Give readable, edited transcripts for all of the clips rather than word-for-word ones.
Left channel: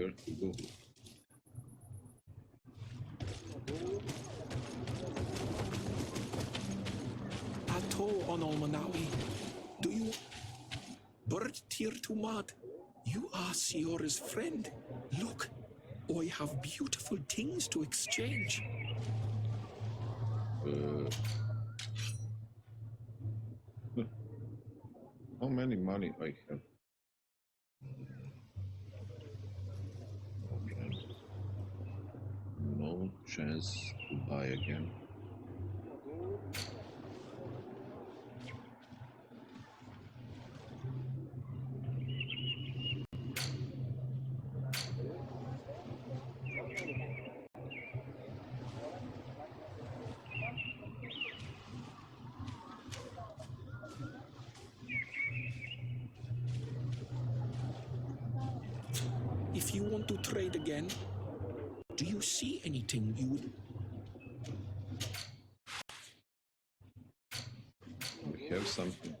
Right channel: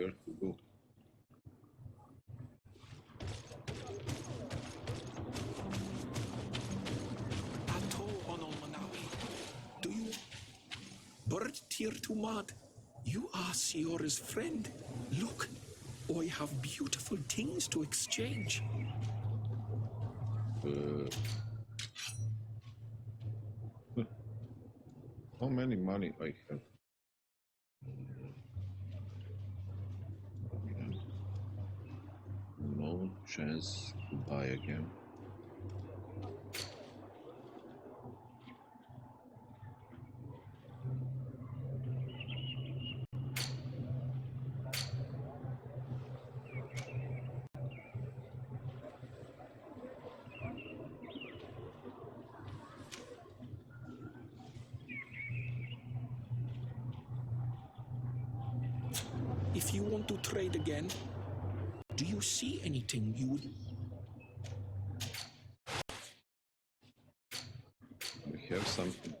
where to go. Ato Onol Manawi, do you... Bird Tear to Mud, you are Siora's friend. Look, I have beautiful things to exchange. How many money I have? Okay. No chance to buy again. If you want to trade again, do you see anything you would... We have something.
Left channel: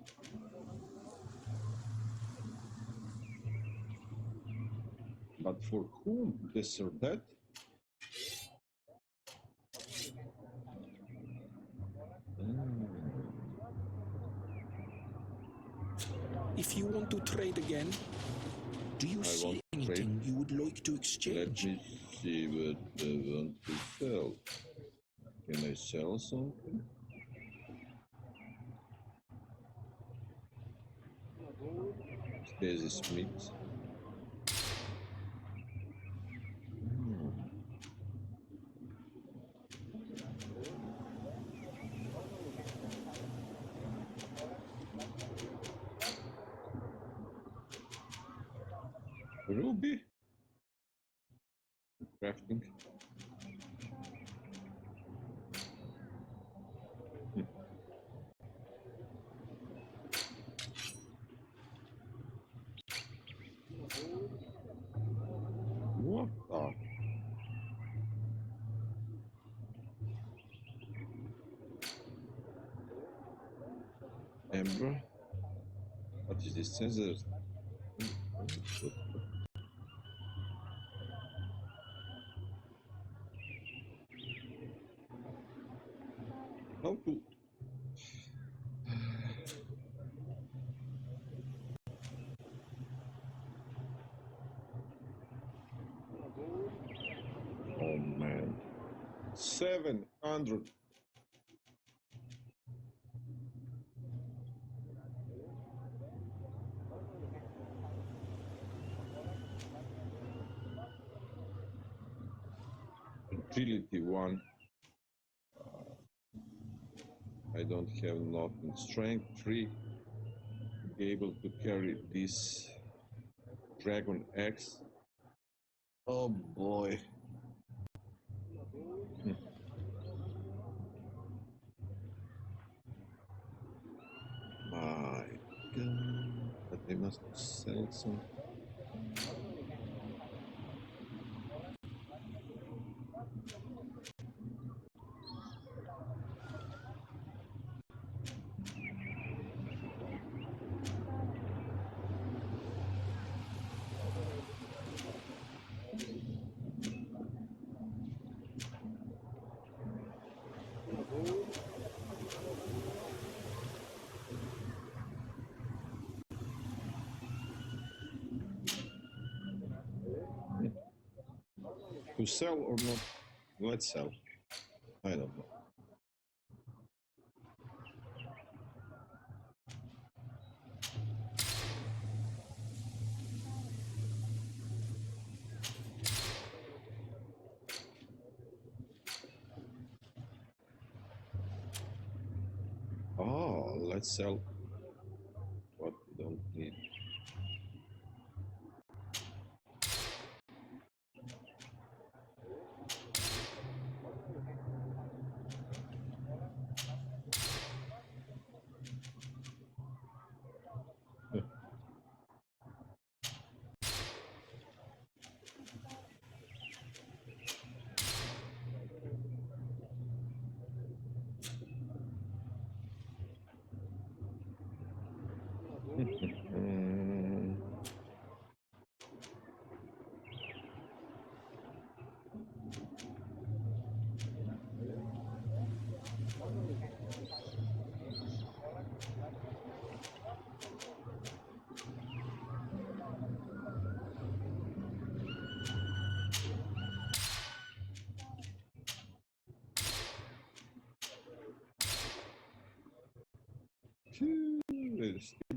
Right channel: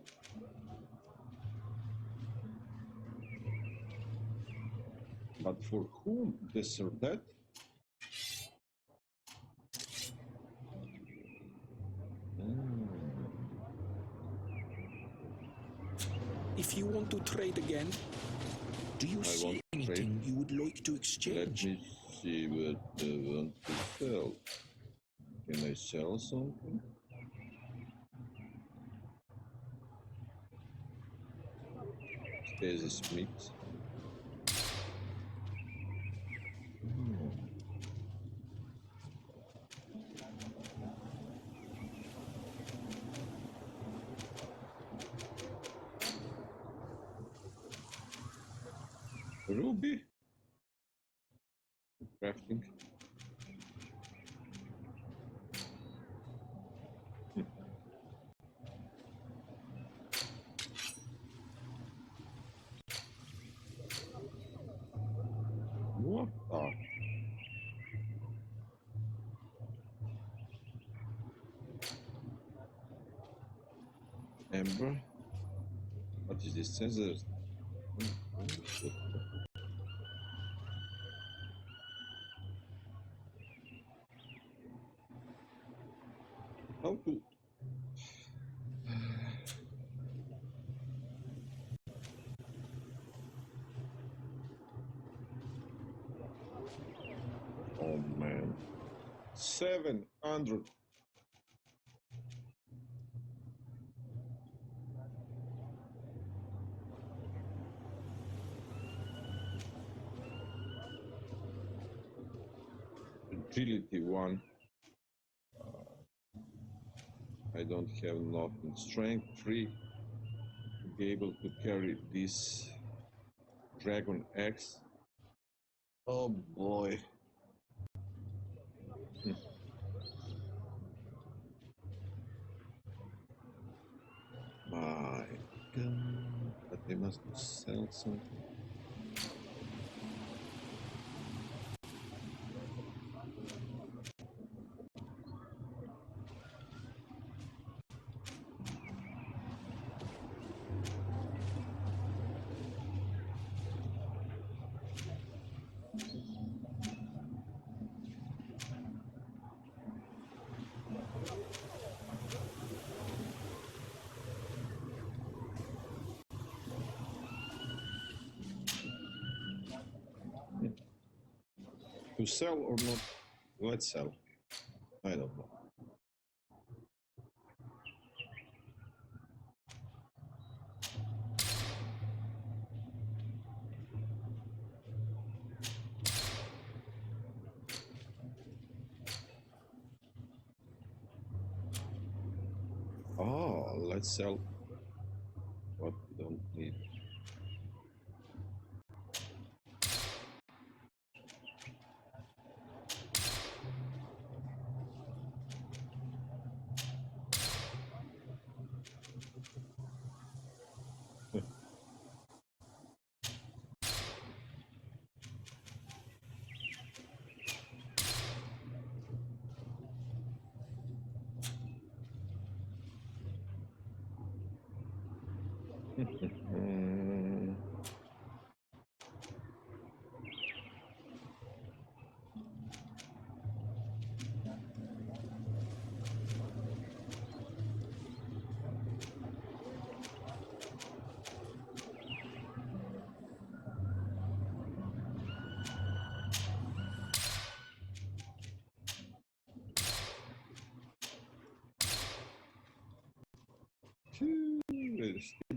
But for whom this or that? If you want to trade again, do you see anything you would like to exchange? Let me see what I want to sell. Can I sell something? Stasis mix. Ruby? Crafting? What the? Ember? What is this sensor? How to... Oh man. 700. Agility 1. I don't have nothing. Strength 3 to be able to carry this Dragon X. Oh boy. My God. But they must sell some. To sell or not? Let's sell. I don't know. Oh, let's sell what we don't need.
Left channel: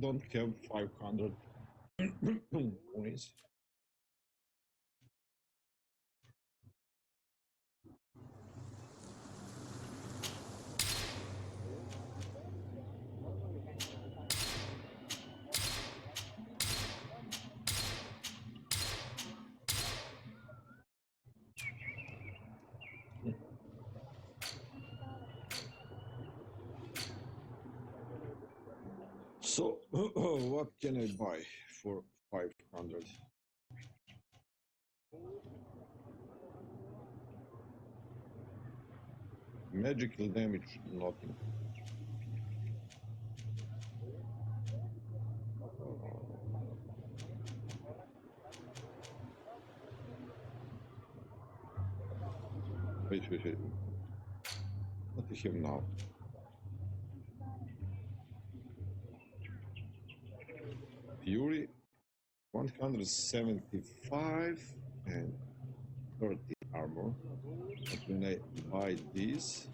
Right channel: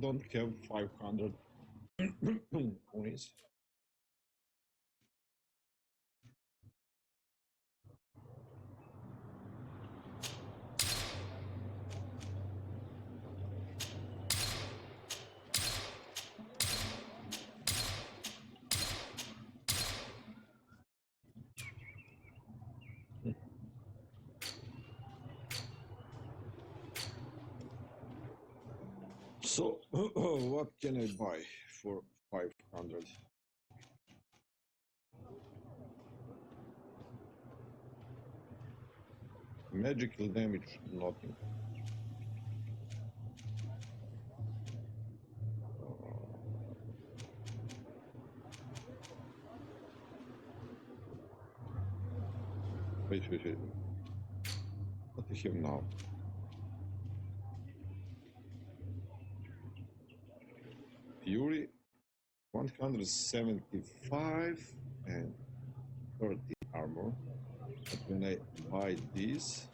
don't have 500 coins. So, what can I buy for 500? Magical damage, nothing. Wait. What do you have now? Fury, 175 and 30 armor. But when I buy this,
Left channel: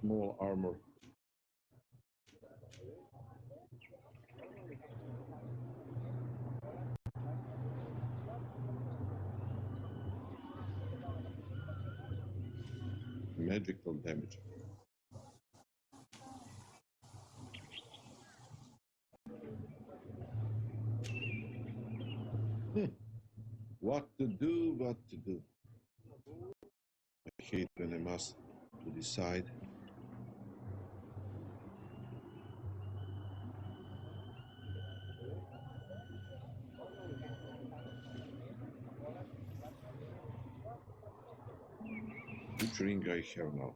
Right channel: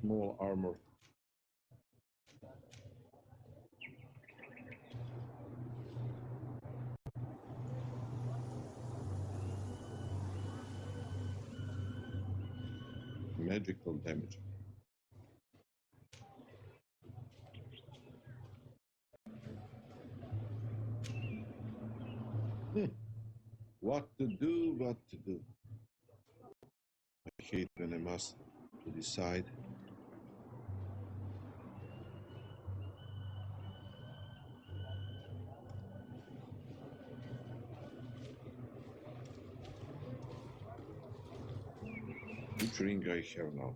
small armor. Magical damage. What to do, what to do. I hate when I must to decide. Which ring I have now?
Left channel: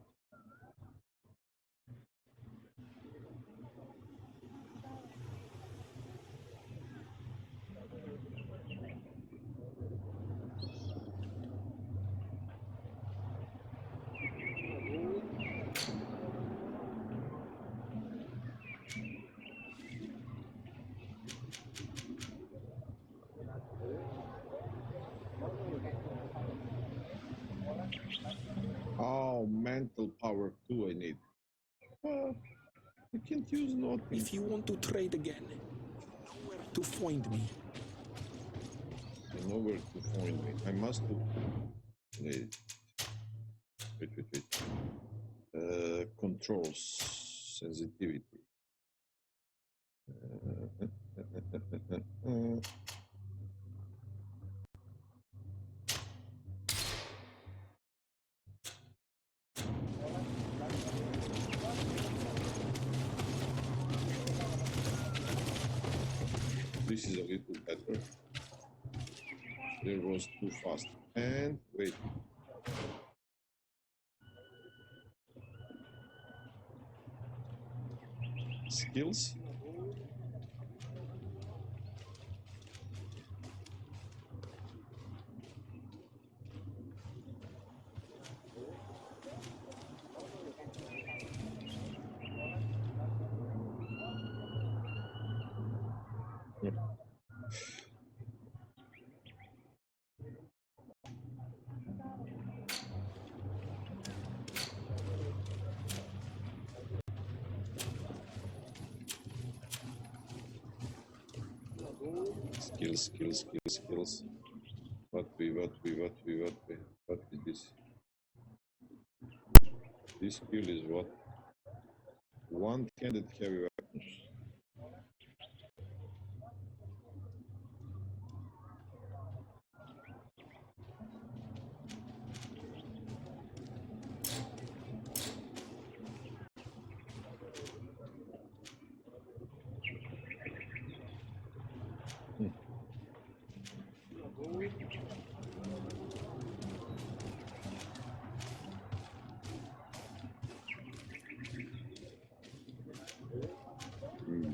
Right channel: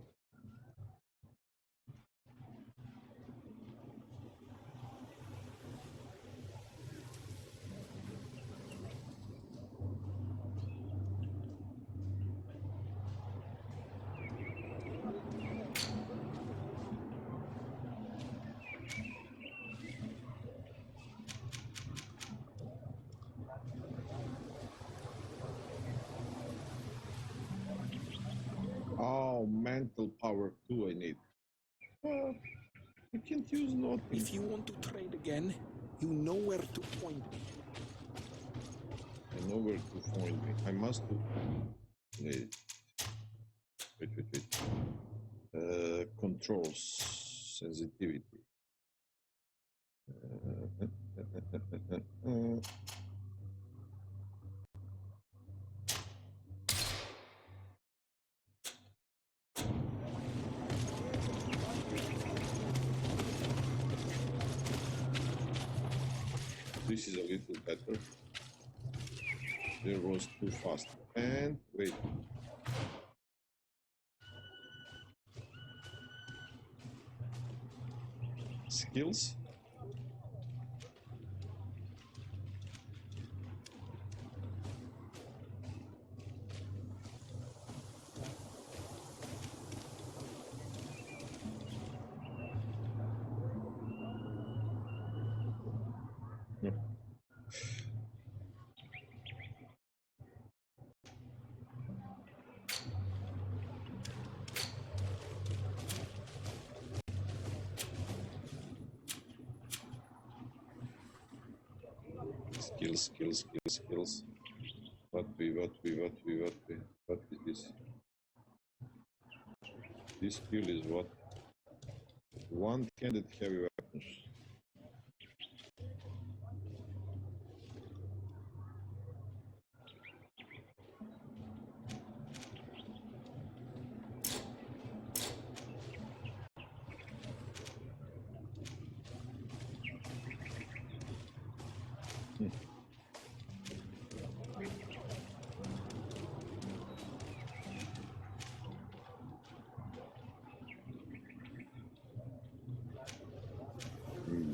Oh, mental power 2 I need. I can't use nothing. If you want to trade again, you know where to find me. I know where to find me. I must do... Wait. Controls, sensitivity. This is a little better. There was too fast. And wait. Skills. Skills. What is this? This skill is what? One-handed heavy weapons.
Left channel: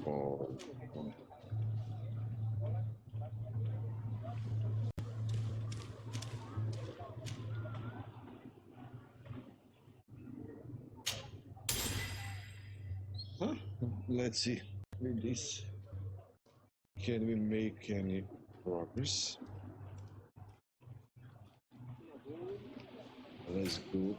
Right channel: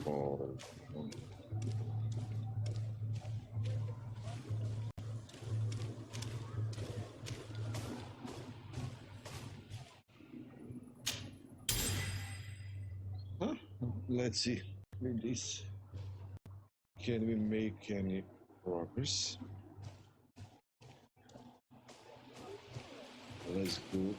Ball. Huh? Let's see. With this, can we make any progress? Let's go.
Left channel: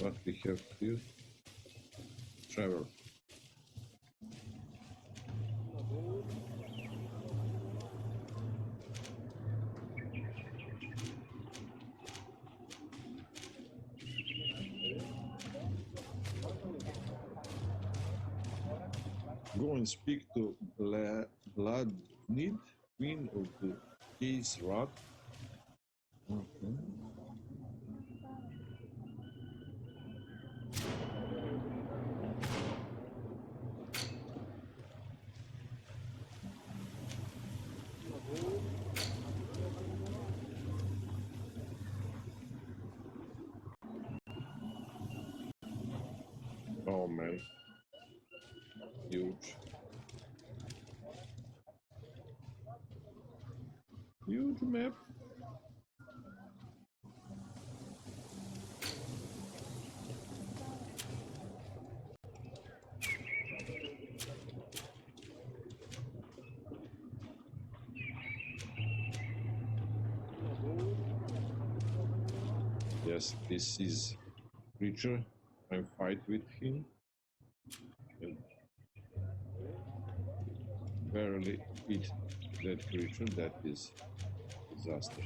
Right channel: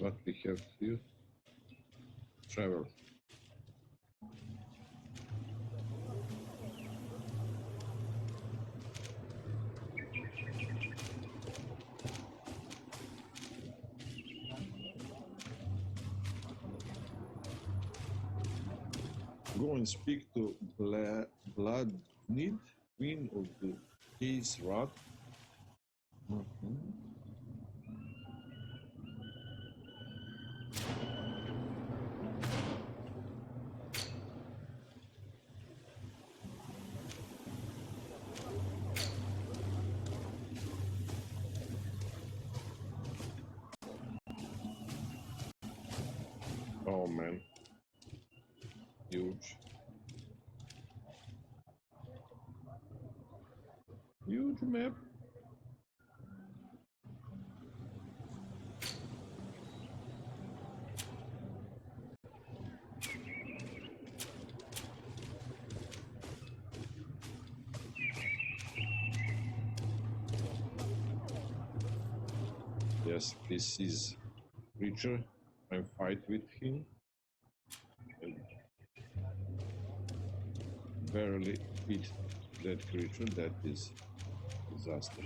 What we have here? Travel. Go and speak to Blood Need, Queen of the Case Rod. Oh man, huge. Huge map. Yes, this is creature. I fight with him and barely hit that creature. That is disaster.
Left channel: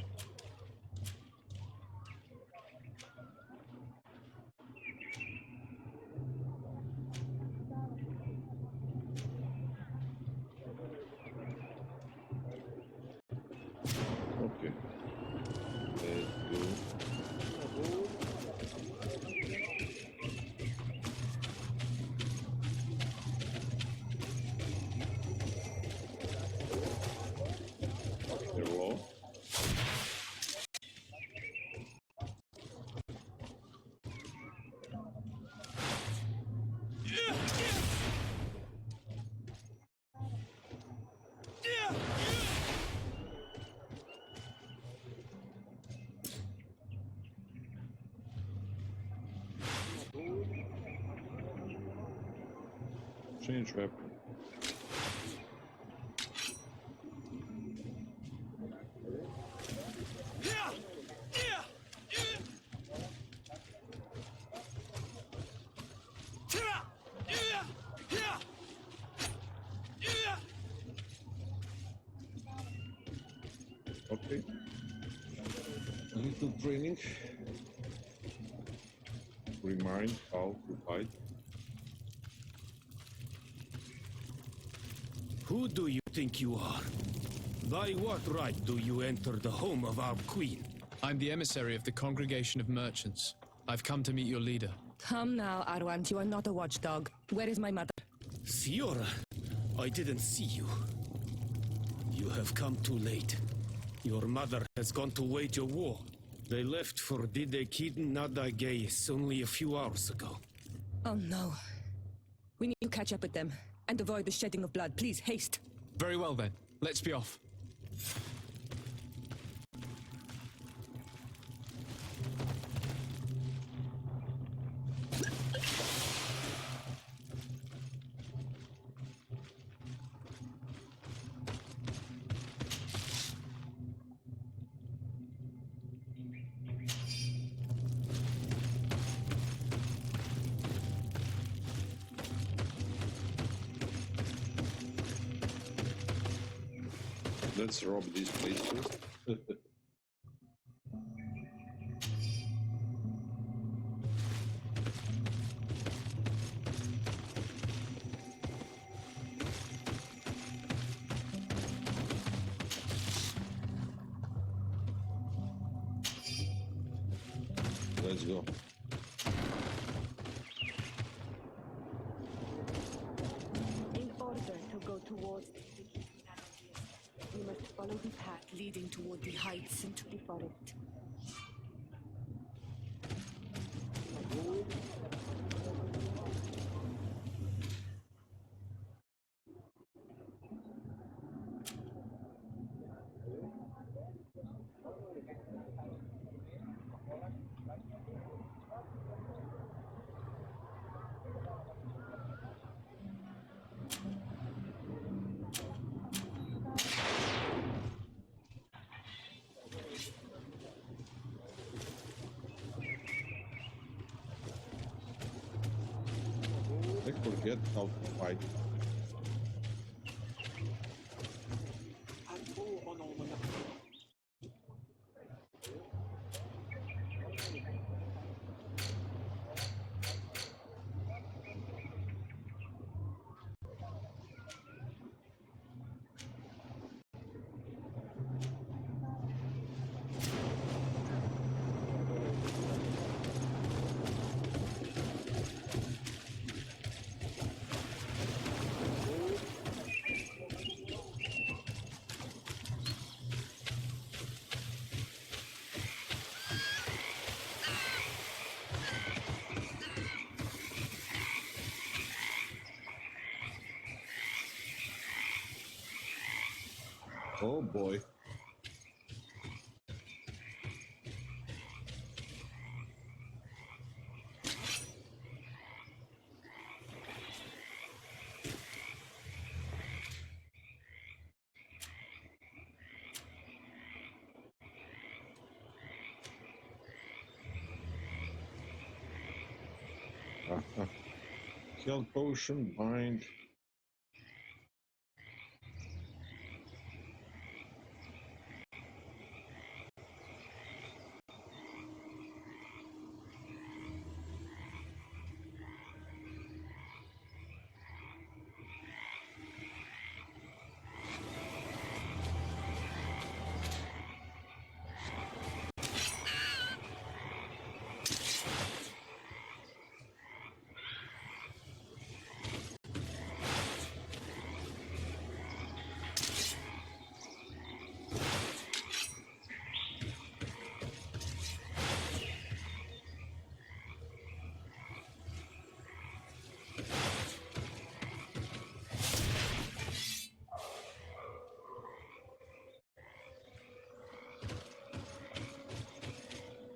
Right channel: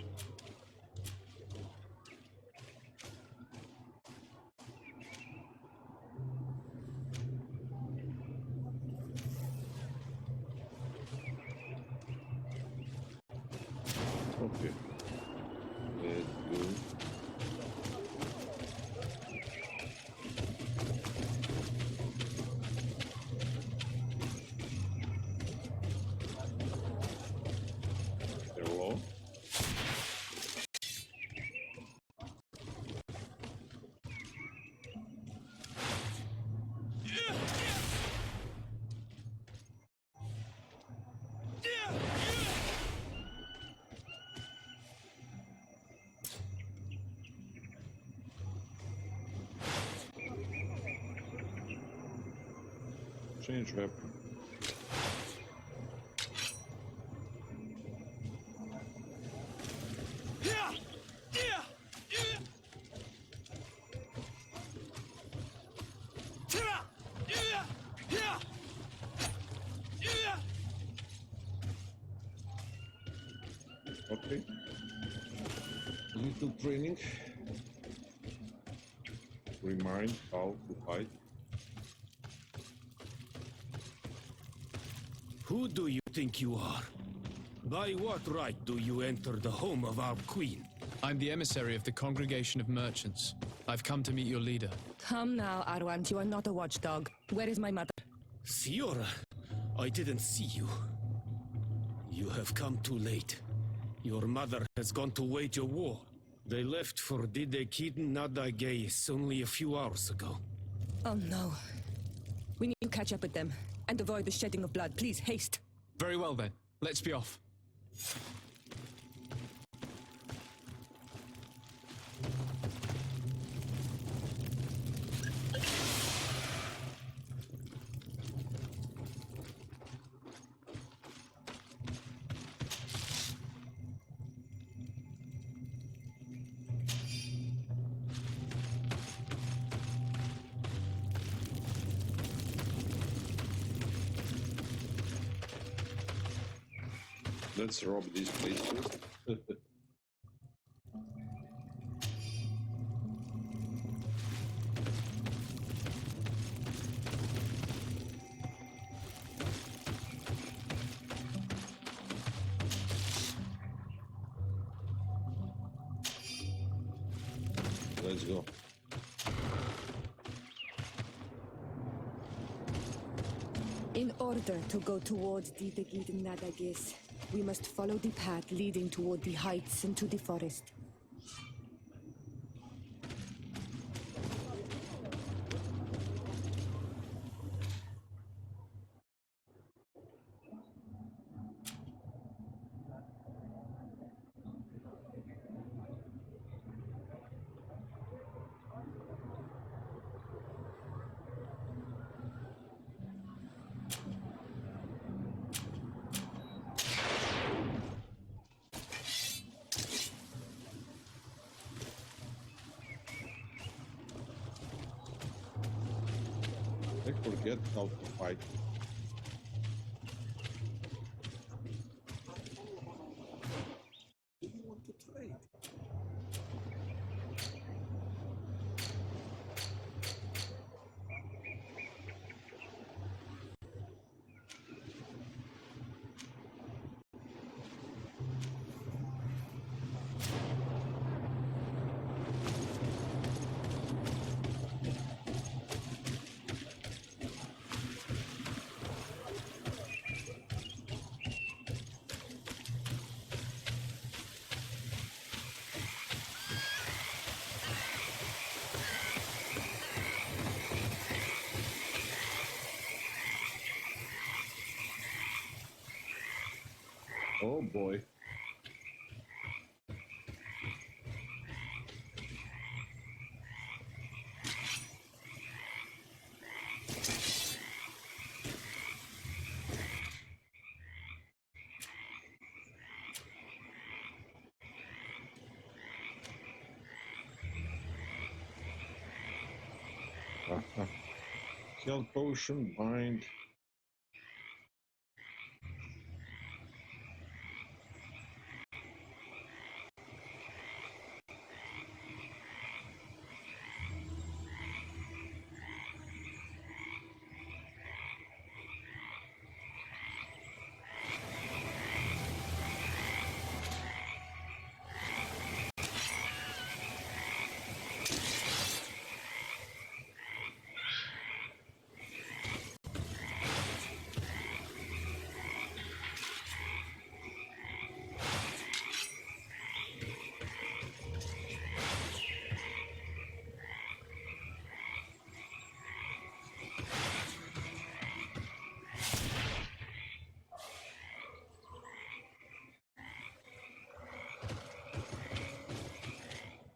Okay, let's go. Hello. Change weapon. Okay. A little training. Remind how to fight. Who do you think you are? By what right do you enter the home of our queen? I'm the emissary of the Congregation of Merchants. I've come to meet your leader. Come now, Arwant, you are not a watchdog. Where is my mother? Siora, I didn't see you. You have come too late. Your mother has gone to wage a war. They left for Didekid Nadagais only a few hours ago. Oh no. We need to catch up with them and avoid the shedding of blood. Please, haste. Very well then, let's be off. Let's rob this place first. Let's go. In order to go towards Didegid Nadagis, we must follow the path leading toward the heights into the forest. forget how to fight. Oh boy. Health potion, bind.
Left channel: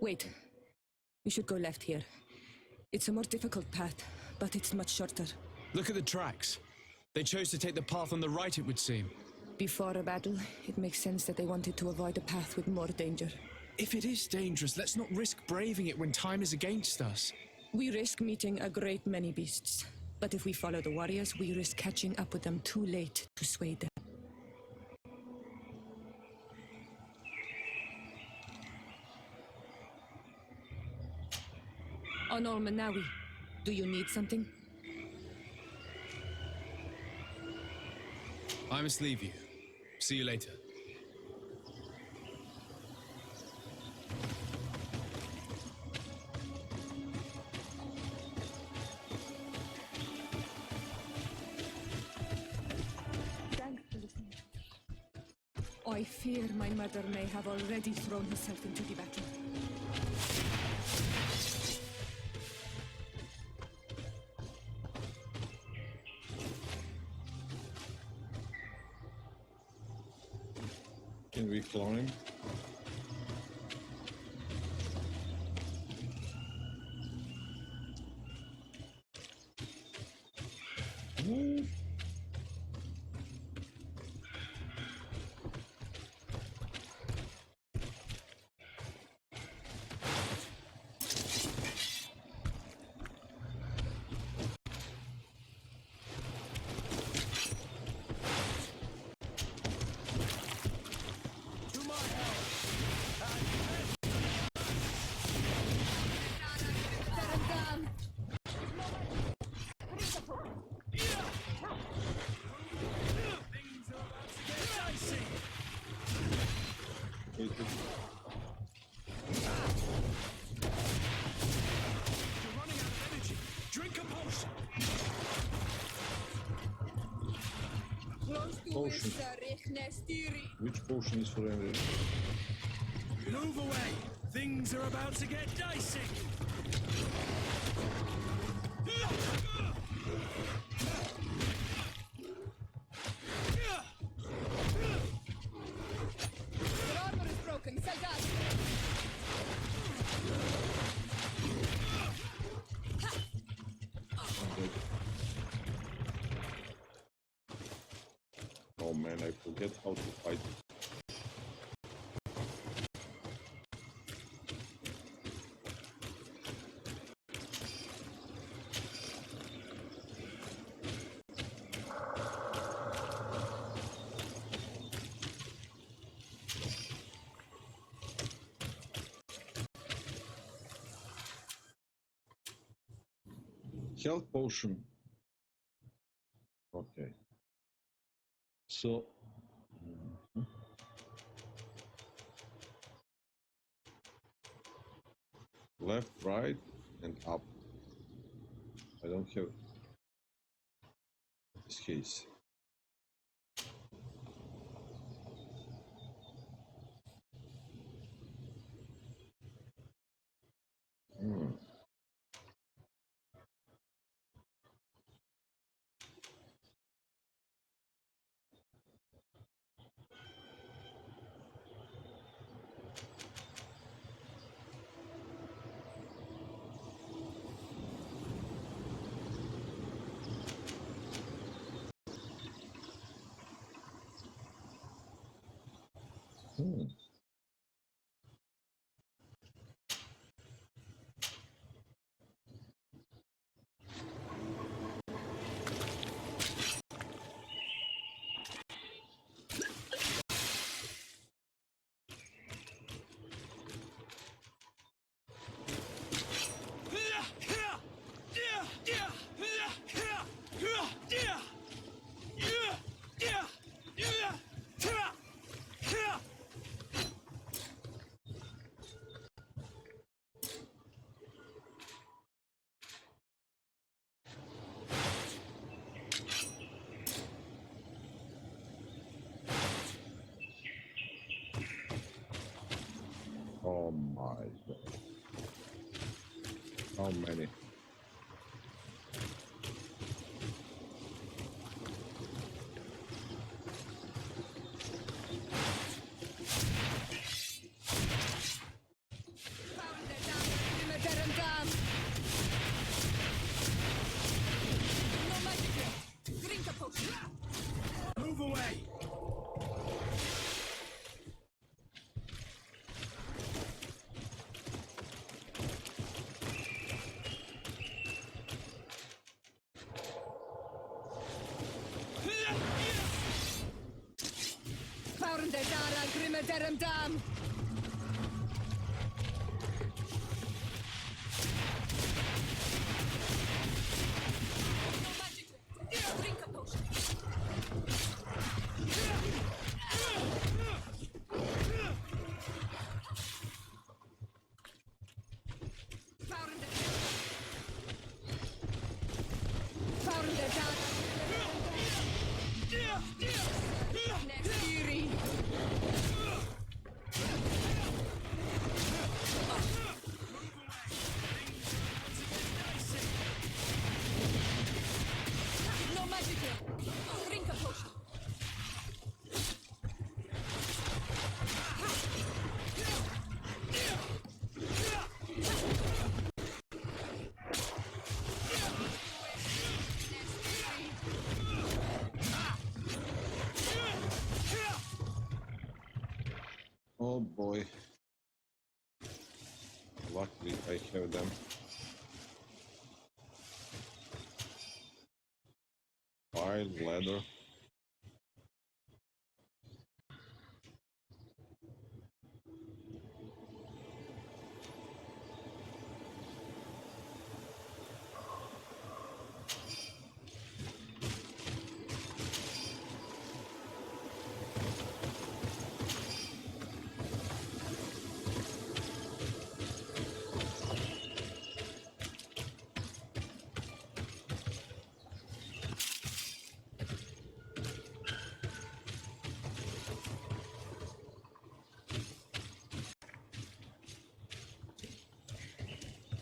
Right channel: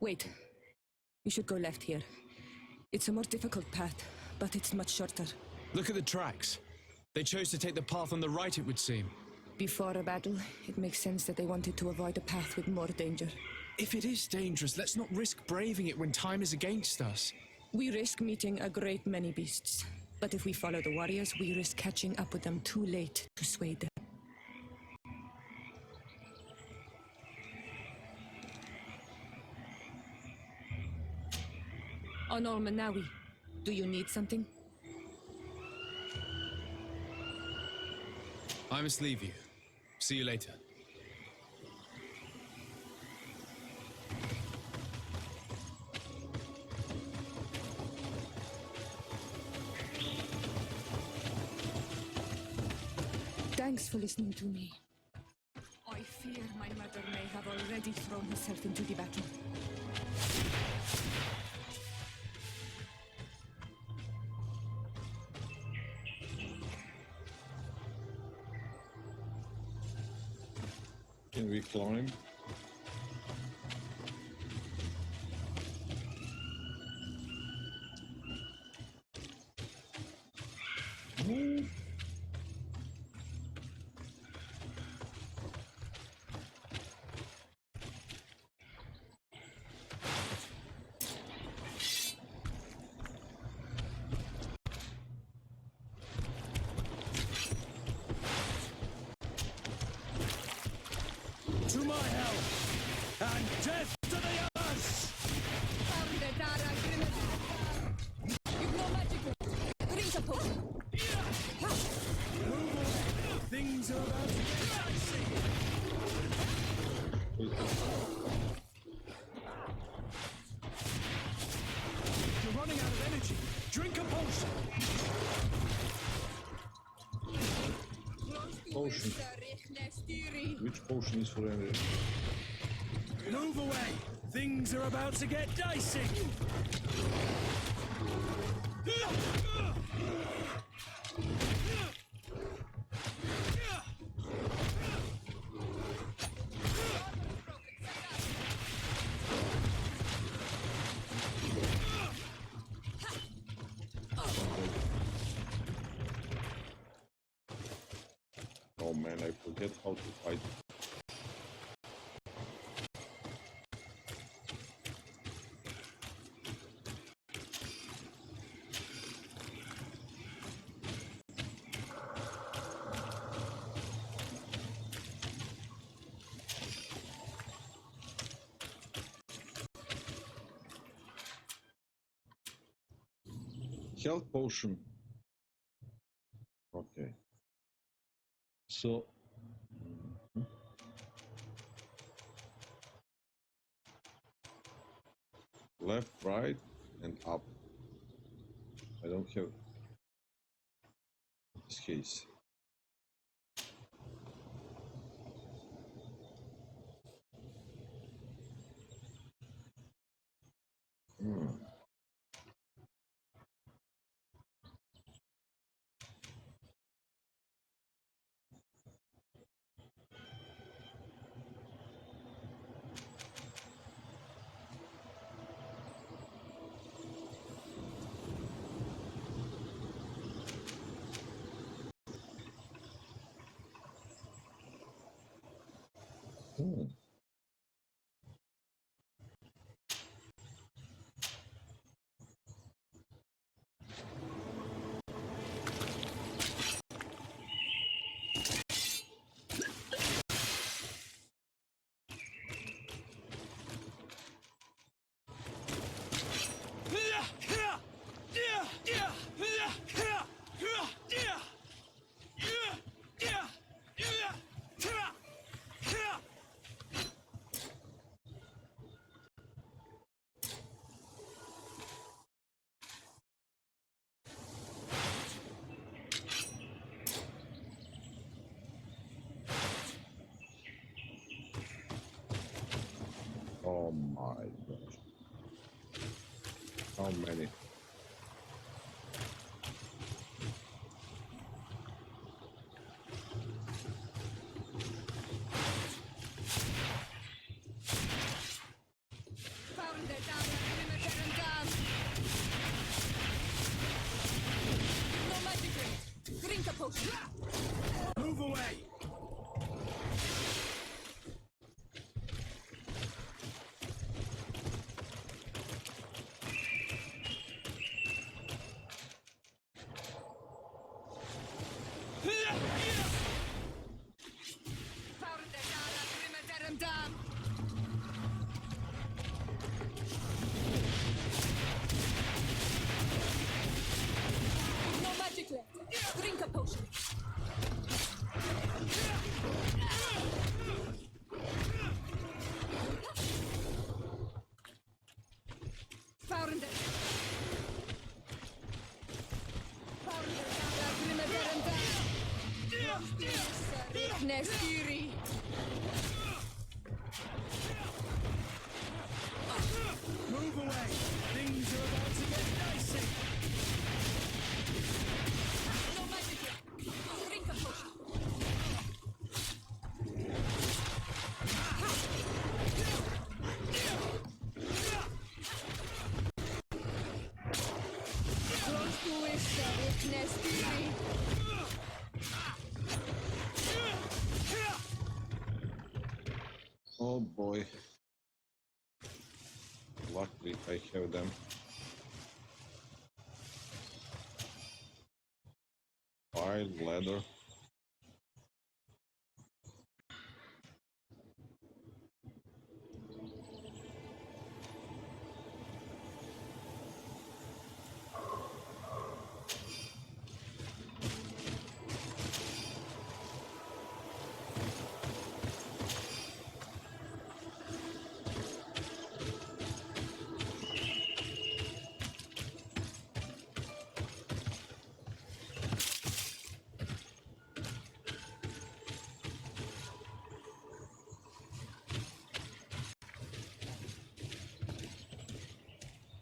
Wait. We should go left here. It's a more difficult path, but it's much shorter. Look at the tracks. They chose to take the path on the right, it would seem. Before a battle, it makes sense that they wanted to avoid a path with more danger. If it is dangerous, let's not risk braving it when time is against us. We risk meeting a great many beasts. But if we follow the warriors, we risk catching up with them too late to sway them. Onol Manawi, do you need something? I must leave you. See you later. Thanks for listening to me. I fear my mother may have already thrown herself into the battle. Can we climb? Ooh. Wait, You're running out of energy. Drink a potion. potion. Which potion is for energy? Move away. Things are about to get dicey. Oh man, I forget how to fight. Health potion. Okay. So. Left, right, and up. I don't have this case. Oh my gosh. How many? No magic yet. Drink a potion. Move away! Found the Dara Grimadarum Dam. No magic left. Drink a potion. Found the Nestiri. Move away! Things are about to get dicey! No magic yet. Drink a potion. Oh boy. Luckily I have them. File, ladder.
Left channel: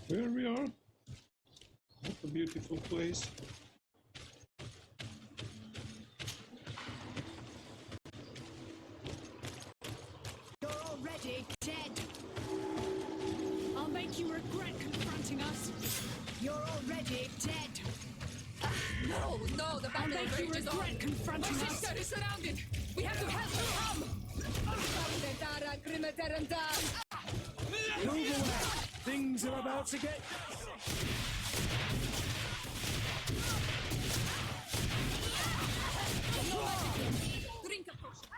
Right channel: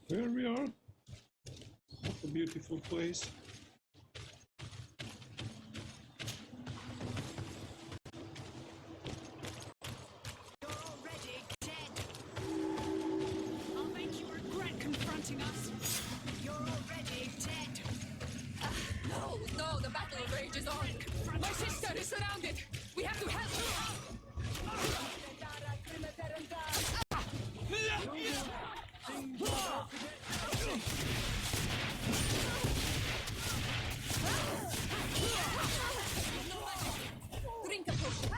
Here we are. What a beautiful place. You're already dead. I'll make you regret confronting us. You're already dead. No, no, the battle make you rages on. regret confronting My us. sister is surrounded. We have to help her come. Things are about to get dicey! No magic. Drink a potion.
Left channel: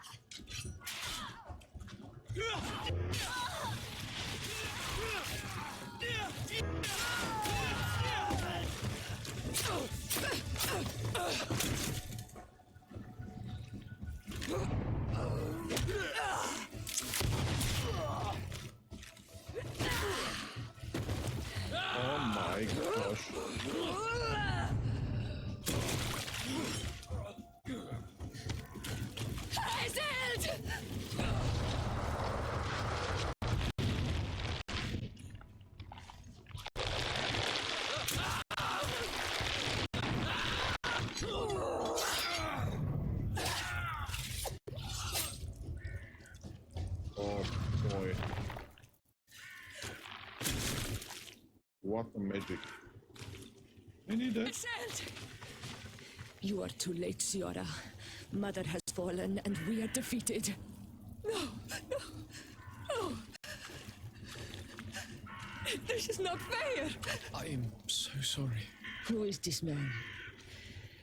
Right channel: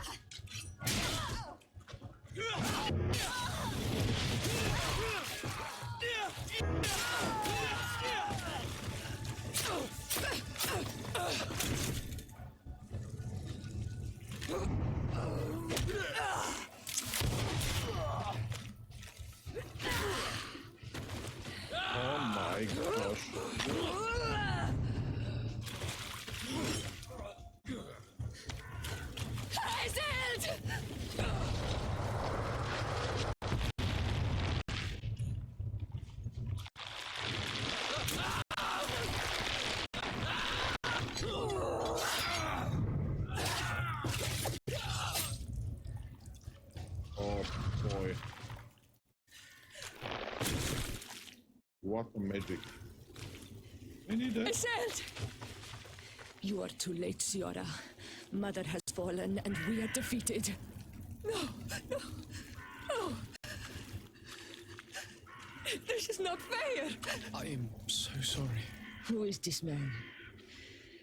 my gosh. Hazard! Oh boy. What a magic. I need that. Hazard! You are too late, Siora. Mother has fallen, and we are defeated. No, no, no. This is not fair. I am so sorry. Who is this man?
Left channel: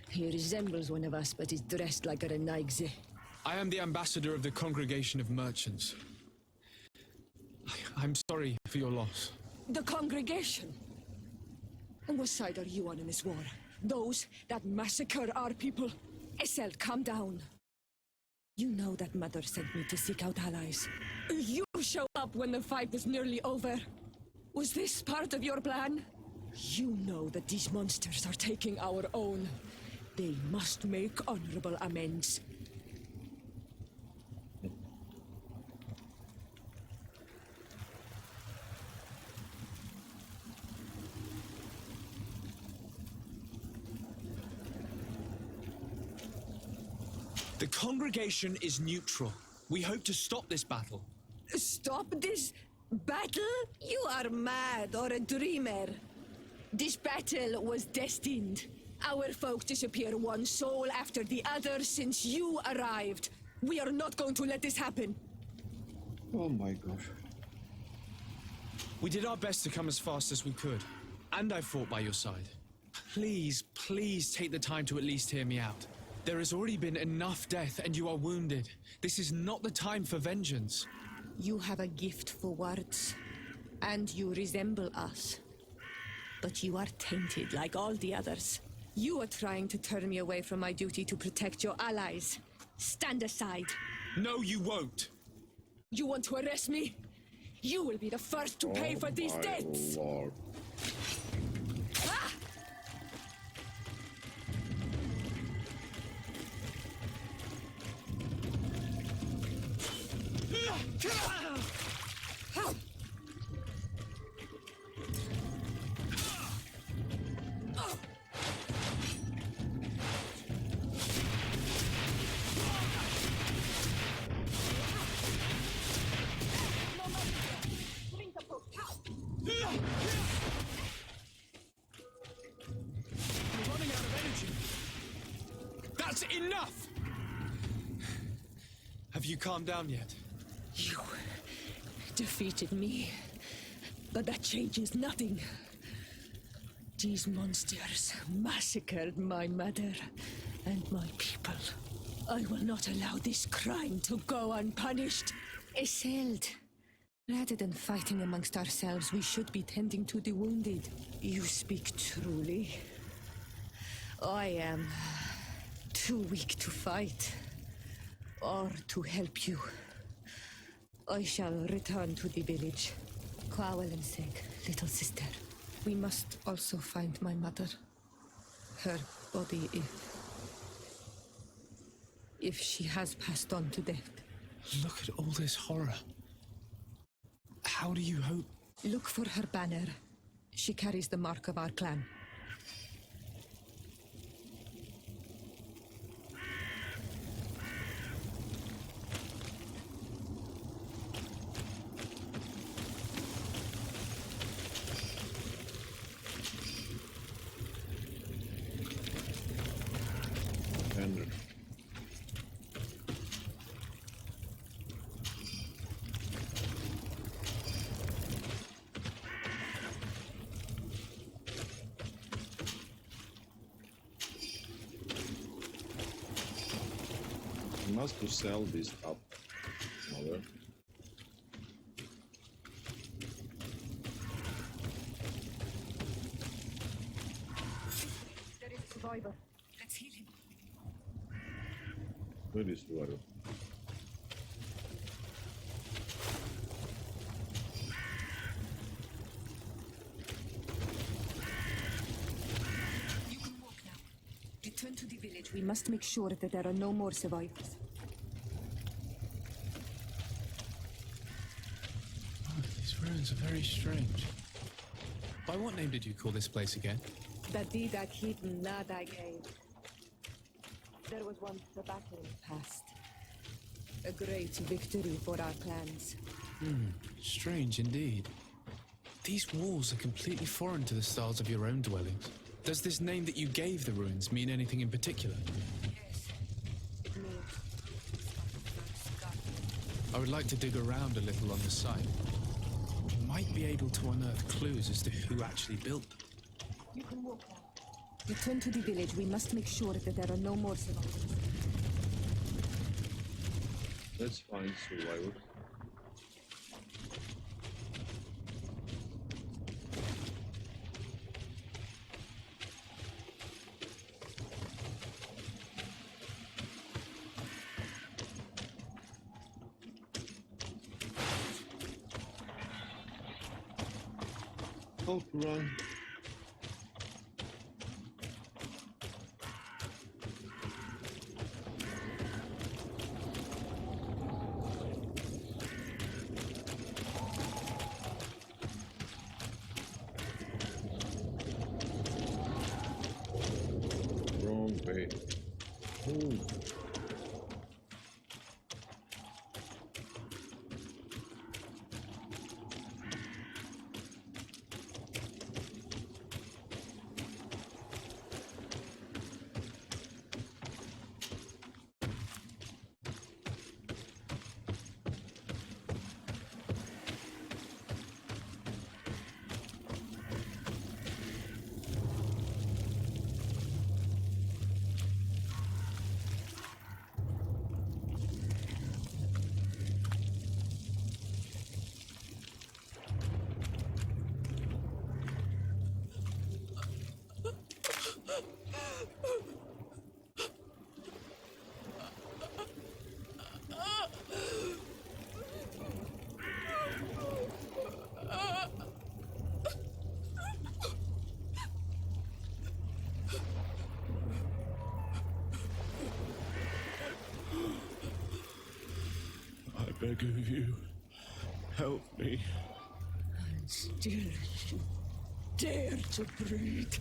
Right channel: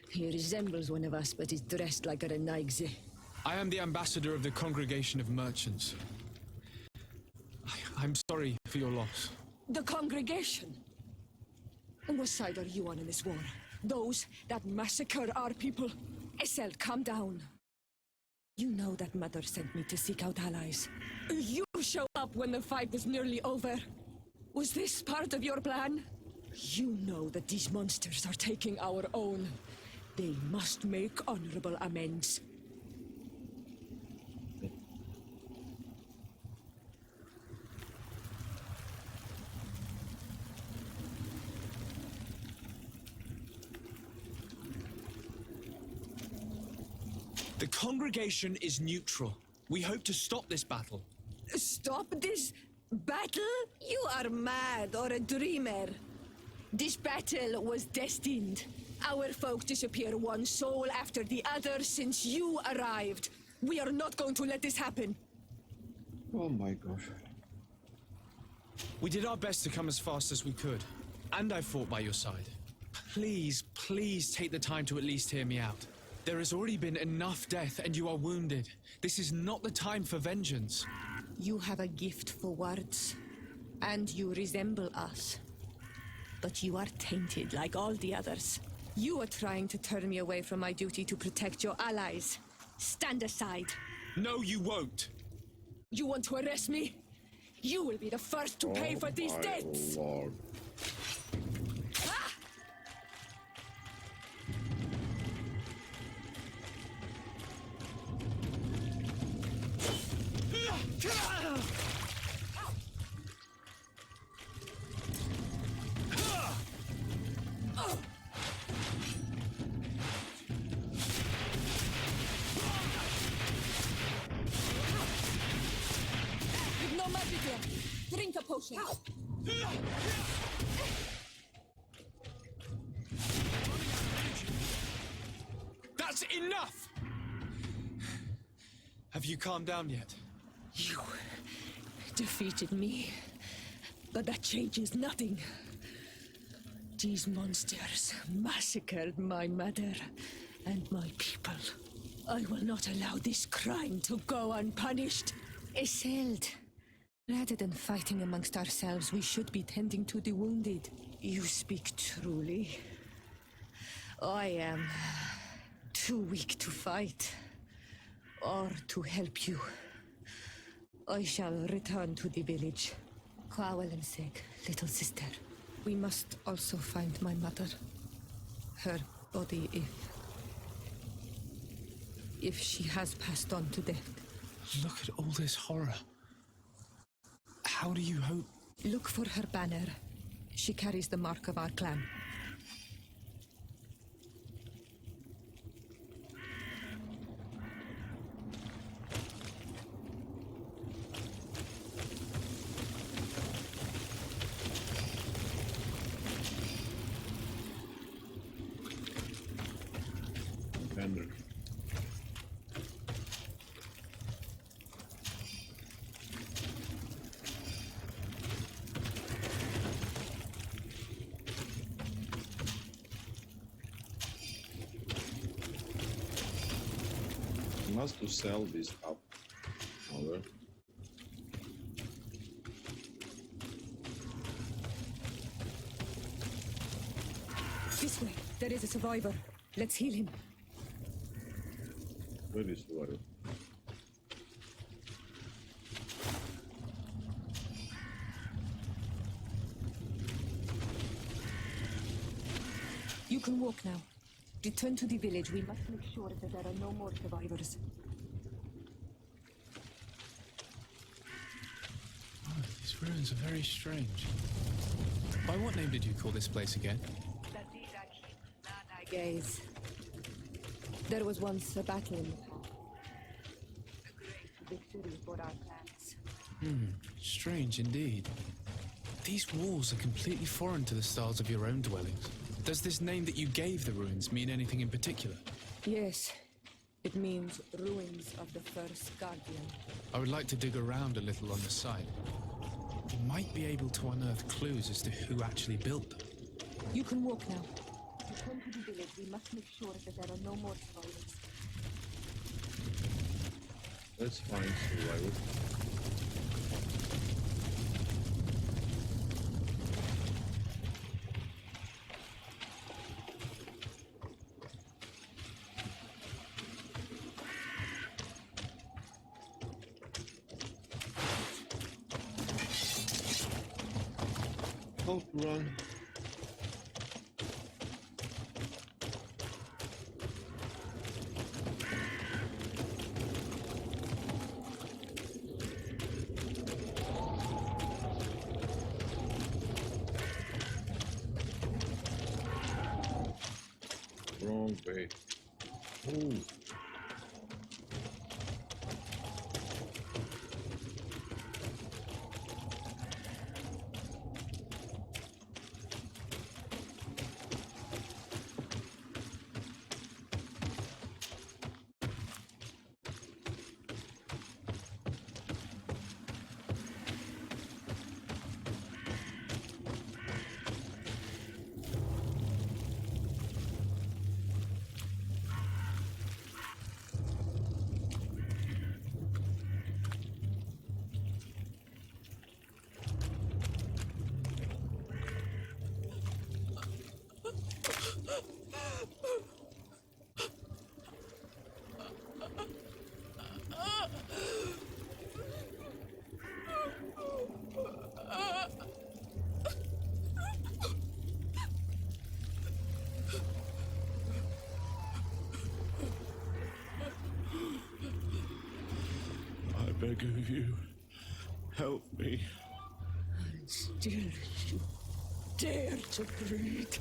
He resembles one of us, but is dressed like a Renaigze. I am the ambassador of the Congregation of Merchants. I'm sorry for your loss. The congregation? And what side are you on in this war? Those that massacre our people? Essel, calm down. You know that Mother sent me to seek out allies. You show up when the fight is nearly over. Was this part of your plan? You know that these monsters are taking our own. They must make honorable amends. The congregation is neutral. We hope to stop this battle. Stop this battle? You are mad or a dreamer. This battle was destined. Our folk disappear one soul after the other since you arrived. We are not going to let this happen. Oh my gosh. We did our best to come as fast as we could, and I fought by your side. Please, please take the time to at least hear me out. There has already been enough death, and you are wounded. This is not the time for vengeance. You have a gift for words, and you resemble us. But you are tainted like all the others. You are trying to turn me away from my duty to protect your allies. Stand aside. No, you won't. You want to arrest me? You will be the first to pay for these debts! Lord. Ah! Drink a potion. You're running out of energy. That's enough! Have you calmed down yet? You defeated me, but that changes nothing. These monsters massacred my mother and my people. I will not allow this crime to go unpunished. Esseld, rather than fighting amongst ourselves, we should be tending to the wounded. You speak truly. I am too weak to fight or to help you. I shall return to the village. Kwawel and Seg, little sister. We must also find my mother. Her body, if she has passed on to death. Look at all this horror. How do you hope? Look for her banner. She carries the mark of our clan. Henrik. Must to sell this up. Mother. This way. There is a survivor. Let's heal him. Where is Suaro? You can walk now. Return to the village. We must make sure that there are no more survivors. Oh, these ruins are very strange. By what name did you call this place again? Dadida Keaton Nadagaze. There was once a battle in the past. A great victory for our clans. Strange indeed. These walls are completely foreign to the styles of your own dwellings. Does this name that you gave the ruins mean anything in particular? Yes, it means ruins of the first guardian. I would like to dig around a little on the site. We might be able to unearth clues as to who actually built them. You can walk now. Return to the village. We must make sure that there are no more survivors. Let's find survivor. How to run? Wrong way. Move. I beg of you, help me. And still you dare to breathe.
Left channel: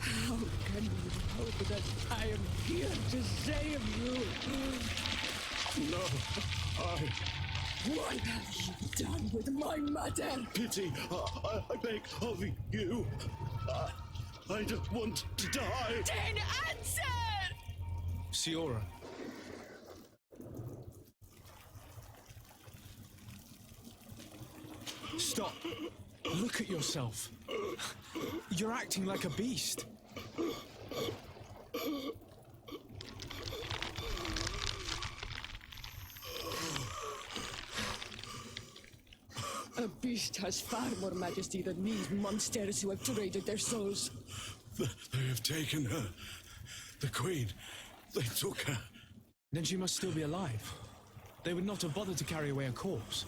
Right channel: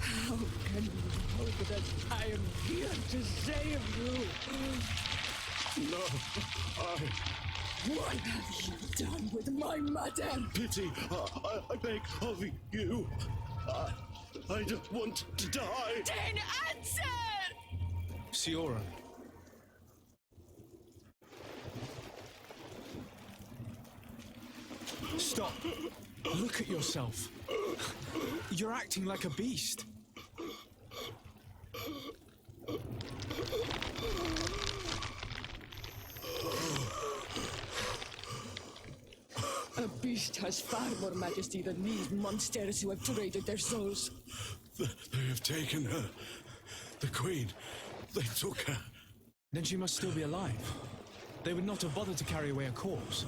How can you hope that I am here to save you? No, What have you done with my mother? pity, I beg of you. I don't want to die. Then answer! Siora. Stop. Look at yourself. You're acting like a beast. A beast has far more majesty than these monsters who have traded their souls. They have taken her. The queen. They took her. Then she must still be alive. They would not have bothered to carry away a corpse.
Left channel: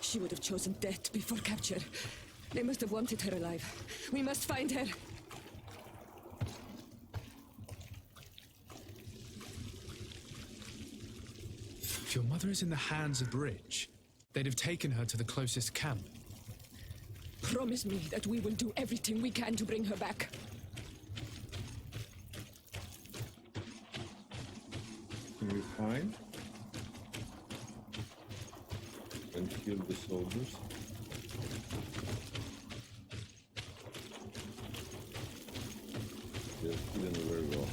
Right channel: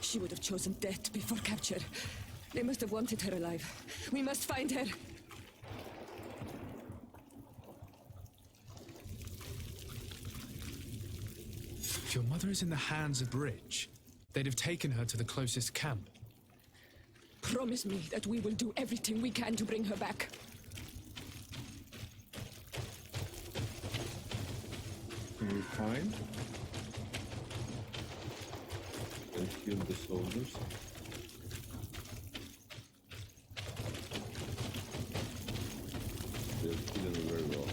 She would have chosen death before capture. They must have wanted her alive. We must find her. If your mother is in the hands of the rich, they'd have taken her to the closest camp. Promise me that we will do everything we can to bring her back. Can we find and kill the soldiers? They're killing very well.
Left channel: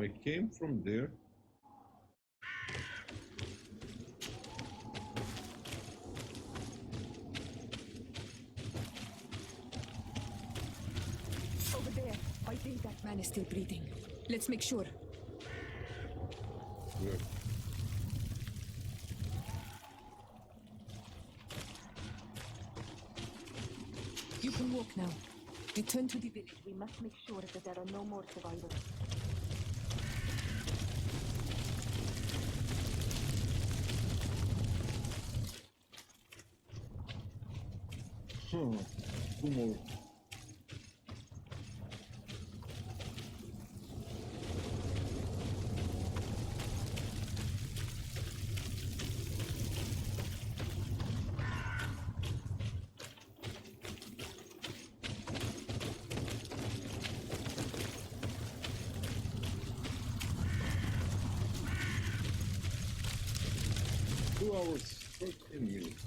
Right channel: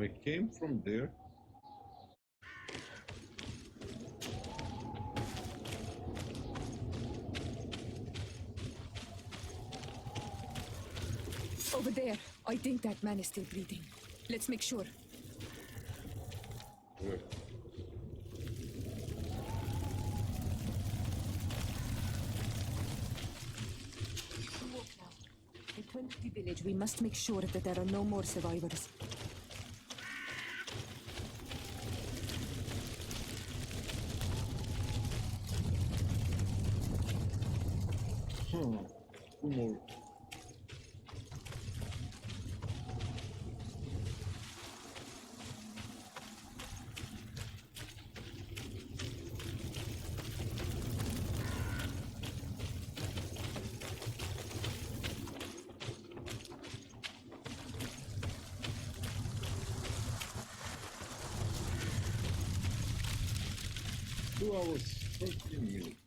I came from there. Over there. I think that man is still breathing. Let's make sure. Where? You can walk now. Return to the village. We must make sure that there are no more survivors. Huh. Two more. Two hours, 13 minutes.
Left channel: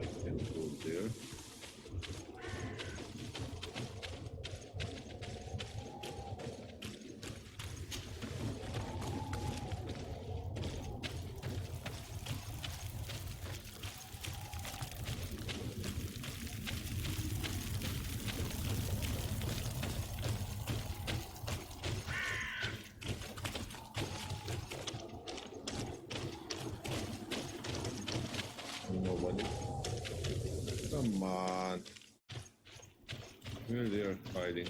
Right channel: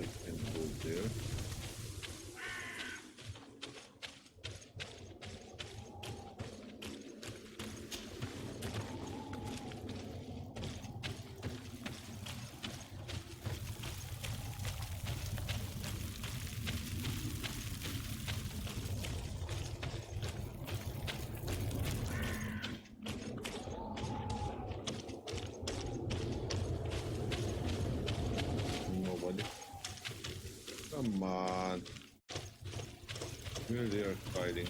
I can go there. Nobody. Come on. Where they are hiding.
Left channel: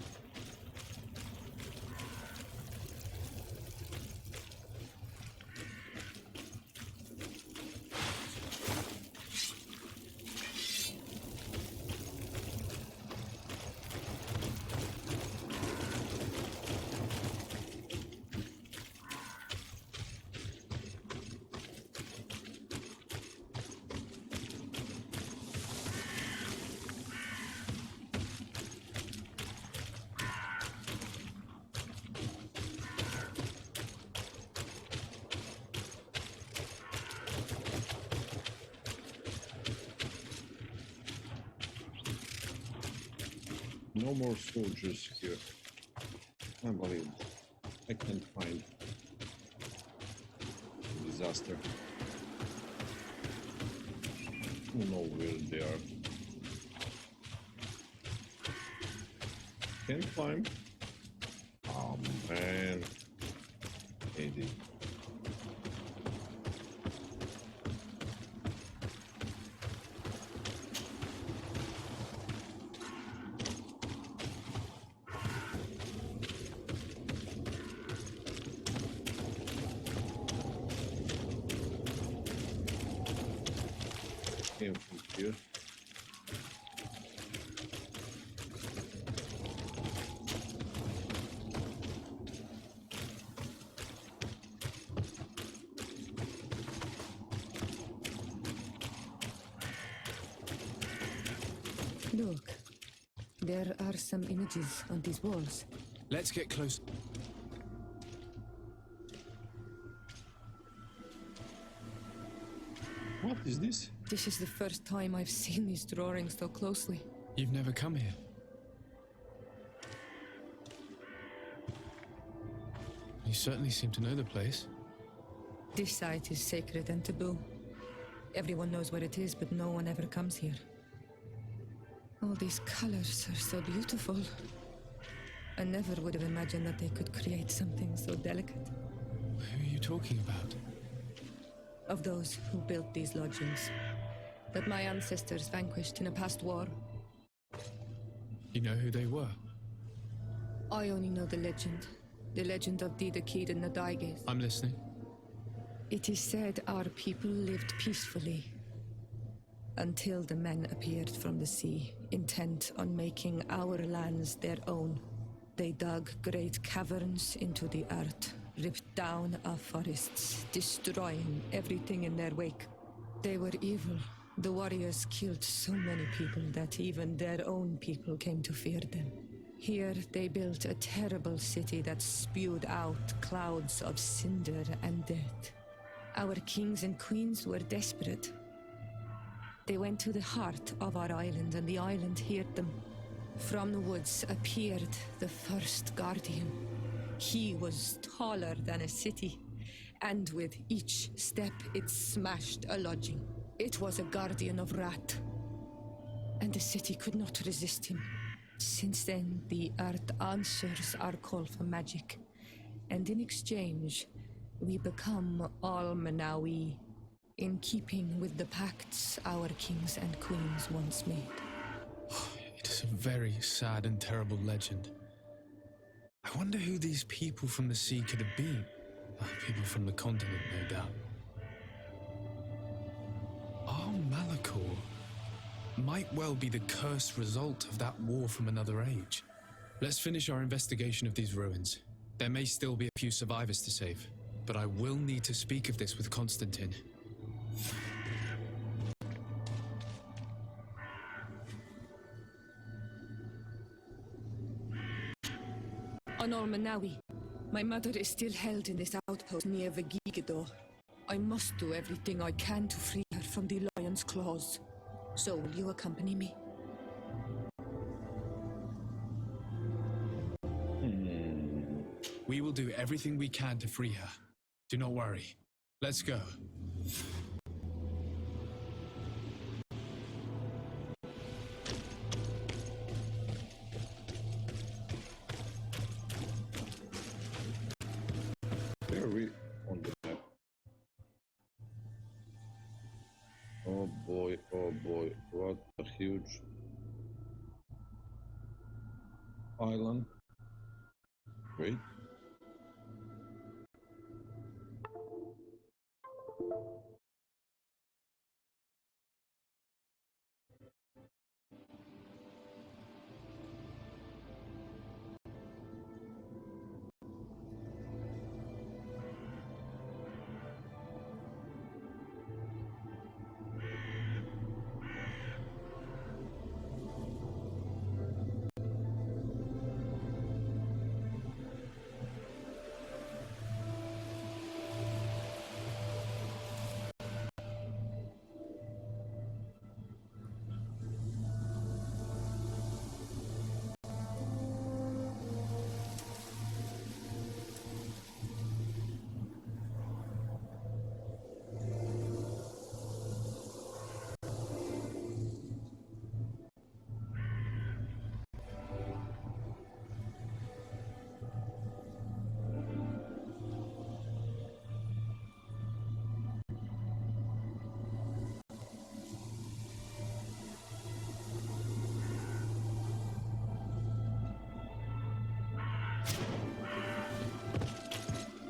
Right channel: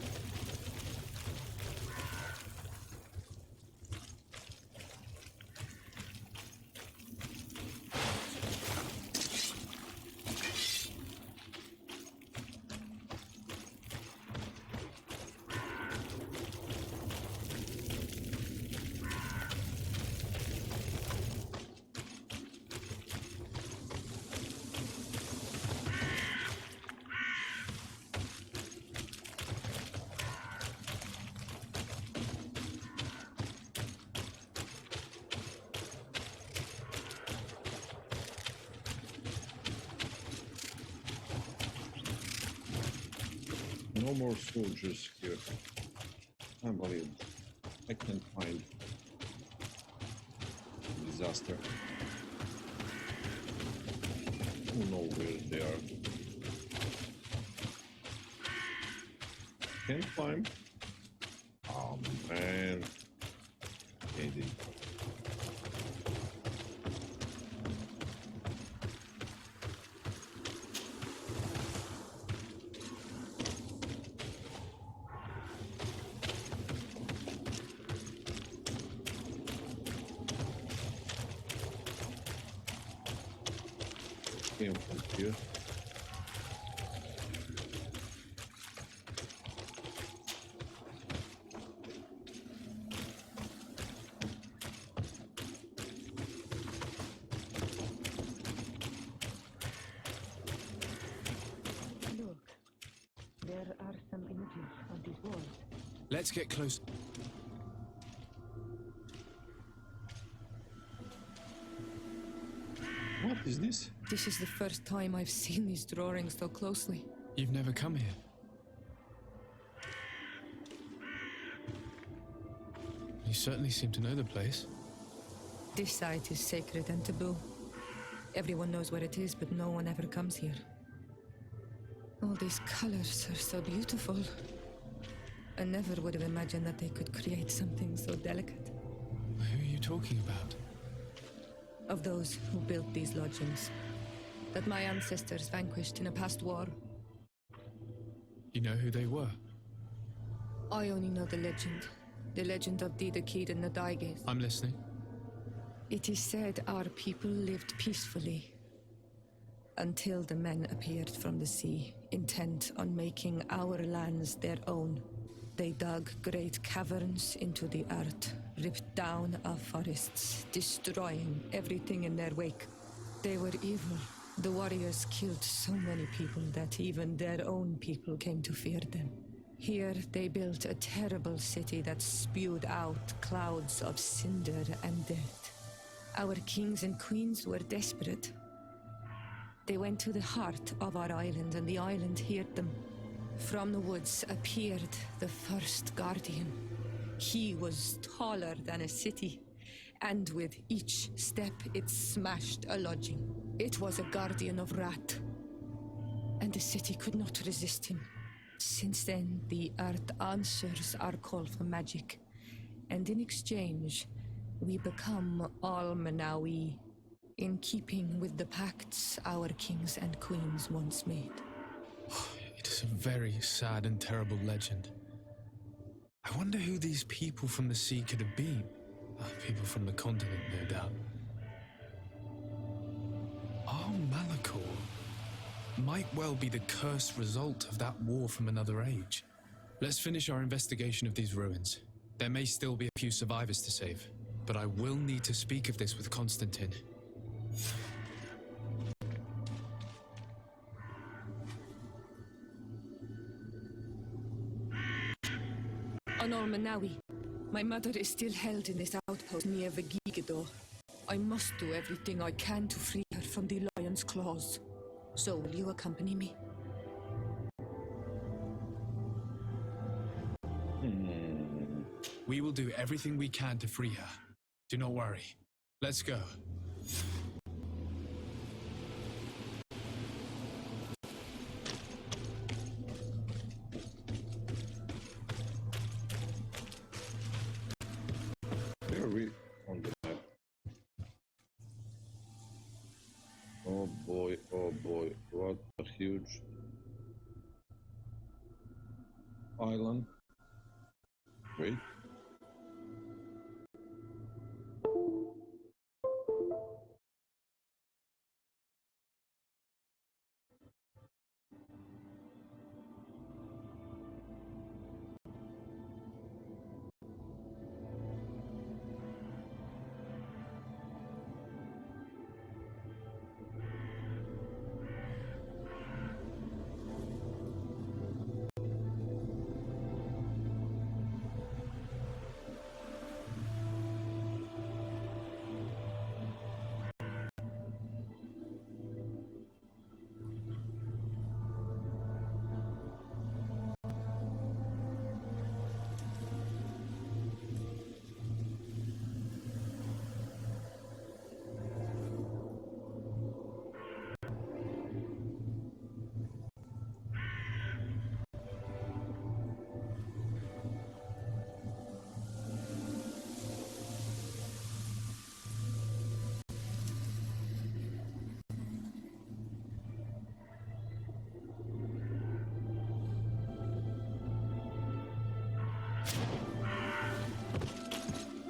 No more soldiers here. Unbelievable. I can't find disaster. Who knows where they are? Can't climb. Oh man. Eddie. Came from here. Look, there are some images on these walls. Let's get close. What is this? This is the first time I've seen these drawings so closely. You've never come here. You certainly seem to know the place. This site is sacred and taboo. Everyone knows where it is, but no one ever comes here. All these colors are so beautiful. I never would have imagined that they could create something so delicate. Who are you talking about? Of those who built these lodgings, that my ancestors vanquished in a past war. You know who they were? I only know the legend of Didakid and Nadaiges. I'm listening. It is said our people lived peacefully until the men appeared from the sea, intent on making our lands their own. They dug great caverns into the earth, ripped down our forests, destroying everything in their wake. They were evil. The warriors killed so many people that even their own people came to fear them. Here they built a terrible city that spewed out clouds of cinder and dirt. Our kings and queens were desperate. They went to the heart of our island, and the island heard them. From the woods appeared the first guardian. He was taller than a city, and with each step it smashed a lodging. It was a guardian of Rat, and the city could not resist him. Since then, the earth answers our call for magic, and in exchange, we become all Manawi, in keeping with the pacts our kings and queens once made. It is a very sad and terrible legend. I wonder who these people from the sea could have been. People from the continent, no doubt. Our Malachor might well be the cursed result of that war from another age. Let's finish our investigation of these ruins. There may still be a few survivors to save, but I will need to speak of this with Constantine. Honor Manawi, my mother is still held in this outpost near Vegigador. I must do everything I can to free her from the lion's claws. So will you accompany me? We will do everything we can to free her. Do not worry. Let's go. Where are we on the map? Oh boy, what a huge island. Wait.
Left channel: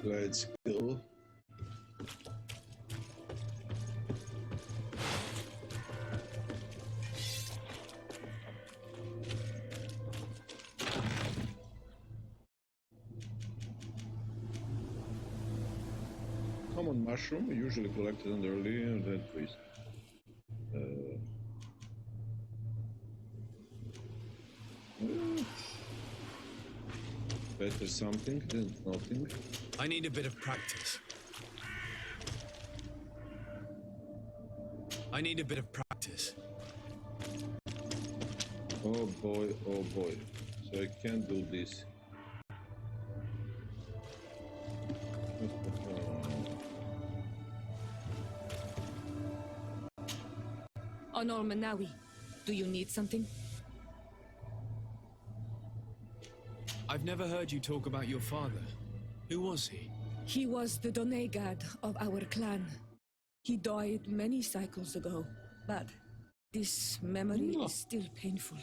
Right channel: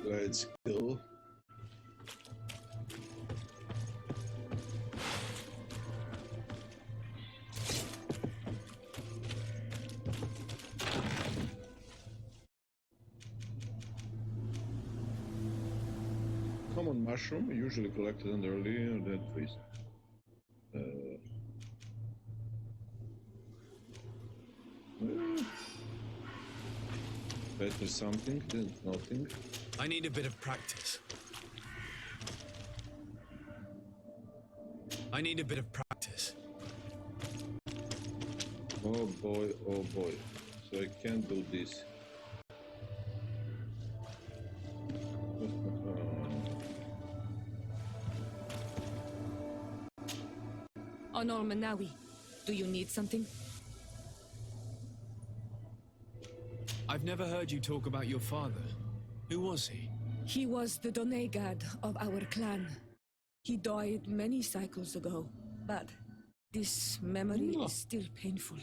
Let's go. Common mushroom, usually collected under early dead trees. Better something than nothing. I need a bit of practice. I need a bit of practice. Oh boy, so I can't do this. Honor Manawi, do you need something? I've never heard you talk about your father. Who was he? He was the Donegad of our clan. He died many cycles ago, but this memory is still painful.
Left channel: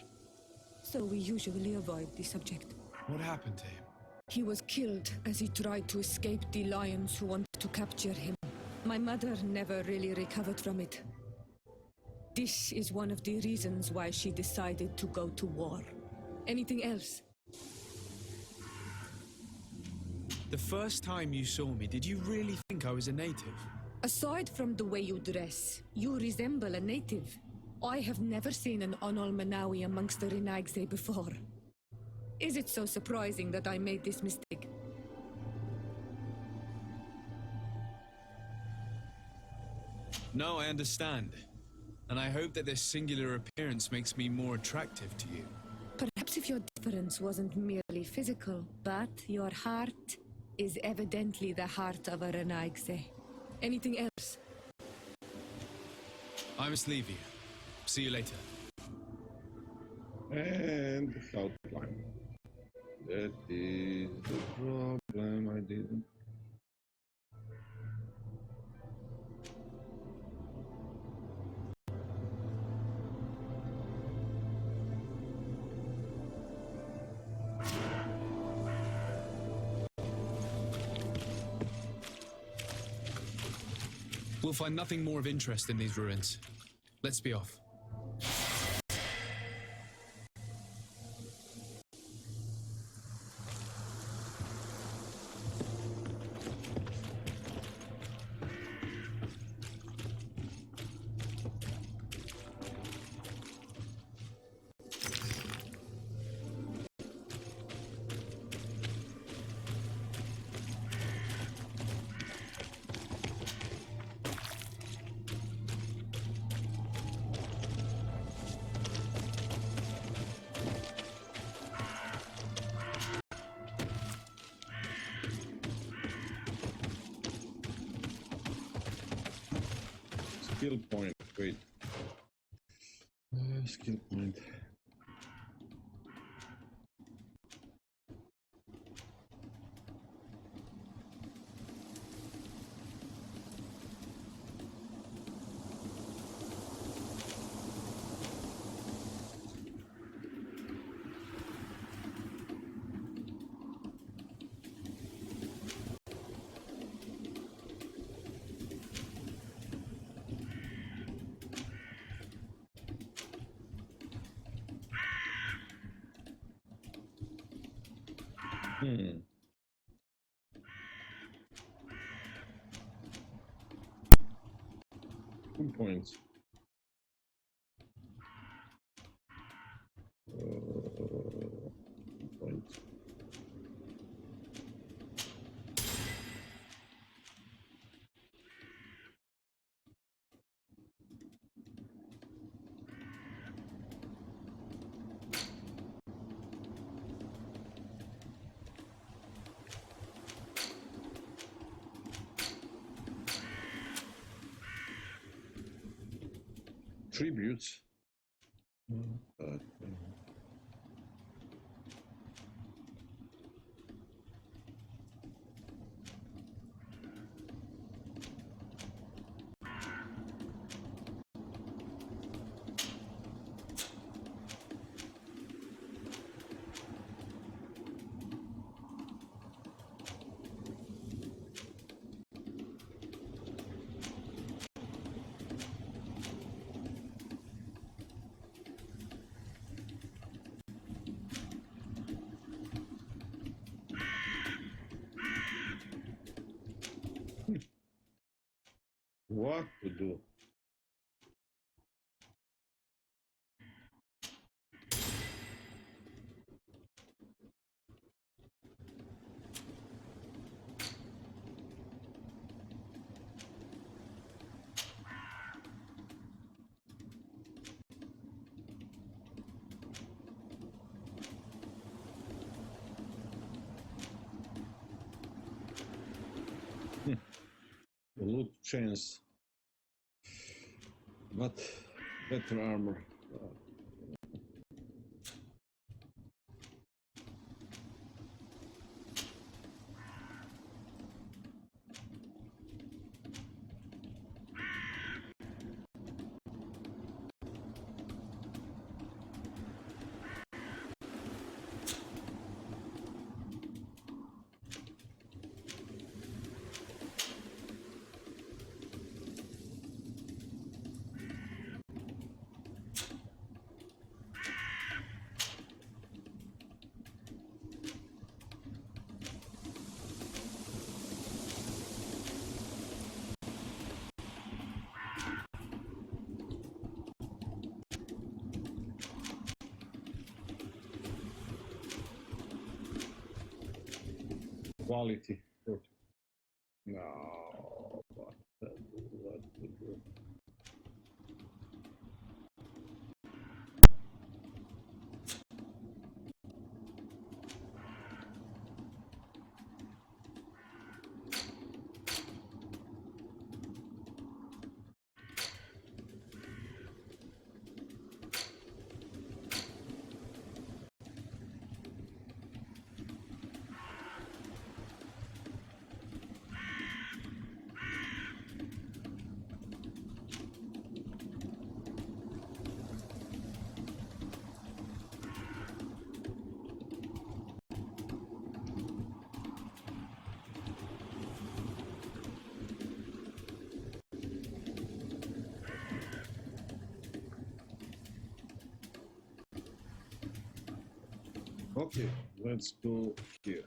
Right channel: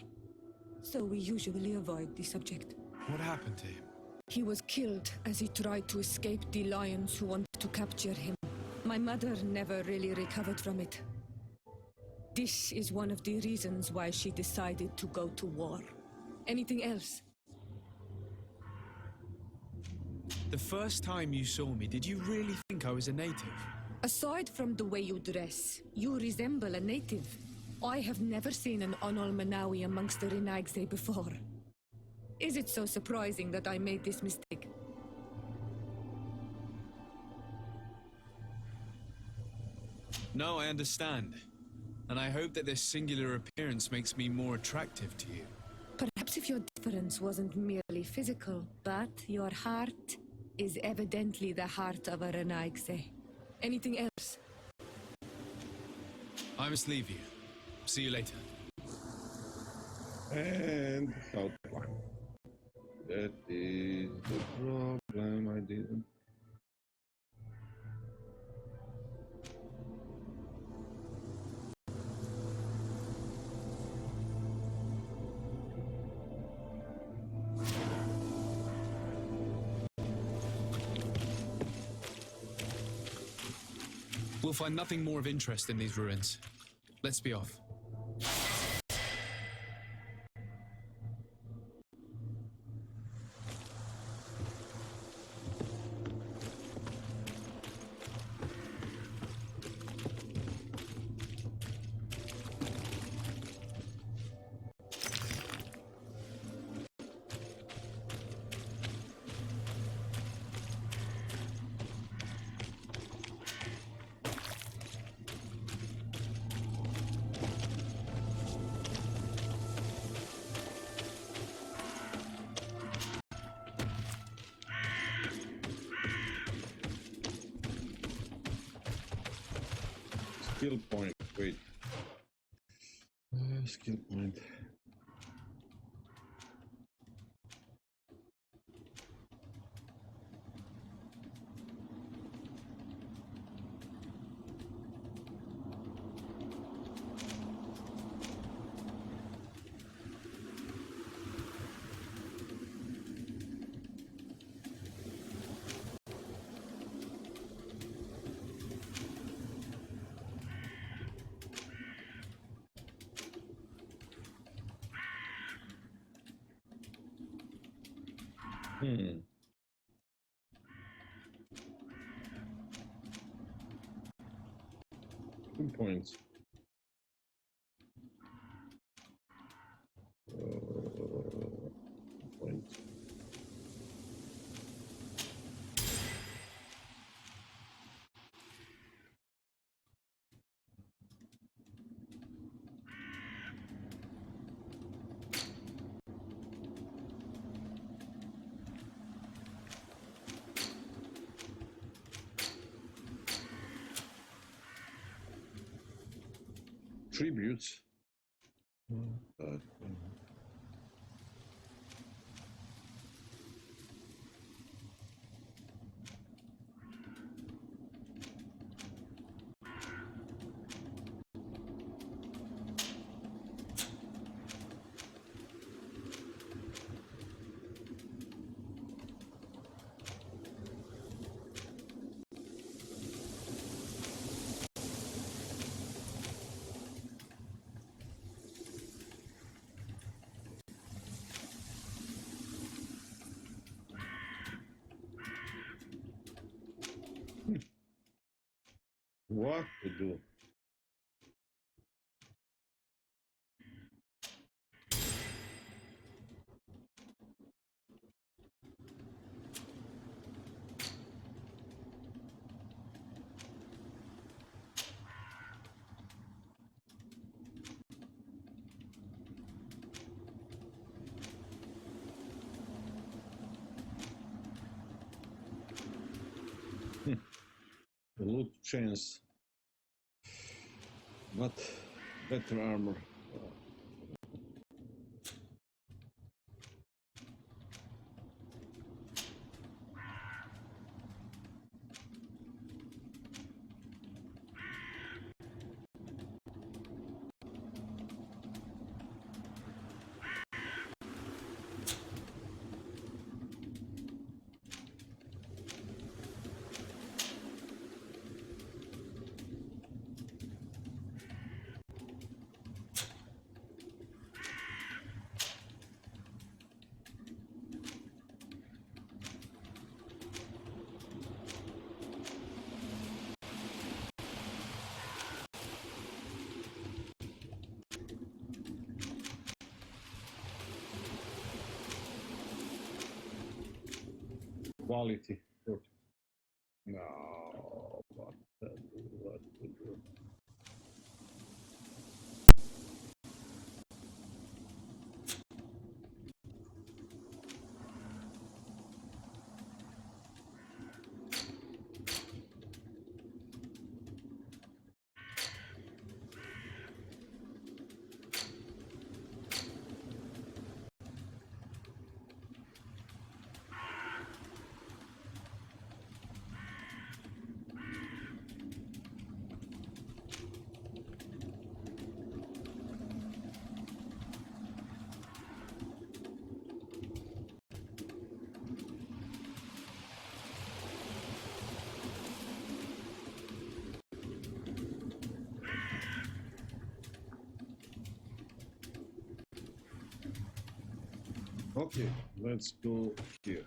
So we usually avoid the subject. What happened to him? He was killed as he tried to escape the lions who wanted to capture him. My mother never really recovered from it. This is one of the reasons why she decided to go to war. Anything else? The first time you saw me, did you really think I was a native? Aside from the way you dress, you resemble a native. I have never seen an Onol Manawi amongst the Renaigse before. Is it so surprising that I made this mistake? No, I understand. And I hope that this singular appearance makes me more attractive to you. Perhaps if your difference wasn't merely physical, but your heart is evidently the heart of a Renaigse. Anything else? I must leave you. See you later. And how to climb. That is the problem, I didn't. We'll find nothing more of interest in these ruins. Let's be off. Skill point. Wait. Skill point. Hmm. 2 points. Points. Tributes. What to do? Loot chance, but better armor. Quality. No, what to do? What to do? Okay, let's go here.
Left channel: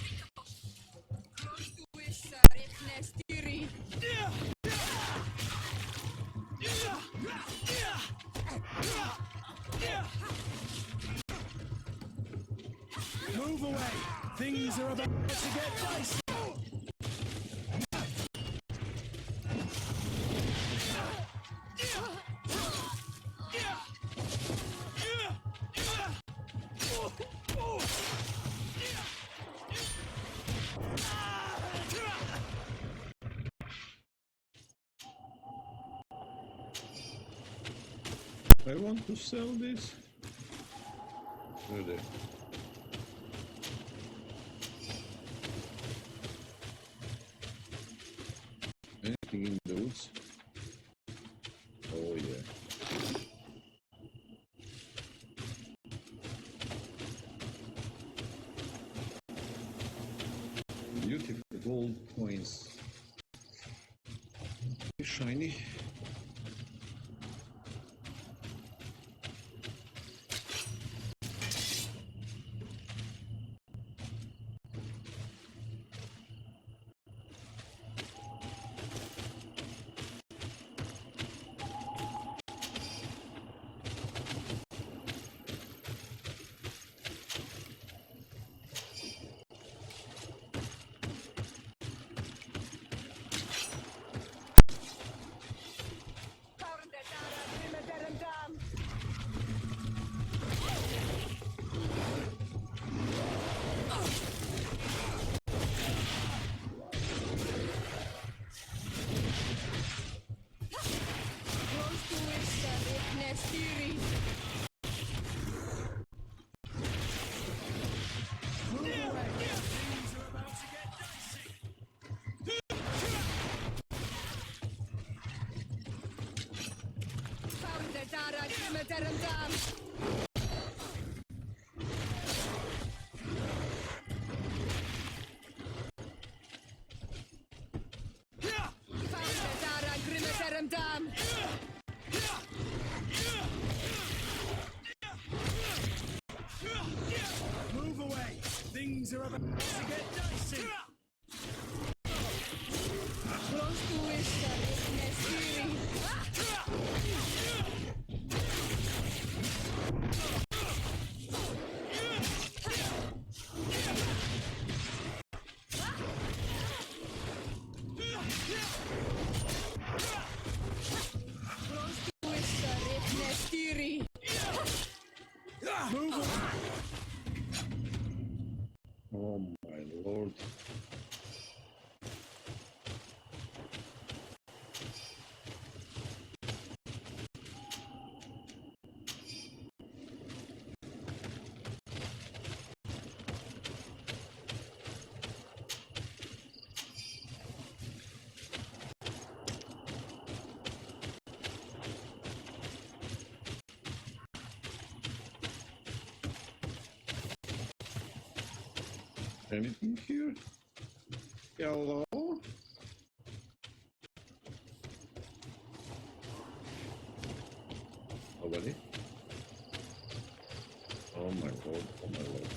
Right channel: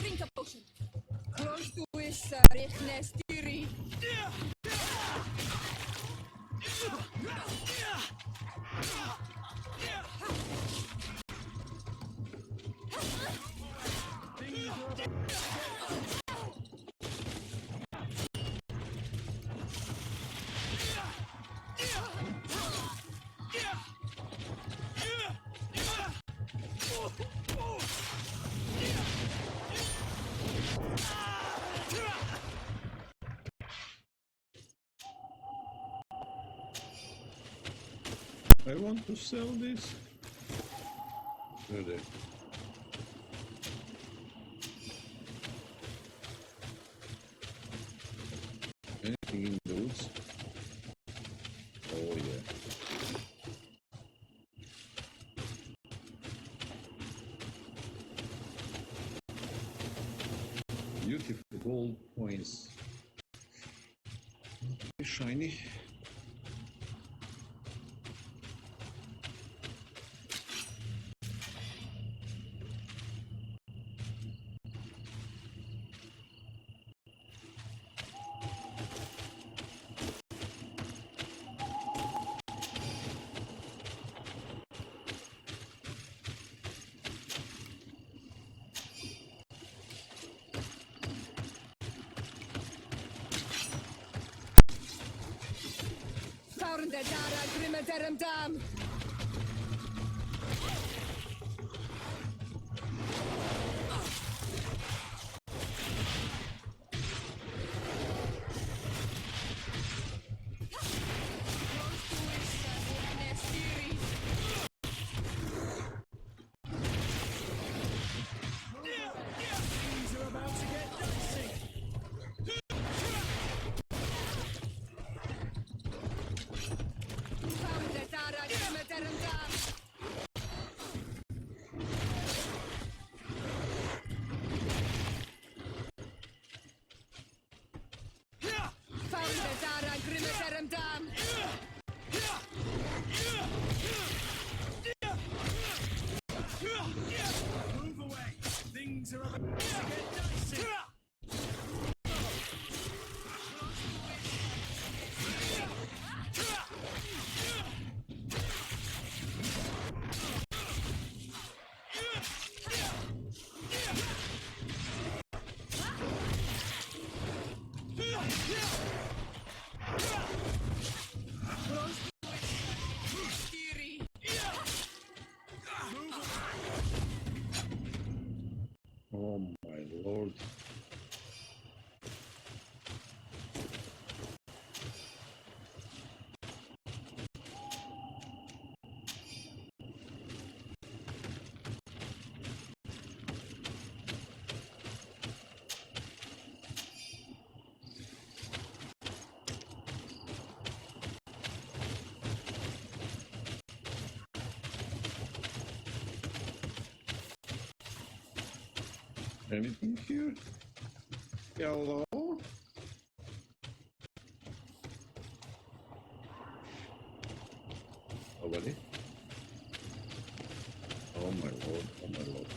Drink a potion. Close to Issa, Nestiri. Move away! Things are about to get I want to sell this. Really? Anything in the woods? Oh yeah. Beautiful gold coins. Shiny. things are about to get dicey! Move away! Things are about to get dicey! Close to Issa, Nestiri. Close to Issa, Nestiri. Move away! Oh my lord. Anything here? Hello? Nobody? Oh my lord, oh my lord.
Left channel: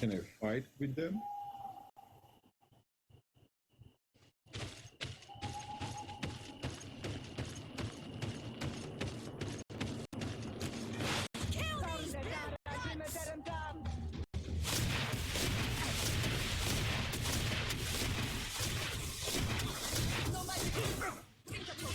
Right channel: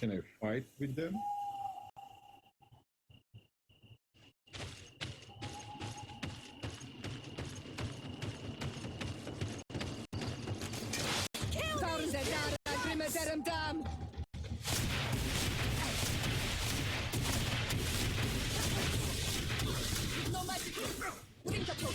Can I fight with them? Kill these bloodlines! No magic! Bring the book!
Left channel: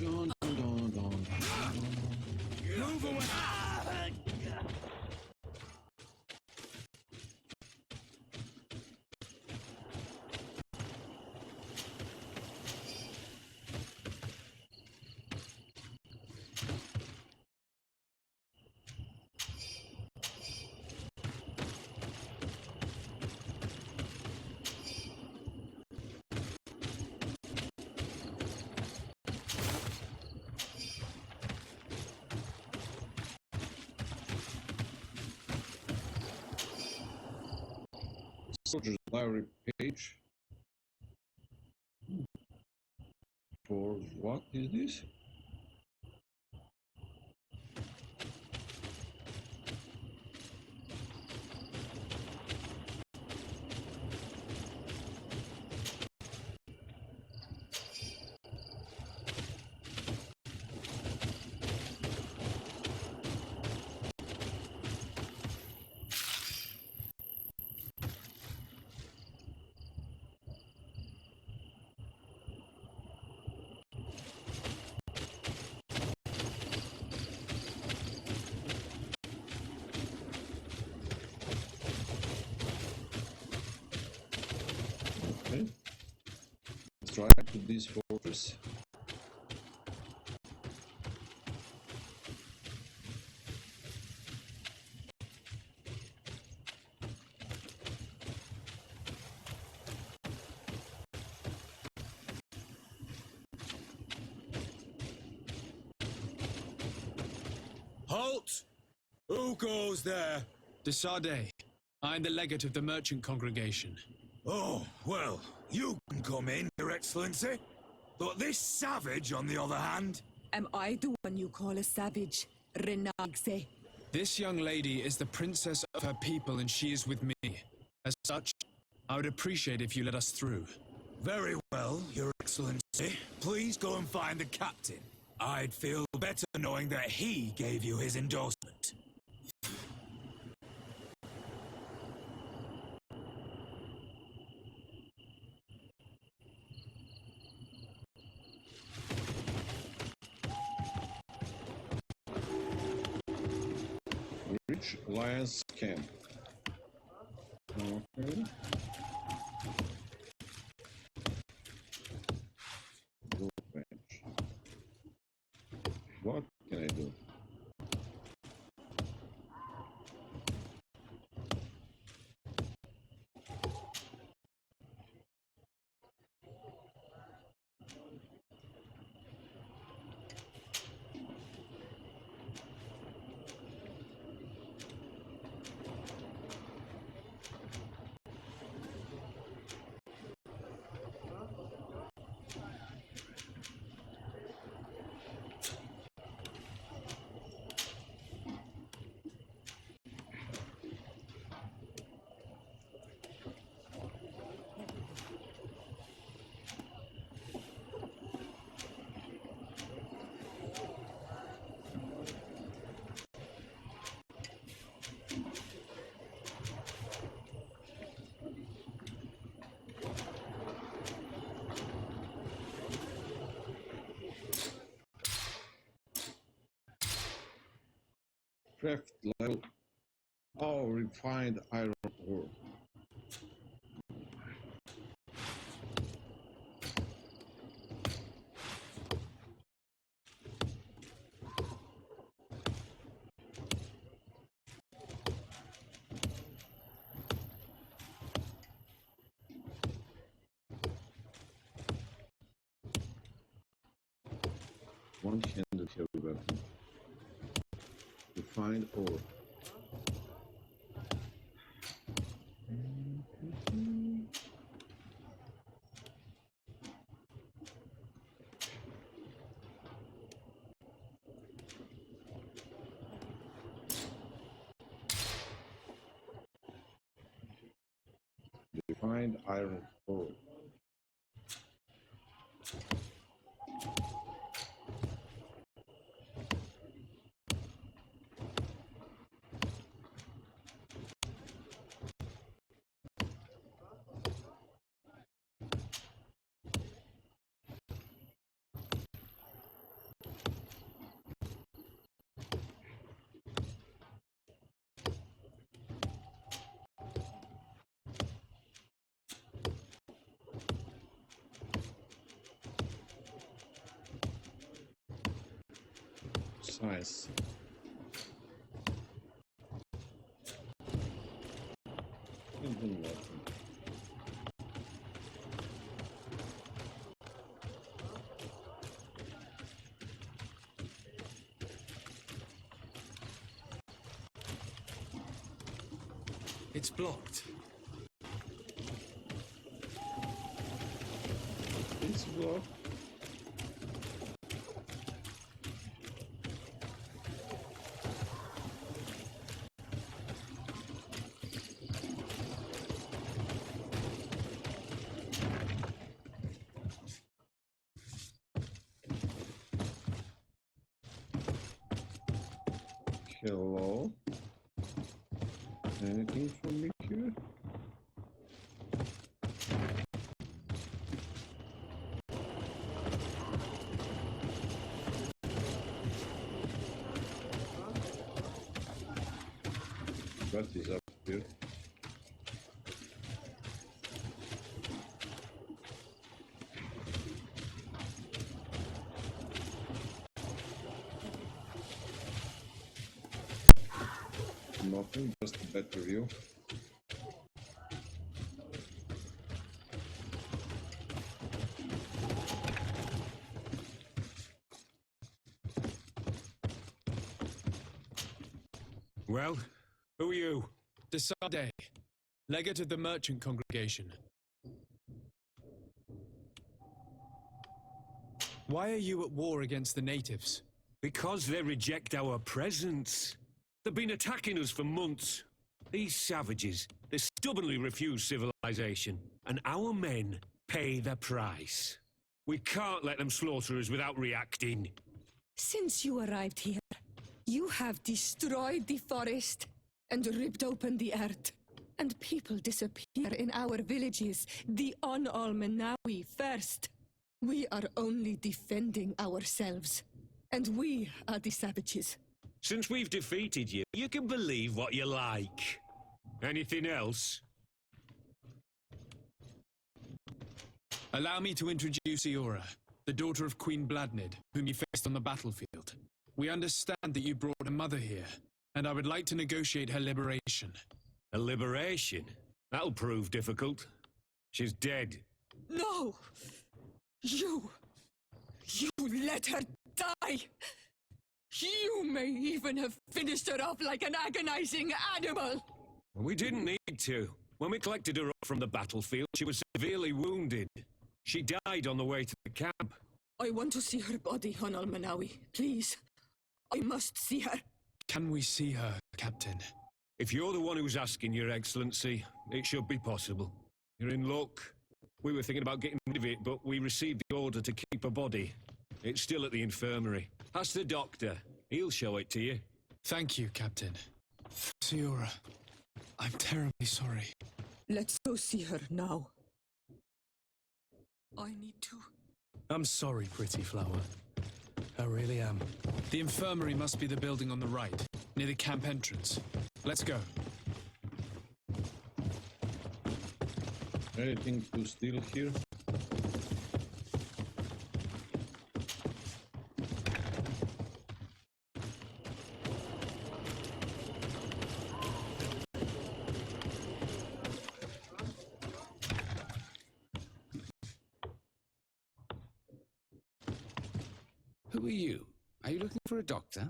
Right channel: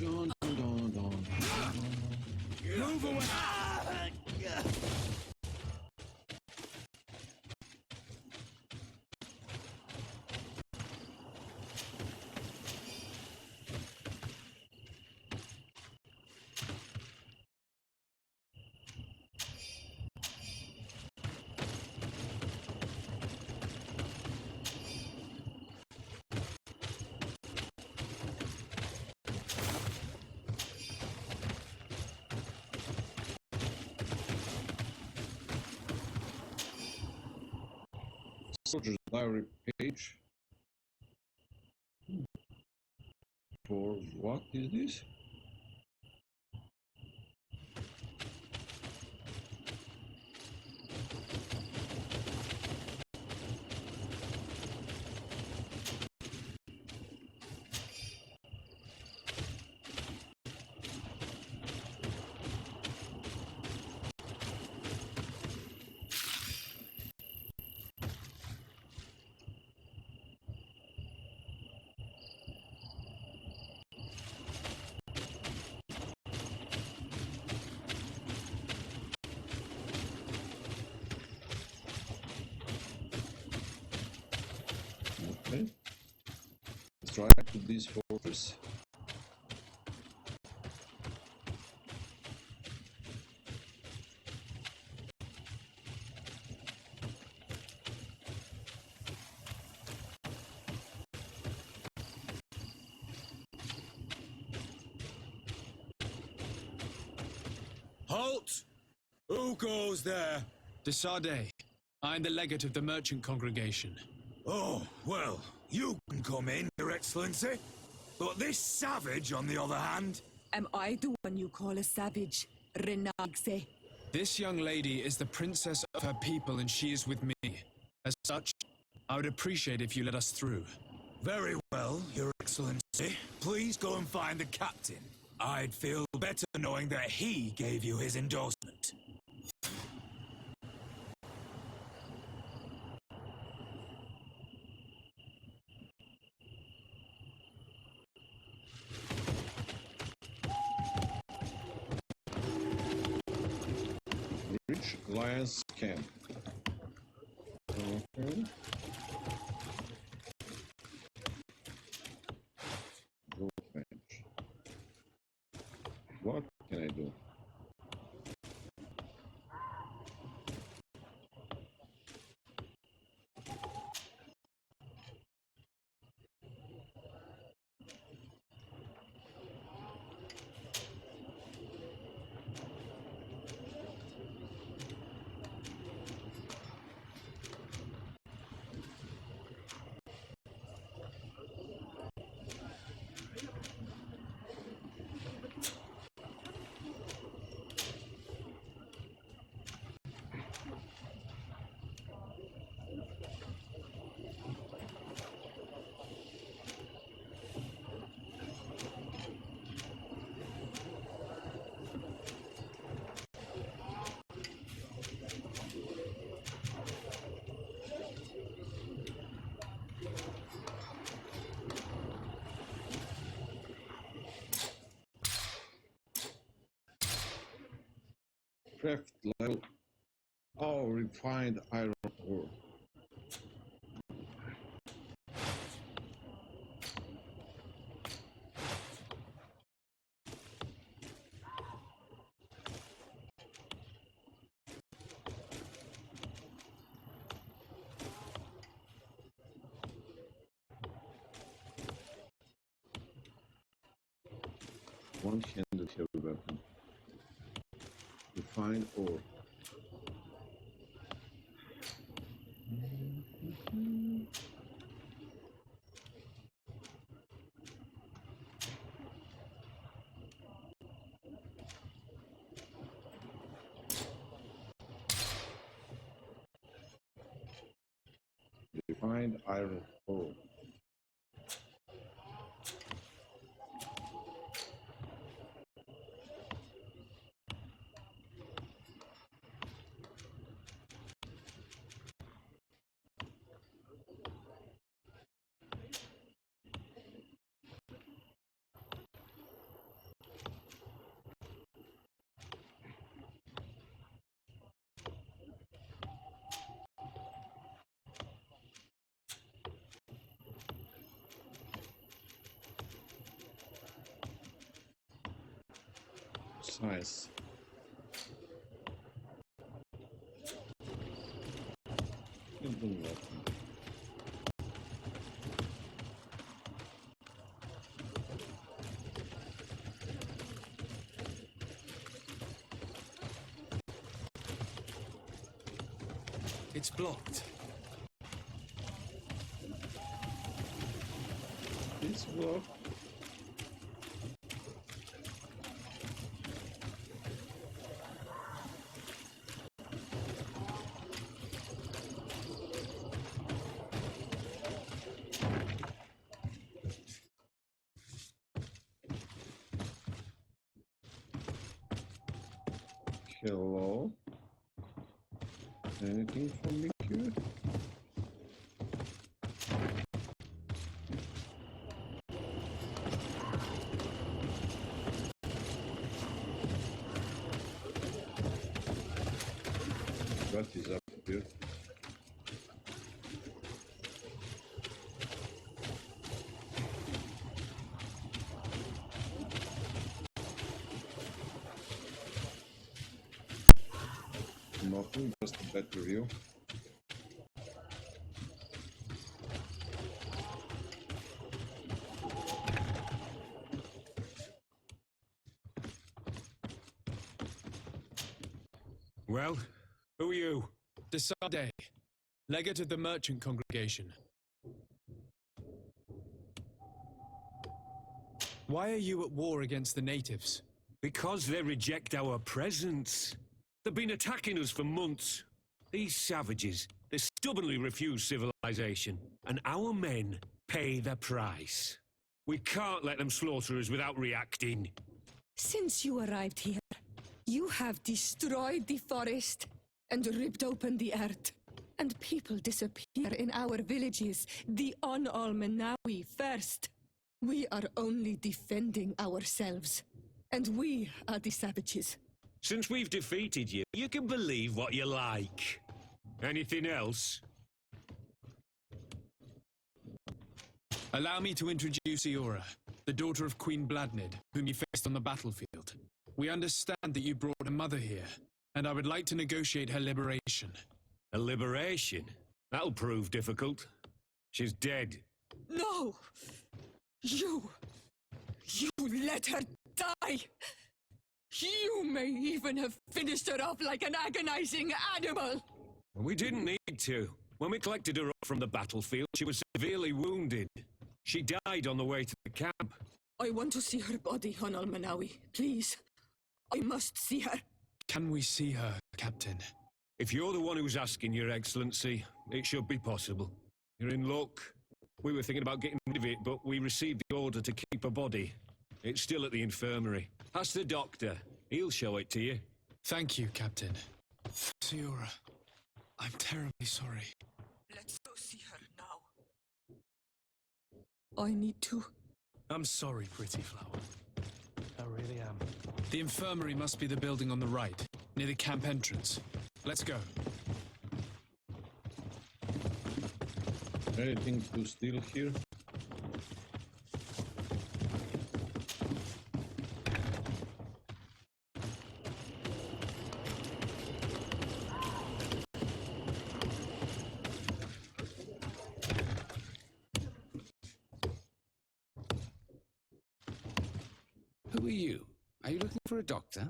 Dun, dun, dun, dun. Move away! Soldier's diary page. For what is this? Okay. Let's try to this fortress. Halt! Who goes there? Desade, I am the legate of the merchant congregation. Oh, well, you can come in, Your Excellency. But this savage, on the other hand... Am I the one you call a savage, Renagse? This young lady is the princess of her people and she is with me. As such, I would appreciate if you let us through. Very well, Your Excellency. Please go and find the captain. I'd feel better knowing that he gave you his endorsement. Reach Alliance camp. Okay. Workbench. What can I do? Craft level. Oh, refined iron ore. One-handed heavy weapon. Refined ore. find iron ore. Science. Can't do nothing. It's blocked. It's blocked. Hello? Anything from me here? What is up here? Nothing, just a better view. Well, who are you? Desade, legate of the merchant congregation. Why are you at war against the natives? Because they reject our presence. They've been attacking us for months. These savages, they stubbornly refuse civilization, and our men pay the price. We can't let them slaughter us without reacting. Since you arrived here, you have destroyed the forest and ripped open the earth. And people disappear in our villages, the On-Almanawi first. We are only defending ourselves. And we are the savages. Since we've defeated you, you can believe what you like. Anything else? Allow me to introduce Siora, the daughter of Queen Bladnid, whom you faced on the battlefield. We understand that you brought a mother here, and I would like to negotiate her liberation. A liberation? That'll prove difficult. She's dead. No! You let her die! You may even have finished her off like an agonizing animal! We didn't need to. When we collected her up from the battlefield, she was severely wounded. She died on the way to the camp. I want to see her body, on Almanawi. Please. I must see her. Can we see her, Captain? If you're the one who's asking, Your Excellency, it should be possible. You're in luck. We were thinking about getting rid of it, but we received the order to keep her body. It's still at the infirmary. Ask the doctor. He'll show it to you. Thank you, Captain. Siora, I'm terribly sorry. Let's go see her now. I need to. I'm sorry, pretty flower. I really am. The infirmary must be the building on the right, near the camp entrance. Let's go. Anything to steal here? Who are you? Are you looking for a doctor?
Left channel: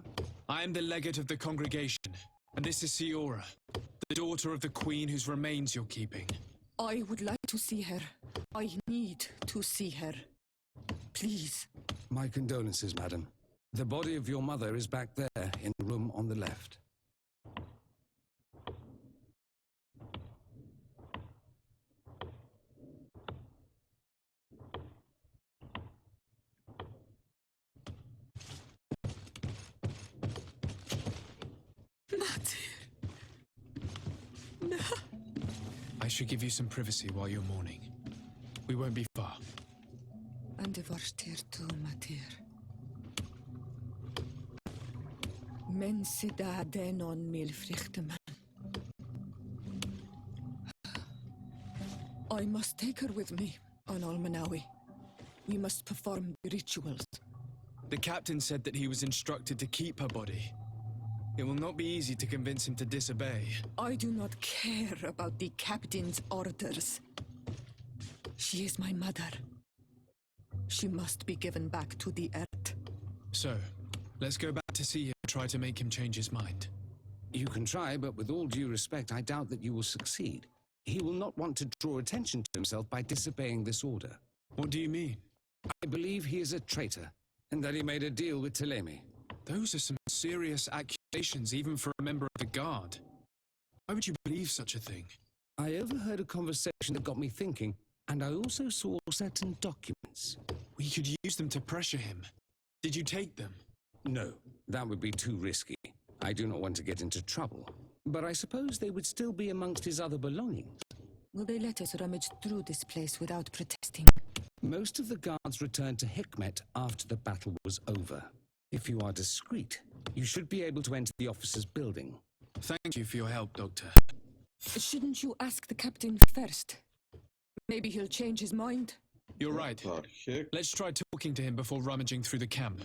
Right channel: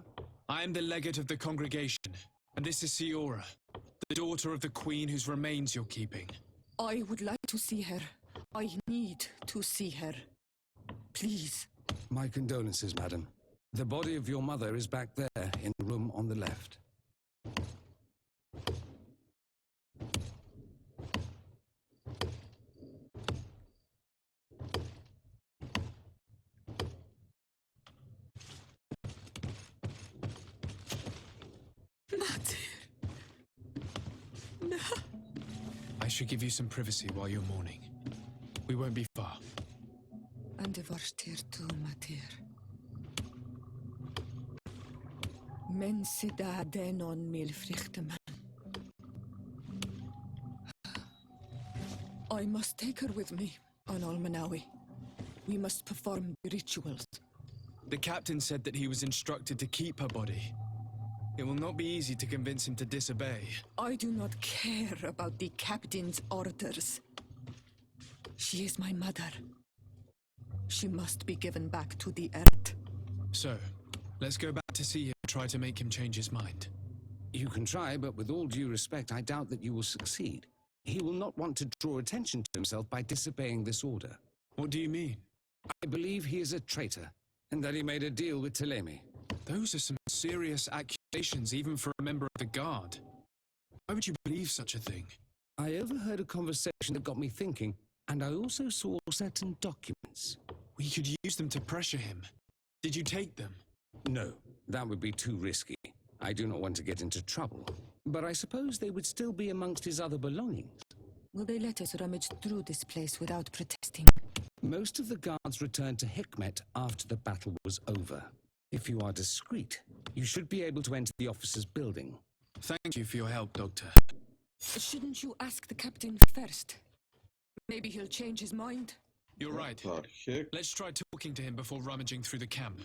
I am the legate of the congregation, and this is Siora, the daughter of the queen whose remains you're keeping. I would like to see her. I need to see her. Please. My condolences, madam. The body of your mother is back there, in the room on the left. should give you some privacy while you're mourning. We won't be far. And de varstir tu matir. Men sida denon mil frichteman. I must take her with me on Almanawi. We must perform the rituals. The captain said that he was instructed to keep her body. It will not be easy to convince him to disobey. I do not care about the captain's orders. She is my mother. She must be given back to the earth. So, let's go back to see him and try to make him change his mind. You can try, but with all due respect, I doubt that you will succeed. He will not want to draw attention to himself by disobeying this order. What do you mean? I believe he is a traitor, and that he made a deal with Telemi. Those are some serious accusations, even for a member of the guard. Why would you believe such a thing? I overheard a conversation that got me thinking, and I also saw certain documents. We could use them to pressure him. Did you take them? No, that would be too risky. I do not want to get into trouble. But I suppose they would still be amongst his other belongings. Will they let us rummage through this place without protesting? Most of the guards returned to Hikmet after the battle was over. If you are discreet, you should be able to enter the officer's building. Thank you for your help, Doctor. Shouldn't you ask the captain first? Maybe he'll change his mind. You're right. What the heck? Let's try talking to him before rummaging through the camp.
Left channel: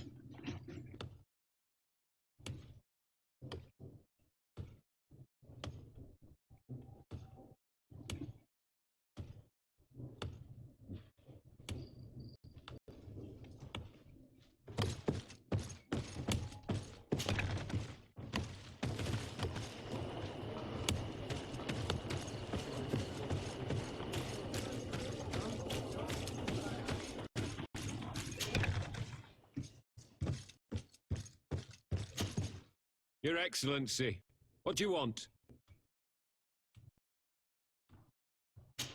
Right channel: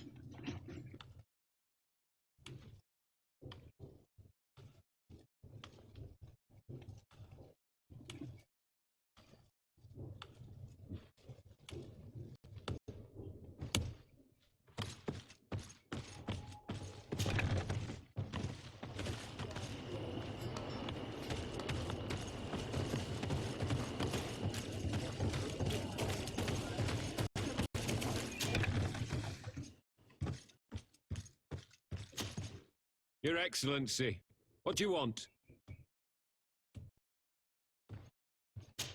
Your Excellency, what do you want?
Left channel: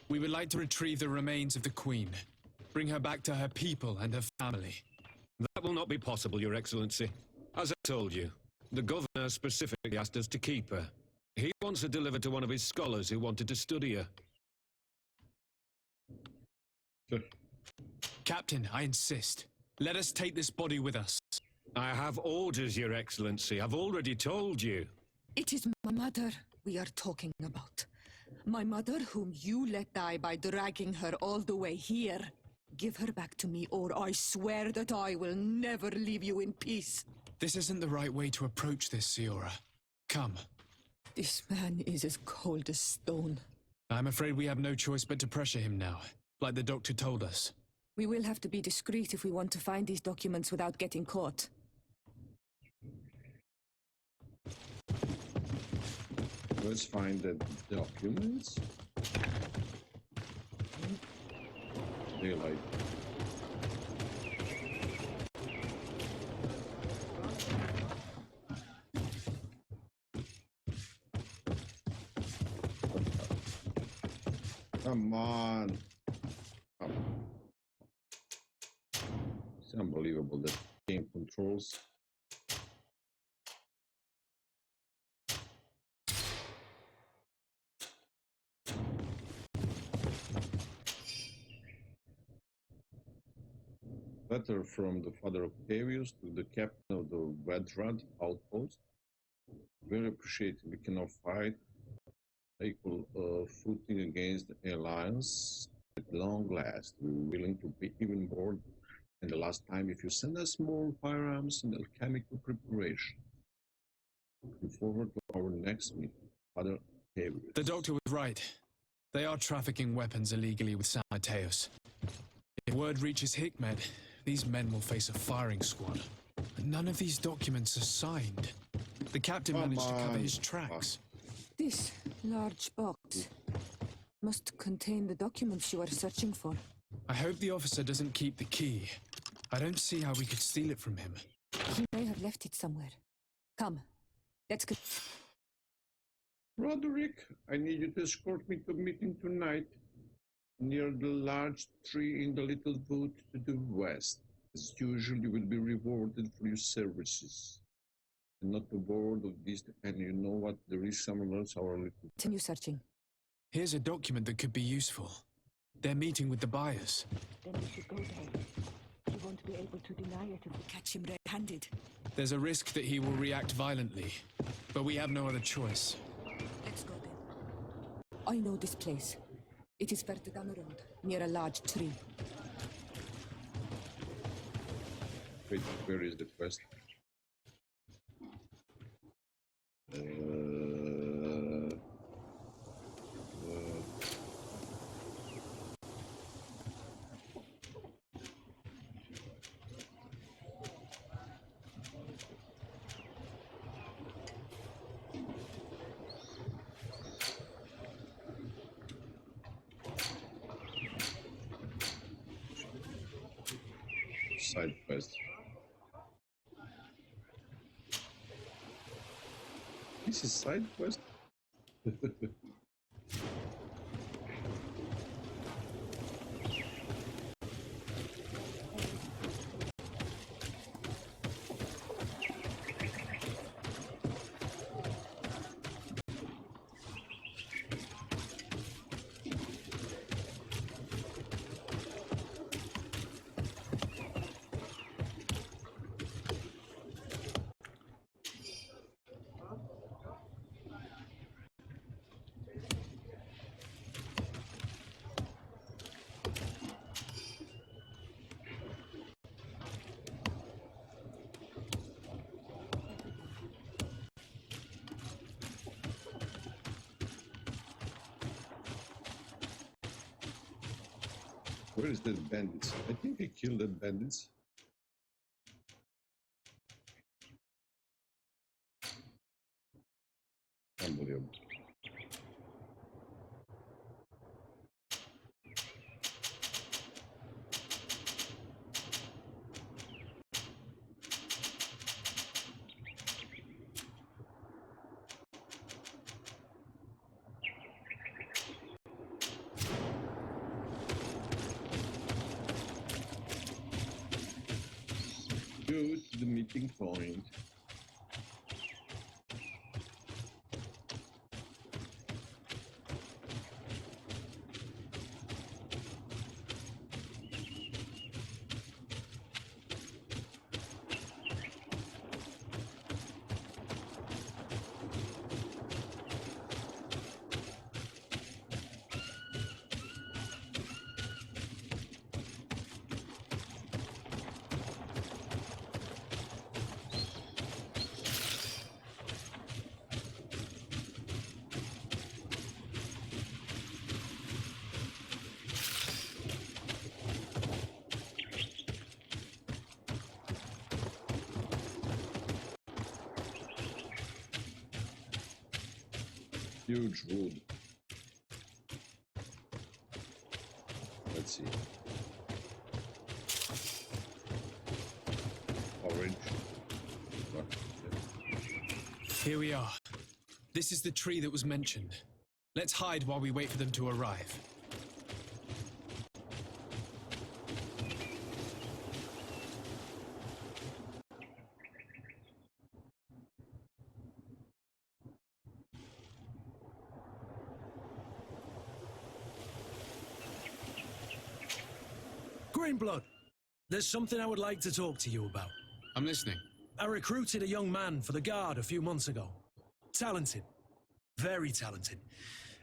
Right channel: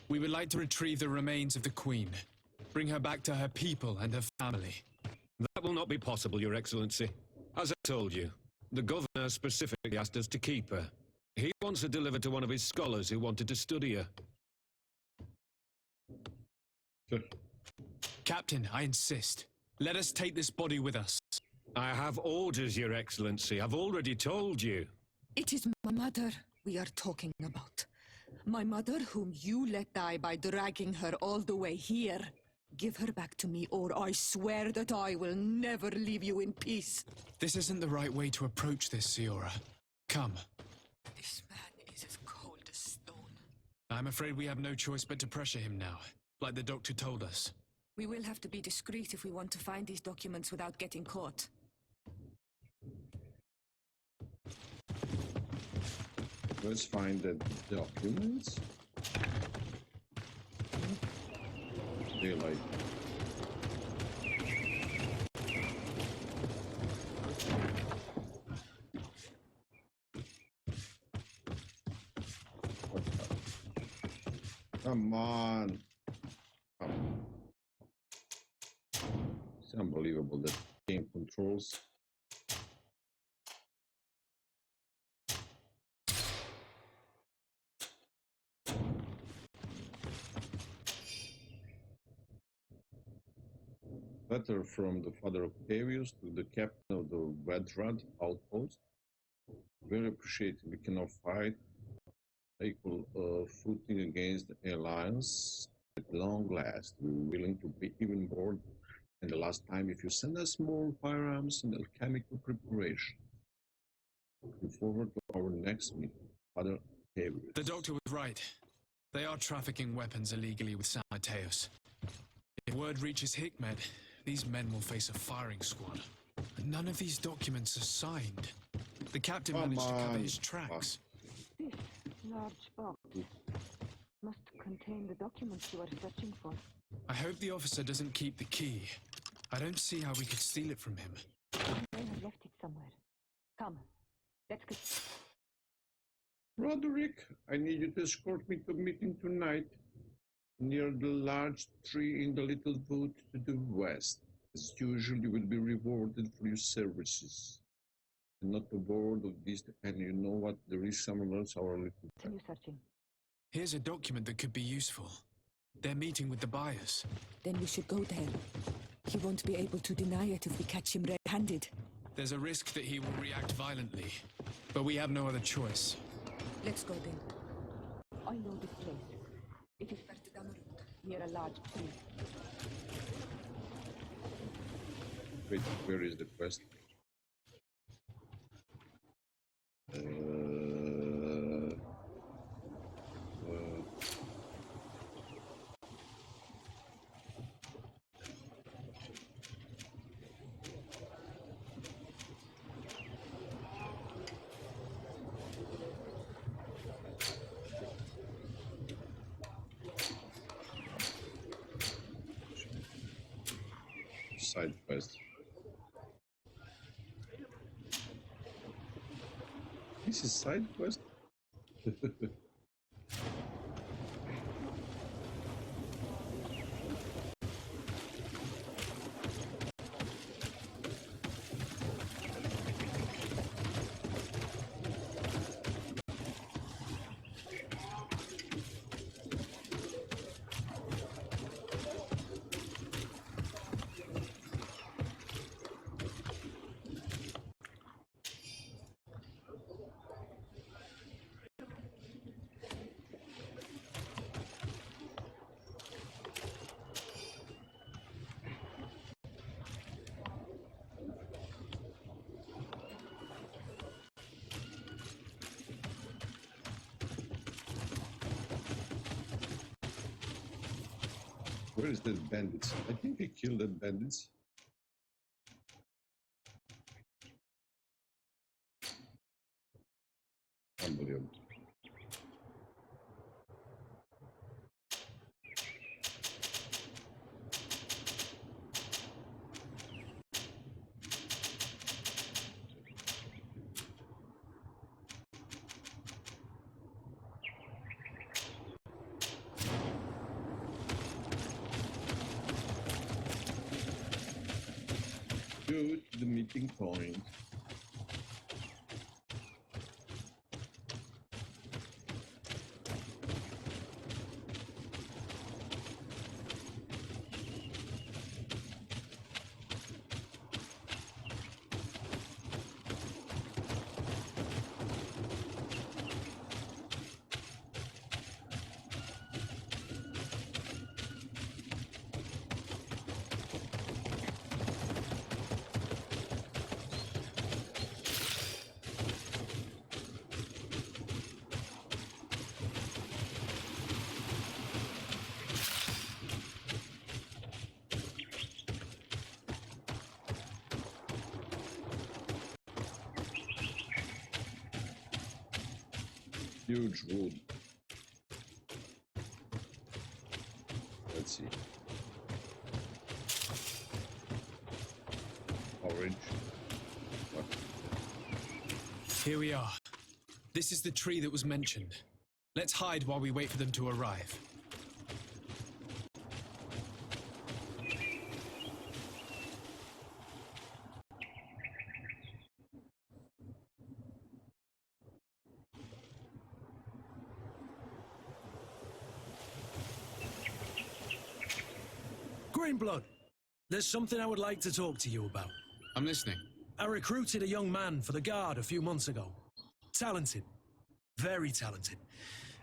We would like to retrieve the remains of the Queen. Bring her back to her people and her family. That will not be possible, Your Excellency. As I told you, the governor specifically asked us to keep her. He wants her delivered to one of his scholars who wanted to study her. Captain, I insist. Let us take this body with us. I have orders, Your Excellency. I've already told you. It is my mother we are talking about. My mother whom you let die by dragging her all the way here. Give her back to me, or I swear that I will never leave you in peace. This isn't the right way to approach this, Siora. Come. This man is as cold as stone. I'm afraid we have no choice but to pressure him now, like the doctor told us. We will have to be discreet if we want to find these documents without getting caught. Let's find the documents. Daylight. Come on. Come. It's unbelievable that game controls. Letter from the father Octavius to the captain of the Vedrad outpost. Very appreciated. We cannot fight equal footing against the alliance at long last. We're willing to pay even more than the last time if you send us more firearms and alchemical preparation. Looking forward to our next meeting, Father Octavius. The doctor was right. They are trafficking weapons illegally with San Mateos. If word reaches Hikmet, these men will face a firing squad. But none of these documents are signed. The captain managed to cover his tracks. This large box must contain the documents you are searching for. I hope the officer doesn't keep the key. I don't see how we could steal it from him. He may have left it somewhere. Come, let's go. Roderick, I need you to escort me to a meeting tonight near the large tree in the little wood to the west. As usual, you will be rewarded for your services. And not a word of this, and you know what? There is someone else, our little... Continue searching. Here's a document that could be useful. They're meeting with the buyers. Then we should go there. He won't be able to deny it if we catch him red-handed. There's a risk that he will react violently, but we have no other choice. Let's go then. I know this place. It is further down the road, near a large tree. Wait, where is the quest? Side quest. This is side quest? Where is that bandits? I think I killed that bandits. Unbelievable. Go to the meeting point. Huge wood. Let's see. Orange. What? Here we are. This is the tree that was mentioned. Let's hide while we wait for them to arrive. Greenblood, there's something I would like to talk to you about. I'm listening. I recruited a young man for the Guard a few months ago. Talented. Very talented.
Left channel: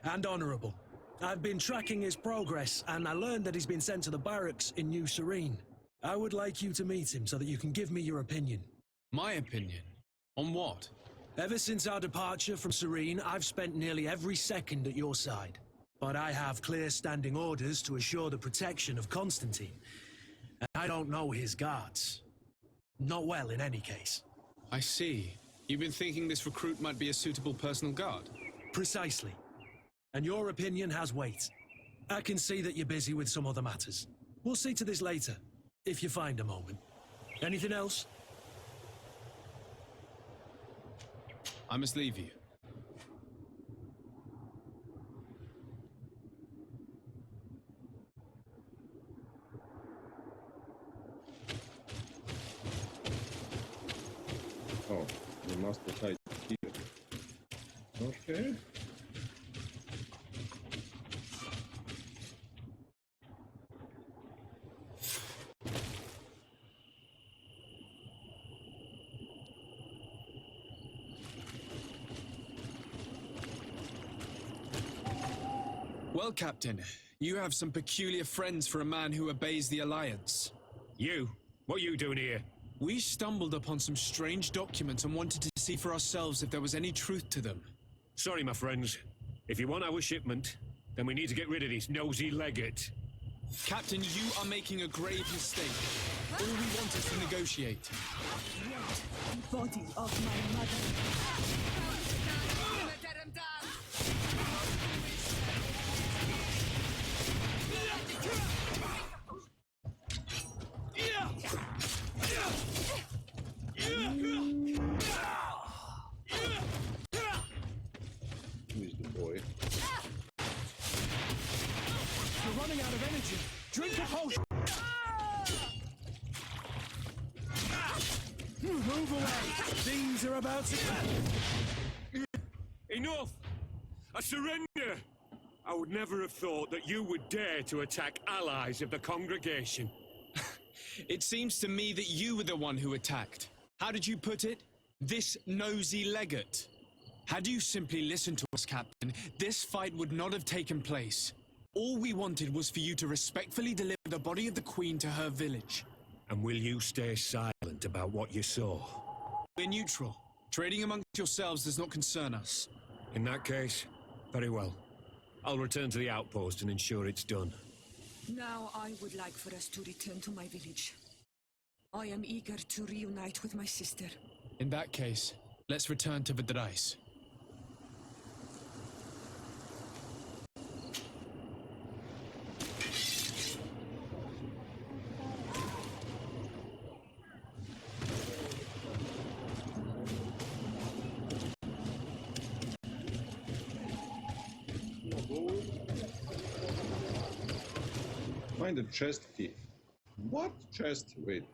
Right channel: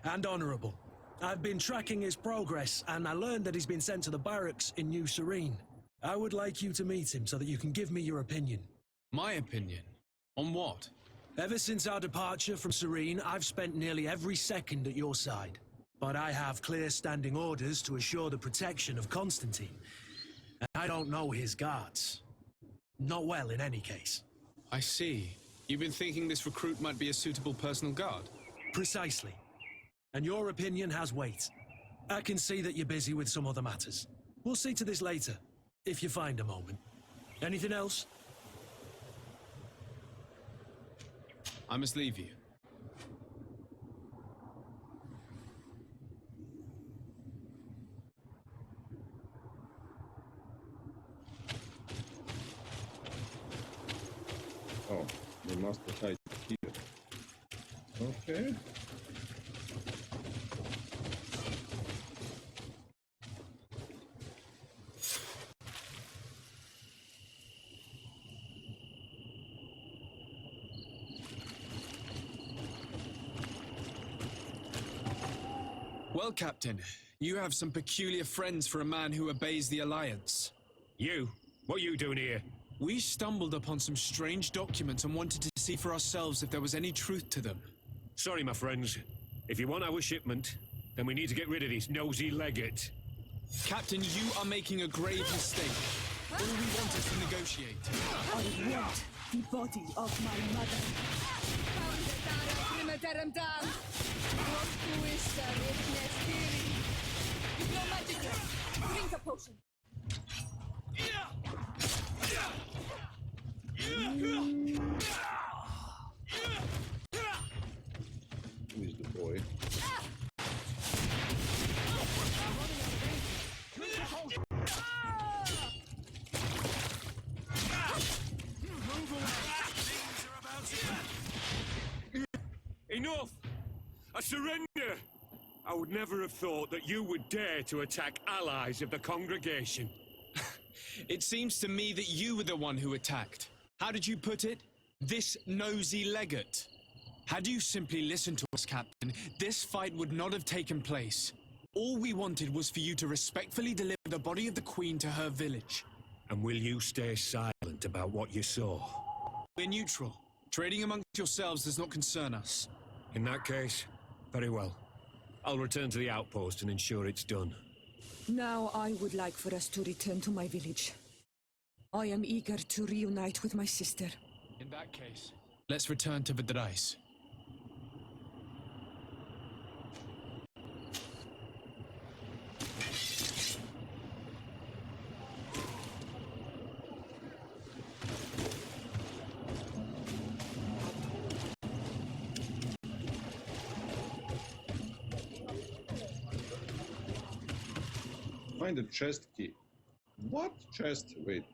And honorable. I've been tracking his progress, and I learned that he's been sent to the barracks in New Serene. I would like you to meet him so that you can give me your opinion. My opinion? On what? Ever since our departure from Serene, I've spent nearly every second at your side. But I have clear standing orders to assure the protection of Constantine. And I don't know his guards. Not well, in any case. I see. You've been thinking this recruit might be a suitable personal guard? Precisely. And your opinion has weight. I can see that you're busy with some other matters. We'll see to this later, if you find a moment. Anything else? I must leave you. Oh, they must have hide here. Okay. Well, Captain, you have some peculiar friends for a man who obeys the Alliance. You? What are you doing here? We stumbled upon some strange documents and wanted to see for ourselves if there was any truth to them. Sorry, my friends. If you want our shipment, then we need to get rid of this nosy legate. Captain, you are making a grave mistake. All we want is to negotiate. I want the body of my mother. Drink a potion. Who is the boy? Move away! Things are about to... Enough! I surrender! I would never have thought that you would dare to attack allies of the congregation. It seems to me that you were the one who attacked. How did you put it? This nosy legate. Had you simply listened to us, Captain, this fight would not have taken place. All we wanted was for you to respectfully deliver the body of the Queen to her village. And will you stay silent about what you saw? We're neutral. Trading amongst yourselves does not concern us. In that case, very well. I'll return to the outpost and ensure it's done. Now I would like for us to return to my village. I am eager to reunite with my sister. In that case, let's return to Vidrais. Find the chest key. What chest? Wait.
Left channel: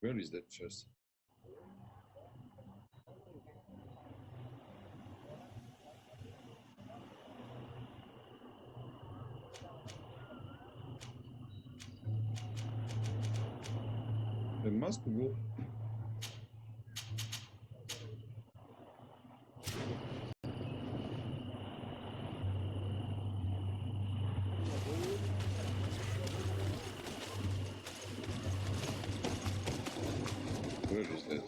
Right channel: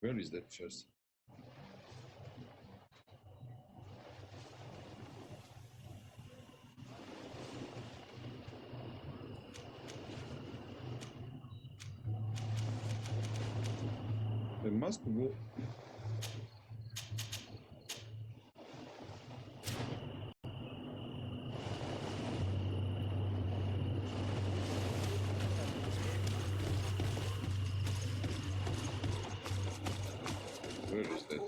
Where is that chest? There must go. Where is that?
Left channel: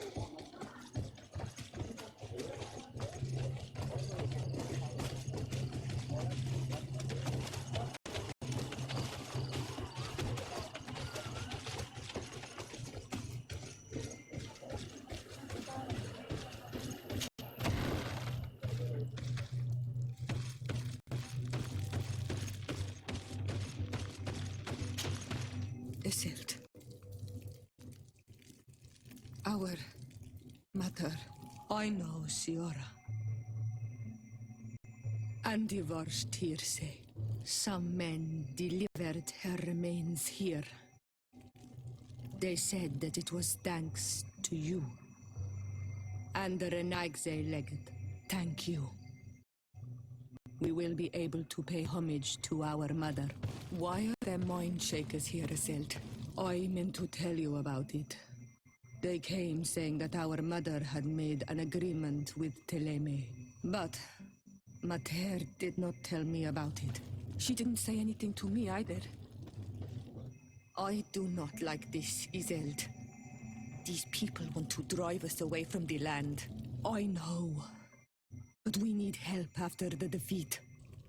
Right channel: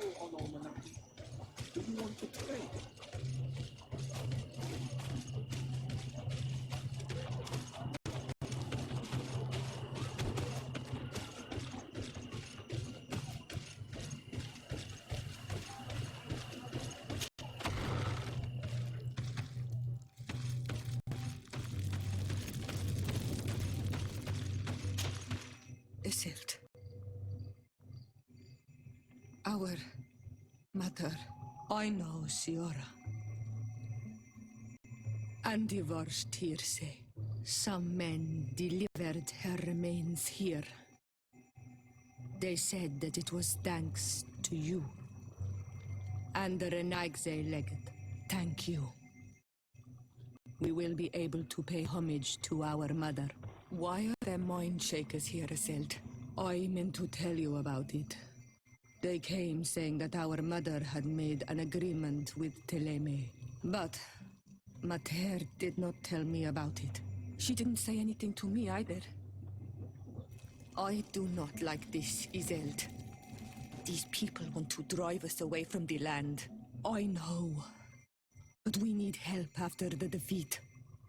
Isildt. Our mother. I know Siora. And the worst here say. Some men delivered her remains here. They said that it was thanks to you. And the Renagze legate. Thank you. We will be able to pay homage to our mother. Why are there mind shakers here, Isildt? I meant to tell you about it. They came saying that our mother had made an agreement with Teleme. But Mater did not tell me about it. She didn't say anything to me either. I do not like this, Isildt. These people want to drive us away from the land. I know. But we need help after the defeat.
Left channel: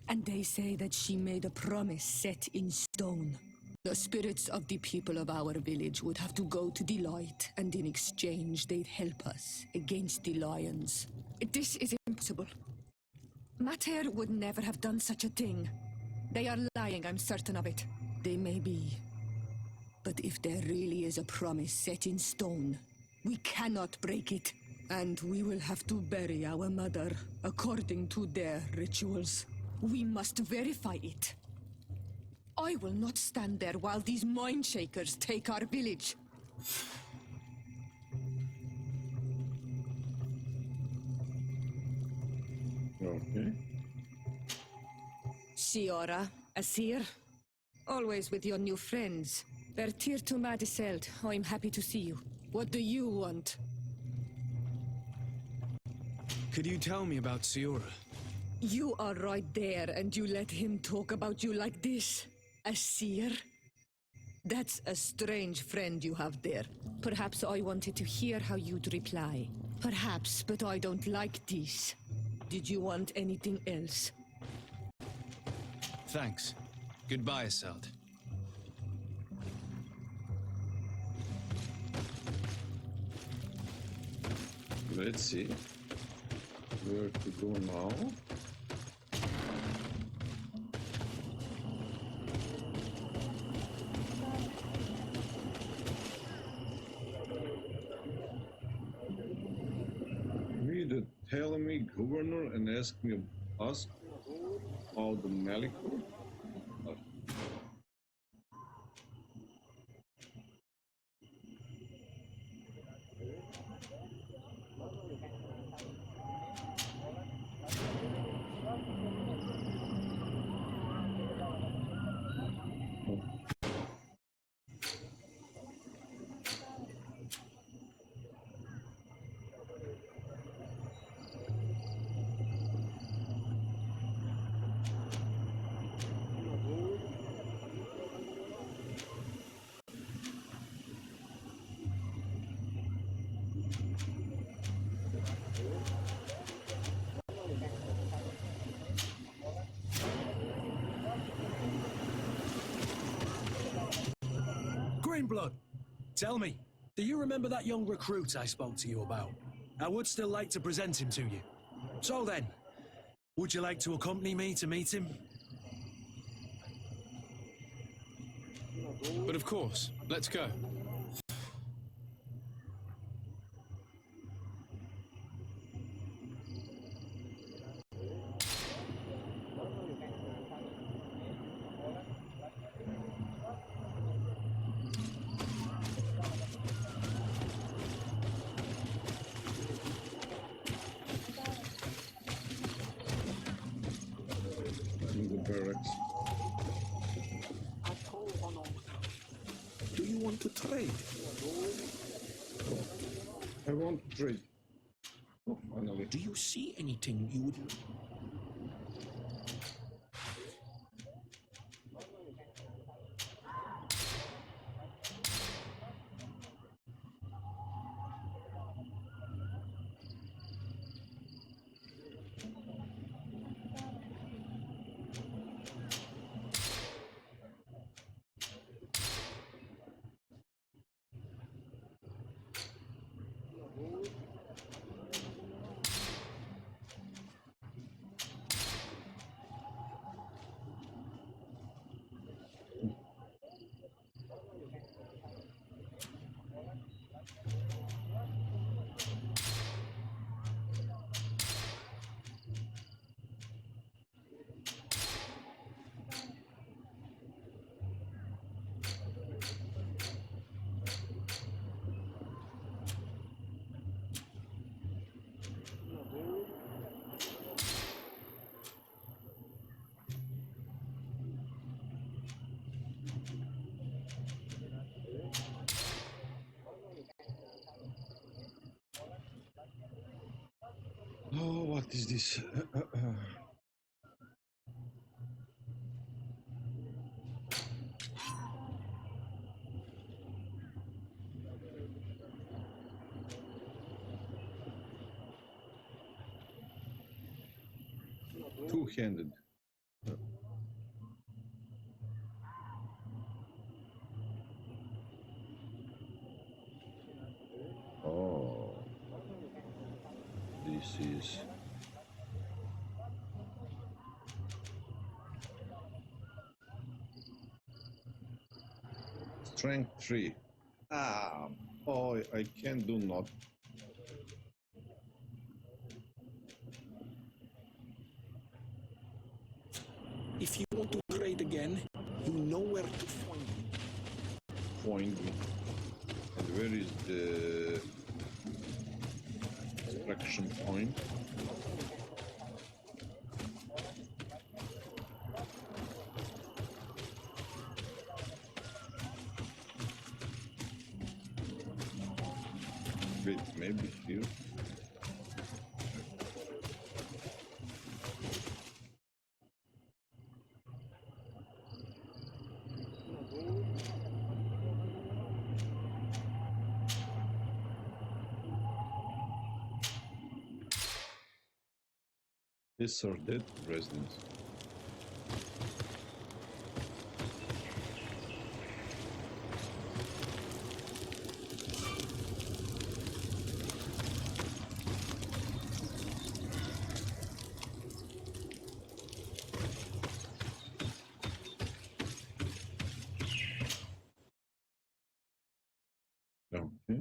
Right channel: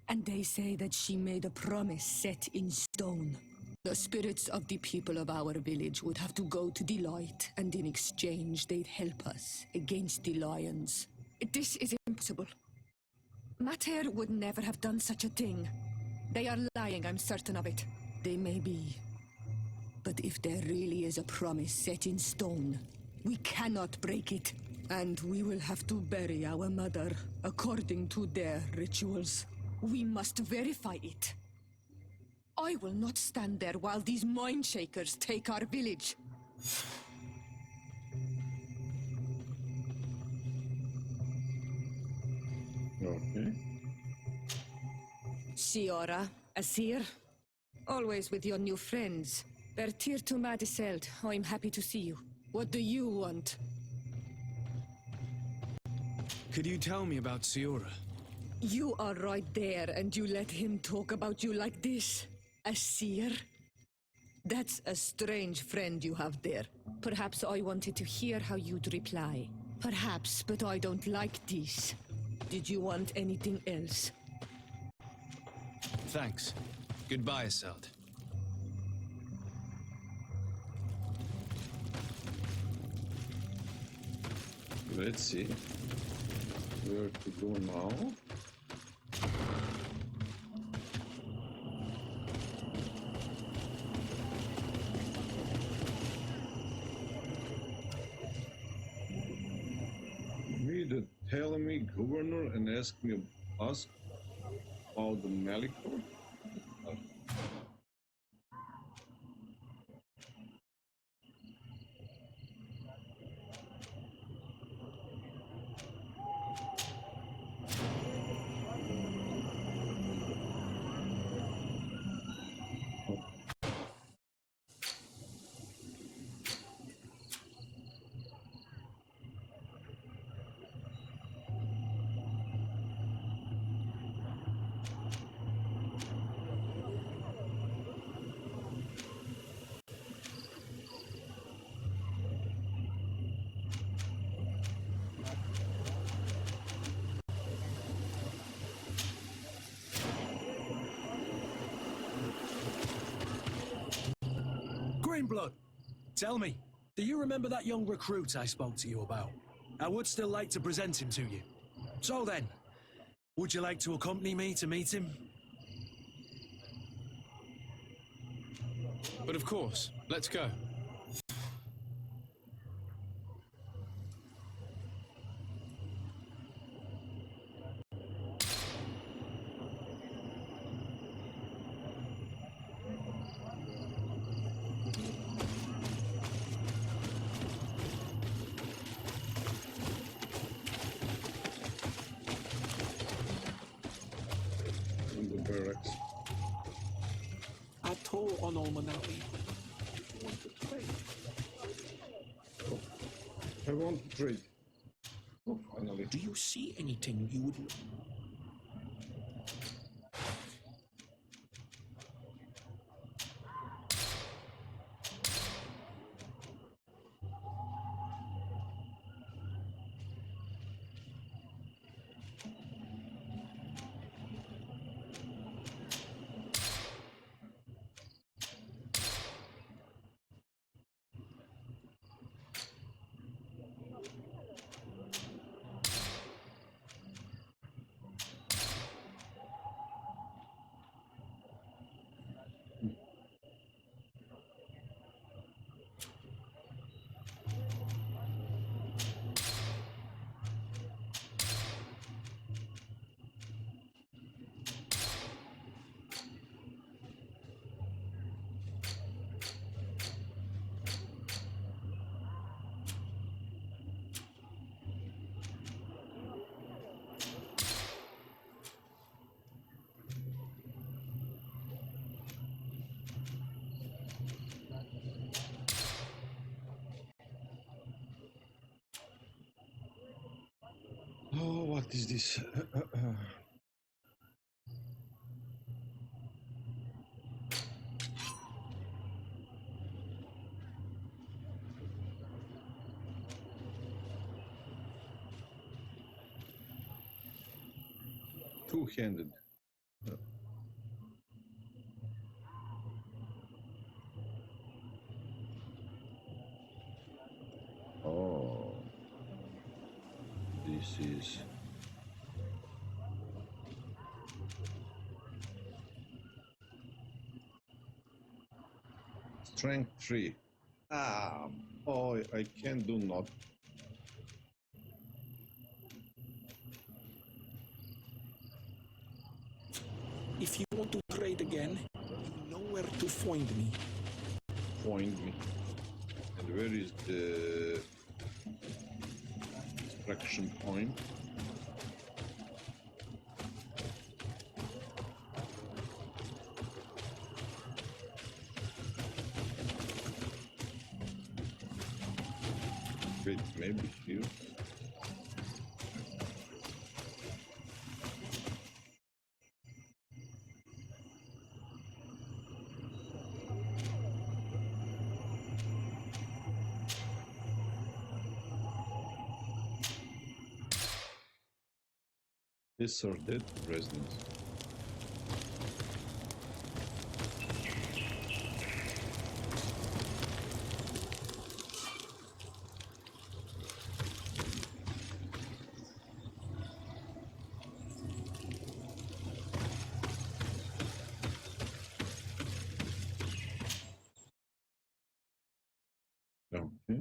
And they say that she made a promise set in stone. The spirits of the people of our village would have to go to the light, and in exchange they'd help us against the lions. This is impossible. Mater would never have done such a thing. They are lying, I'm certain of it. They may be. But if there really is a promise set in stone, we cannot break it. And we will have to bury our mother according to their rituals. We must verify it. I will not stand there while these mind shakers take our village. Okay. Siora, Asir, always with your new friends. Bertir to Madiseld, I'm happy to see you. What do you want? Could you tell me about Siora? You are right there, and you let him talk about you like this? A seer? That's a strange friend you have there. Perhaps I wanted to hear how you'd reply. Perhaps, but I don't like this. Did you want anything else? Thanks. Goodbye, Asad. Let's see where to go now. Either tell me, Governor, and ask about the Malicor. Greenblood, tell me, do you remember that young recruit I spoke to you about? I would still like to present him to you. So then, would you like to accompany me to meet him? But of course, let's go. In the barracks. Atoll on Almanawi. Do you want to trade? Oh, I want to trade. Oh, finally. Do you see anything you would... Oh, what is this? Two-handed. Oh, this is strength 3. Ah, oh, I can do not. If you want to trade again, you know where to find me. Find me. And where is the extraction point? Wait, maybe here? deserted residence. Okay.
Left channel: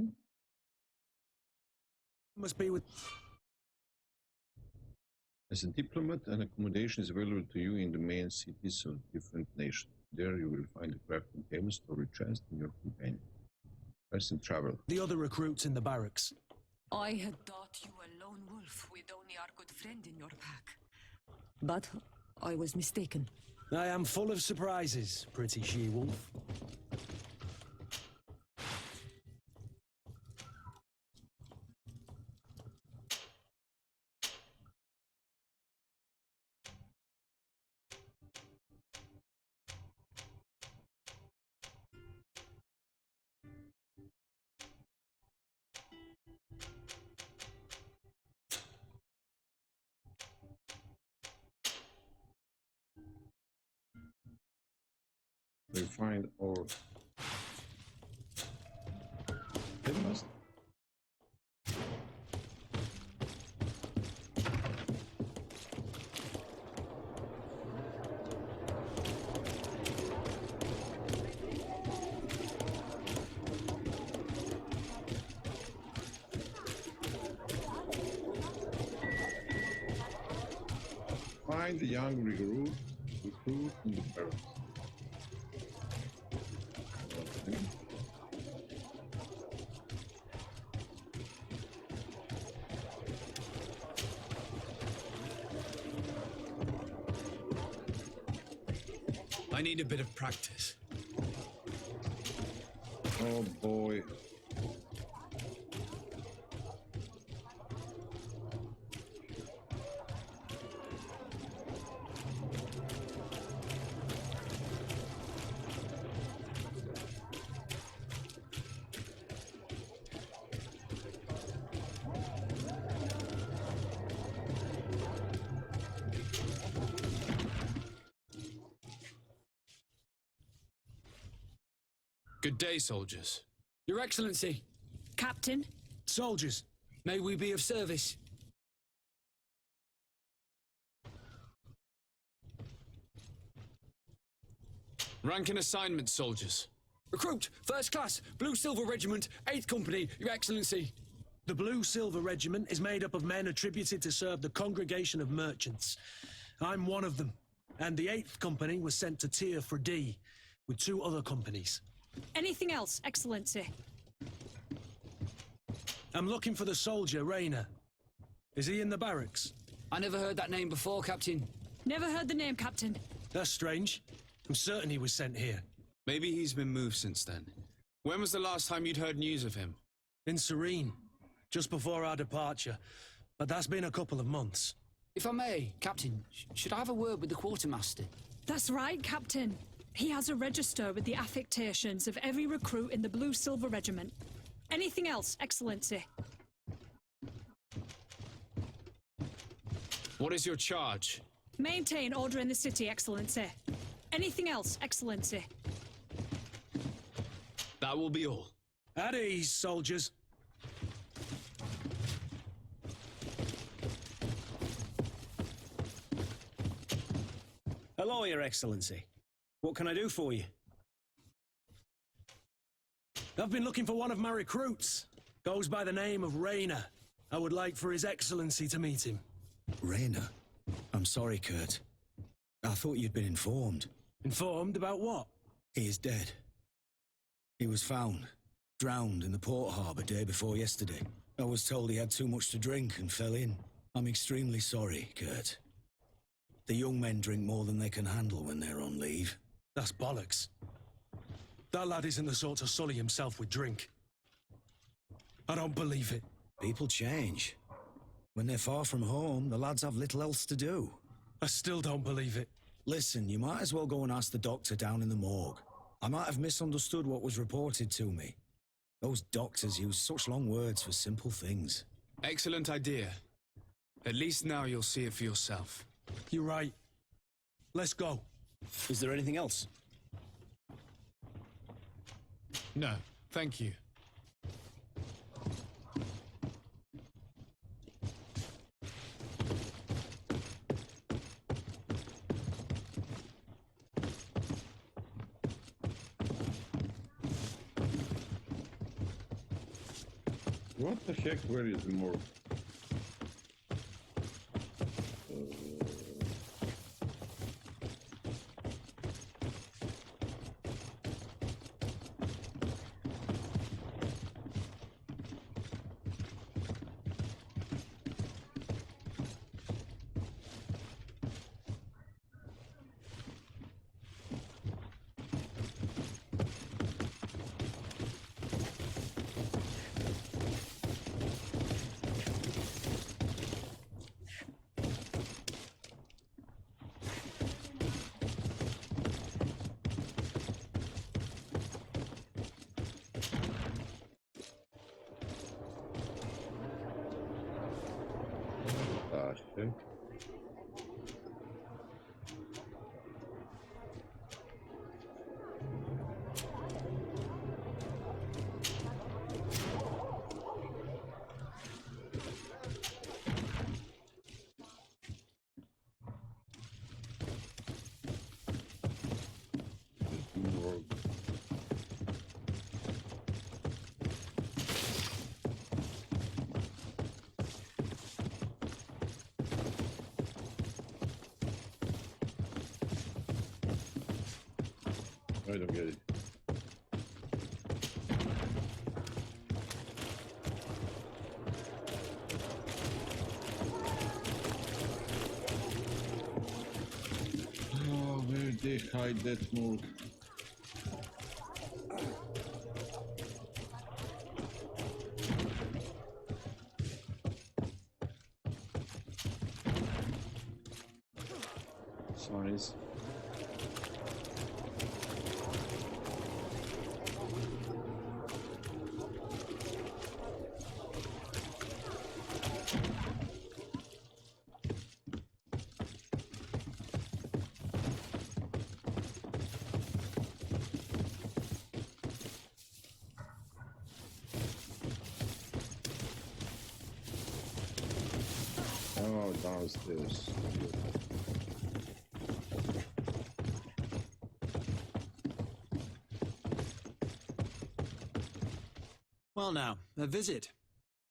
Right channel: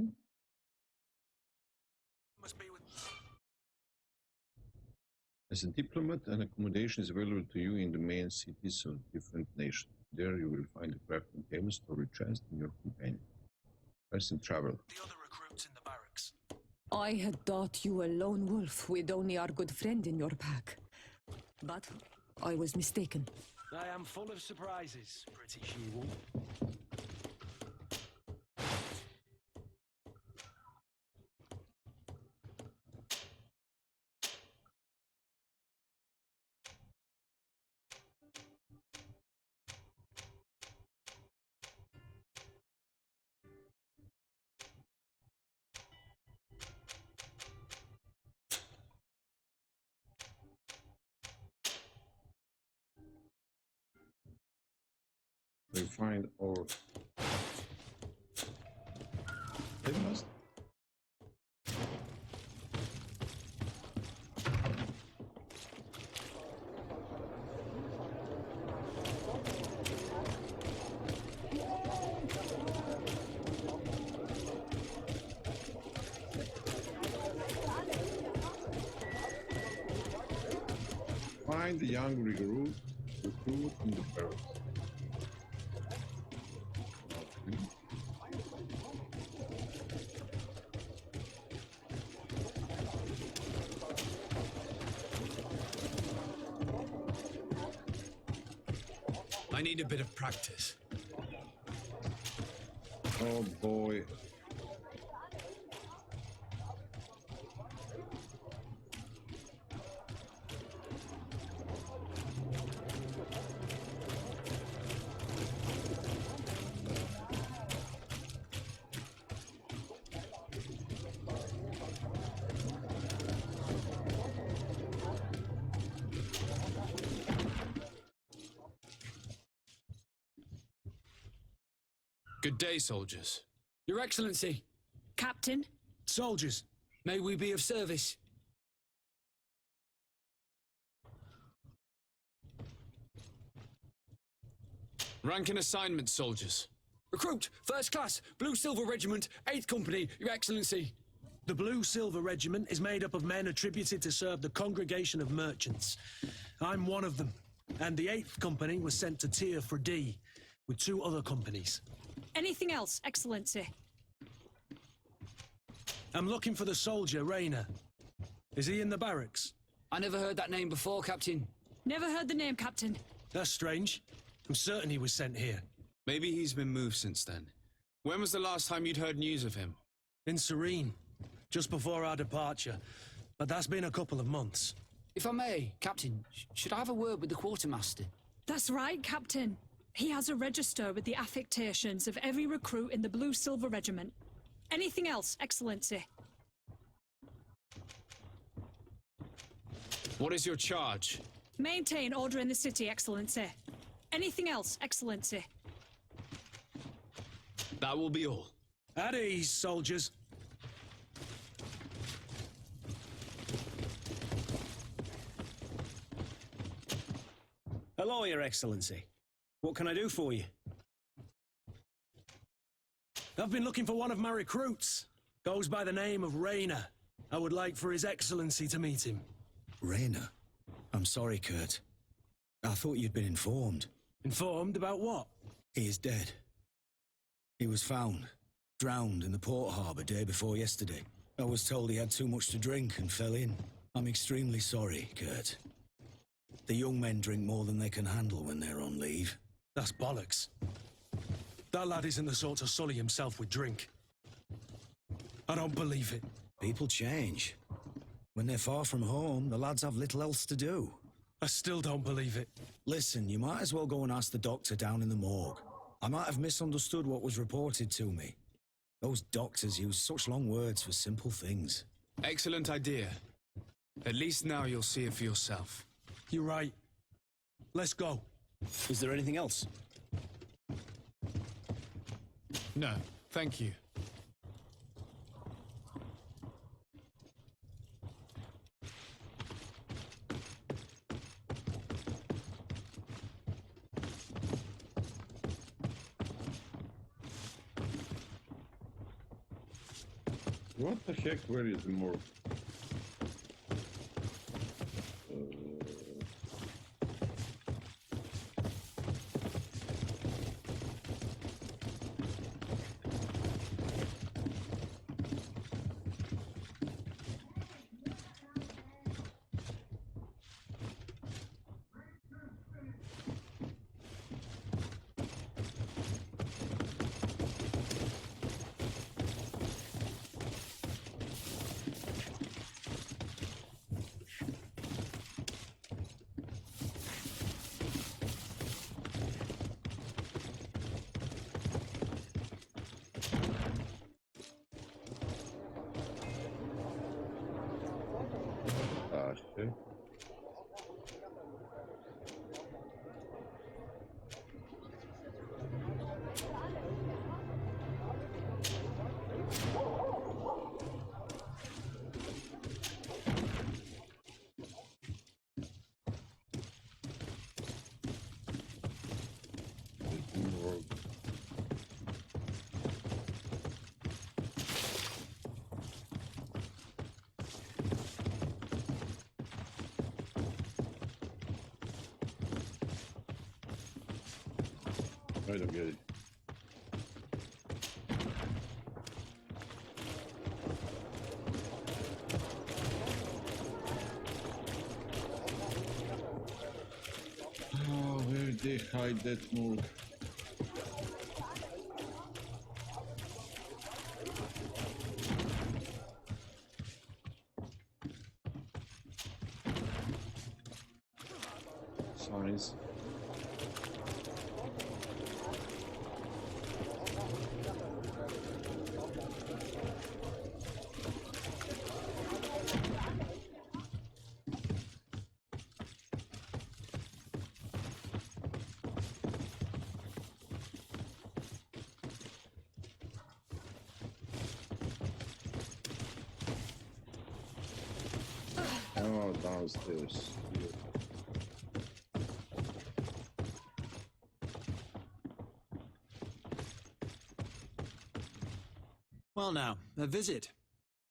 Must be with. As a diplomat, an accommodation is available to you in the main cities of different nations. There you will find a crafting table, storage chest, and your companion. Rest and travel. The other recruits in the barracks. I had thought you a lone wolf with only our good friend in your pack. But I was mistaken. I am full of surprises, pretty she-wolf. We find our tablemaster. Find the young recruit in the barracks. Okay. I need a bit of practice. Oh boy. Good day, soldiers. Your Excellency, Captain? Soldiers, may we be of service? Rank and assignment, soldiers. Recruit, First Class, Blue Silver Regiment, 8th Company, Your Excellency. the Blue Silver Regiment is made up of men attributed to serve the Congregation of Merchants. I'm one of them, and the 8th Company was sent to Tier for D, with 2 other companies. Anything else, Excellency? I'm looking for the soldier, Rayner. Is he in the barracks? I never heard that name before, Captain. Never heard the name, Captain. That's strange. I'm certain he was sent here. Maybe he's been moved since then. When was the last time you'd heard news of him? In Serene, just before our departure. But that's been a couple of months. If I may, Captain, should I have a word with the quartermaster? That's right, Captain. He has a register with the affectations of every recruit in the Blue Silver Regiment. Anything else, Excellency? What is your charge? Maintain order in the city, Excellency. Anything else, Excellency? That will be all. At ease, soldiers. Hello, Your Excellency. What can I do for you? I've been looking for one of my recruits. Goes by the name of Rayner. I would like for His Excellency to meet him. Rayner? I'm sorry, Kurt. I thought you'd been informed. Informed about what? He is dead. He was found, drowned in the port harbour day before yesterday. I was told he had too much to drink and fell in. I'm extremely sorry, Kurt. The young men drink more than they can handle when they're on leave. That's bollocks. That lad isn't the sort to sully himself with drink. I don't believe it. People change. When they're far from home, the lads have little else to do. I still don't believe it. Listen, you might as well go and ask the doctor down in the morgue. I might have misunderstood what was reported to me. Those doctors use such long words for simple things. Excellent idea. At least now you'll see it for yourself. You're right. Let's go. Is there anything else? No, thank you. What the heck? Where is the morgue? Okay. I don't get it. Oh, where they hide that morgue? Signs. Oh, downstairs. Here. Well now, a visit.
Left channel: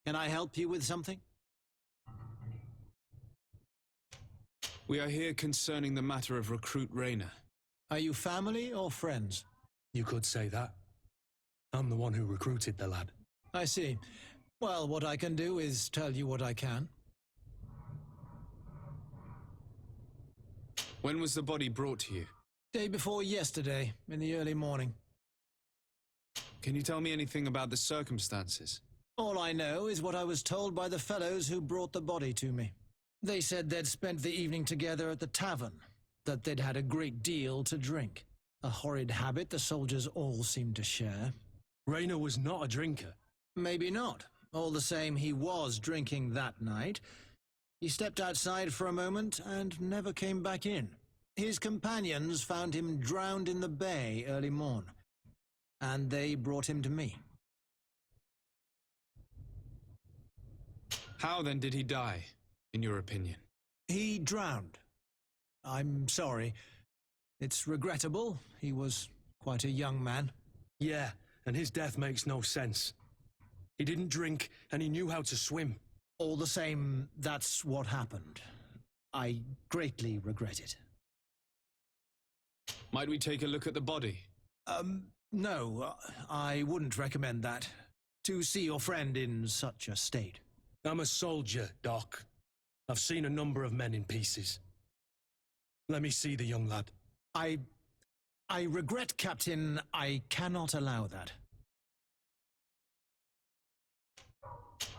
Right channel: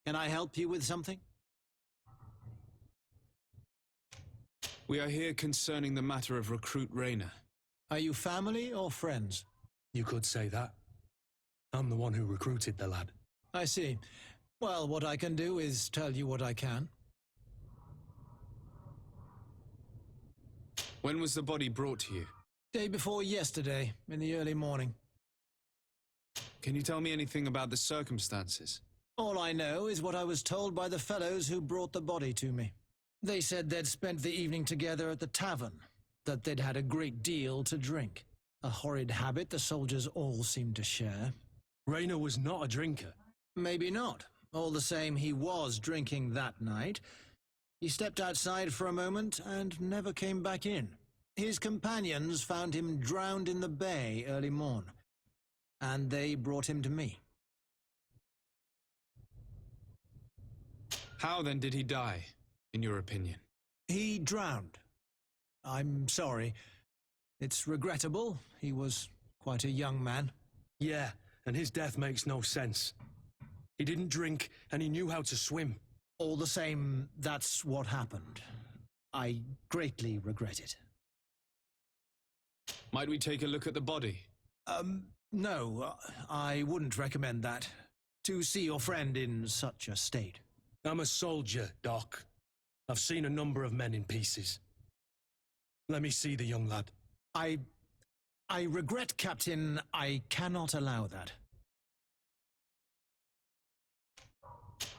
Can I help you with something? We are here concerning the matter of recruit Rayner. Are you family or friends? You could say that. I'm the one who recruited the lad. I see. Well, what I can do is tell you what I can. When was the body brought to you? Day before yesterday, in the early morning. Can you tell me anything about the circumstances? All I know is what I was told by the fellows who brought the body to me. They said they'd spent the evening together at the tavern, that they'd had a great deal to drink. A horrid habit the soldiers all seemed to share. Rayner was not a drinker. Maybe not. All the same, he was drinking that night. He stepped outside for a moment and never came back in. His companions found him drowned in the bay early morn, and they brought him to me. How then did he die, in your opinion? He drowned. I'm sorry. It's regrettable. He was quite a young man. Yeah, and his death makes no sense. He didn't drink, and he knew how to swim. All the same, that's what happened. I greatly regret it. Might we take a look at the body? No, I wouldn't recommend that. To see your friend in such a state. I'm a soldier, Doc. I've seen a number of men in pieces. Let me see the young lad. I regret, Captain. I cannot allow that.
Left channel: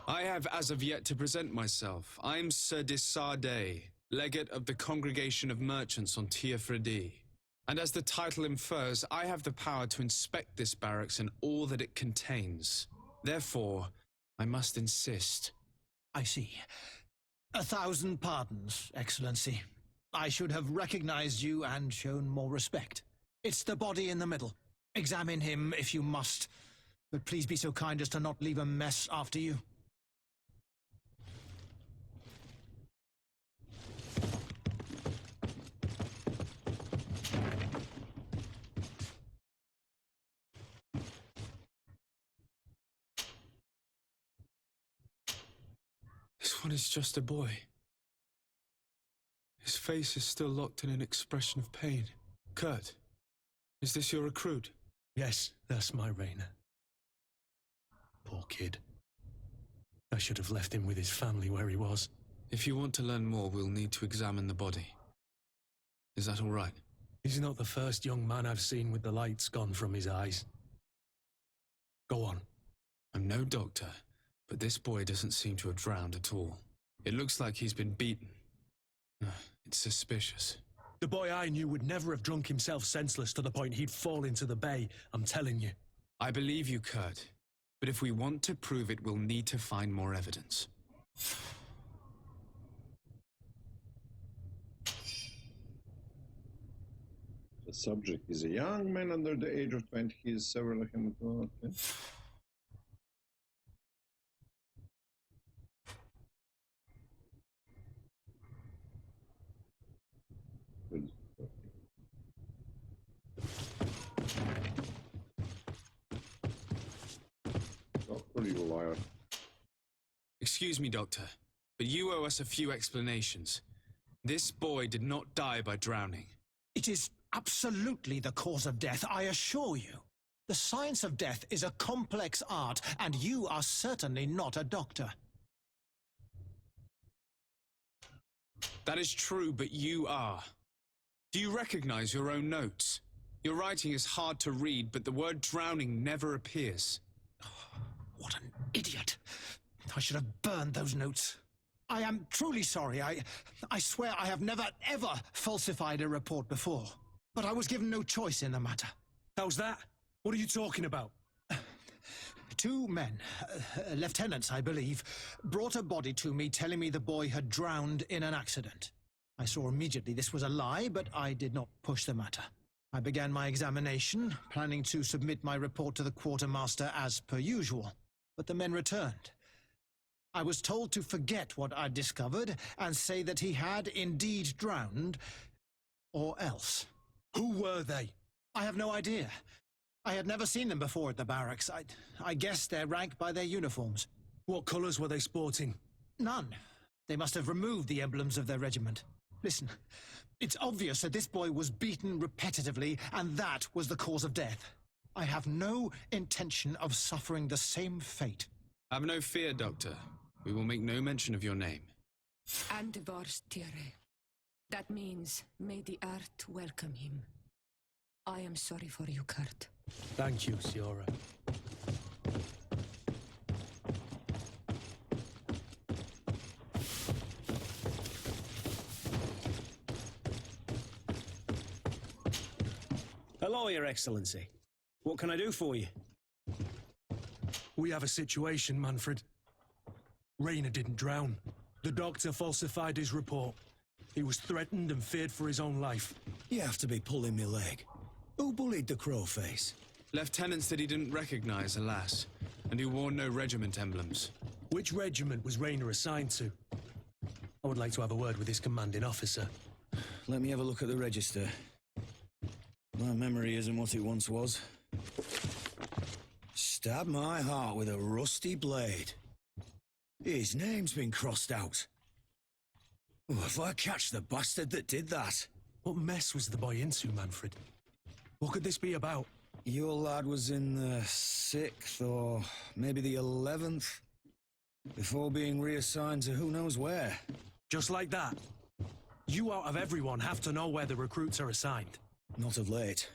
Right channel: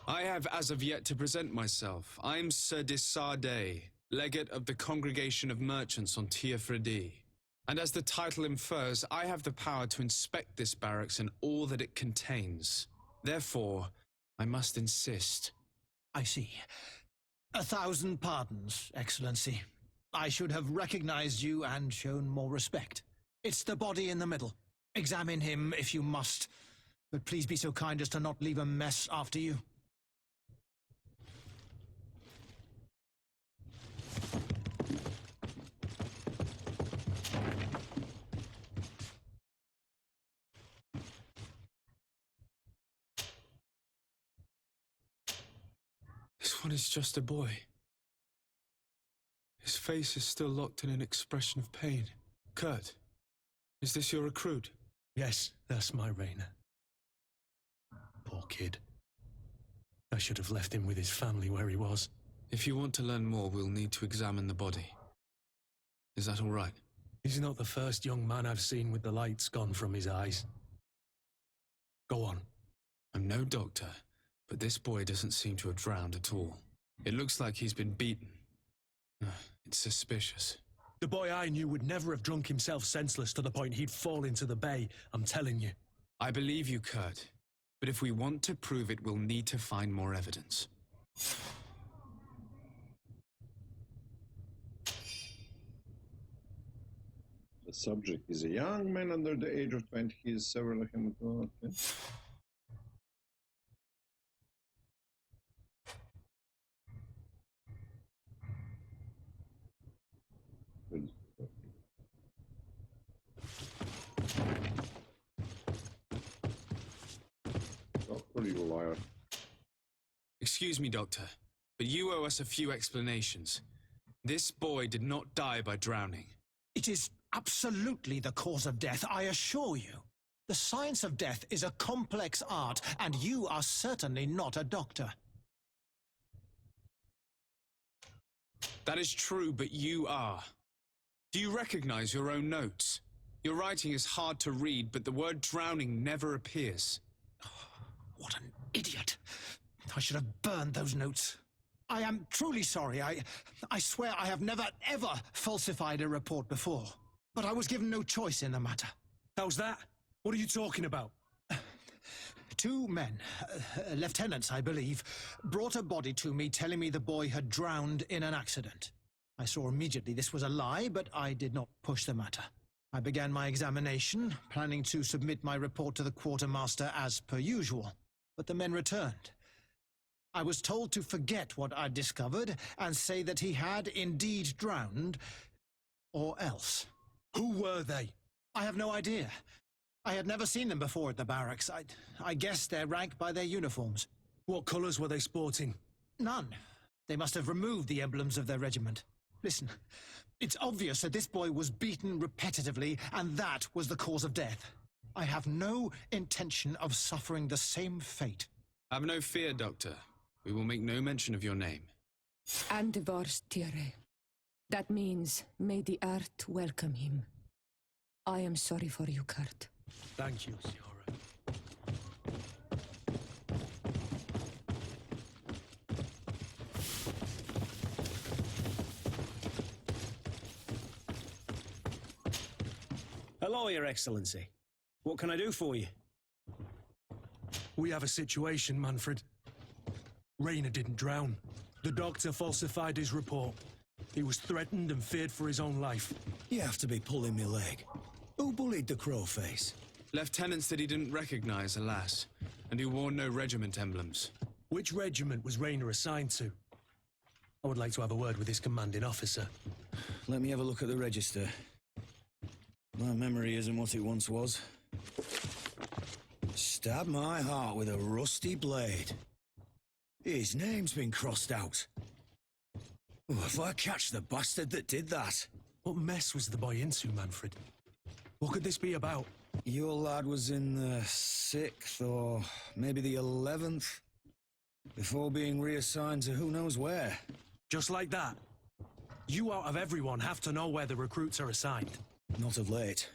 I have as of yet to present myself. I'm Sir Desardet, legate of the Congregation of Merchants on Tiafredi. And as the title infers, I have the power to inspect this barracks and all that it contains. Therefore, I must insist. I see. 1,000 pardons, Excellency. I should have recognized you and shown more respect. It's the body in the middle. Examine him if you must, but please be so kind as to not leave a mess after you. This one is just a boy. His face is still locked in an expression of pain. Kurt, is this your recruit? Yes, that's my Rainer. Poor kid. I should have left him with his family where he was. If you want to learn more, we'll need to examine the body. Is that all right? He's not the first young man I've seen with the lights gone from his eyes. Go on. I'm no doctor, but this boy doesn't seem to have drowned at all. It looks like he's been beaten. It's suspicious. The boy I knew would never have drunk himself senseless to the point he'd fall into the bay, I'm telling you. I believe you, Kurt. But if we want to prove it, we'll need to find more evidence. The subject is a young man under the age of 20. He is several chemical. Okay. Doctor, you liar. Excuse me, Doctor, but you owe us a few explanations. This boy did not die by drowning. It is absolutely the cause of death, I assure you. The science of death is a complex art, and you are certainly not a doctor. That is true, but you are. Do you recognize your own notes? Your writing is hard to read, but the word drowning never appears. What an idiot. I should have burned those notes. I am truly sorry. I swear I have never, ever falsified a report before. But I was given no choice in the matter. How's that? What are you talking about? 2 men, lieutenants I believe, brought a body to me telling me the boy had drowned in an accident. I saw immediately this was a lie, but I did not push the matter. I began my examination, planning to submit my report to the quartermaster as per usual. But the men returned. I was told to forget what I'd discovered and say that he had indeed drowned, or else. Who were they? I have no idea. I had never seen them before at the barracks. I guessed their rank by their uniforms. What colours were they sporting? None. They must have removed the emblems of their regiment. Listen, it's obvious that this boy was beaten repetitively, and that was the cause of death. I have no intention of suffering the same fate. Have no fear, Doctor. We will make no mention of your name. Andevars Tire. That means, may the earth welcome him. I am sorry for you, Kurt. Thank you, Siora. Hello, Your Excellency. What can I do for you? We have a situation, Manfred. Rainer didn't drown. The doctor falsified his report. He was threatened and feared for his own life. You have to be pulling me leg. Who bullied the crowface? Lieutenants that he didn't recognize, alas, and who wore no regiment emblems. Which regiment was Rainer assigned to? I would like to have a word with his commanding officer. Let me have a look at the register. My memory isn't what it once was. Stab my heart with a rusty blade. His name's been crossed out. Oh, if I catch the bastard that did that. What mess was the boy into, Manfred? What could this be about? Your lad was in the 6th or maybe the 11th, before being reassigned to who knows where. Just like that? You out of everyone have to know where the recruits are assigned. Not of late.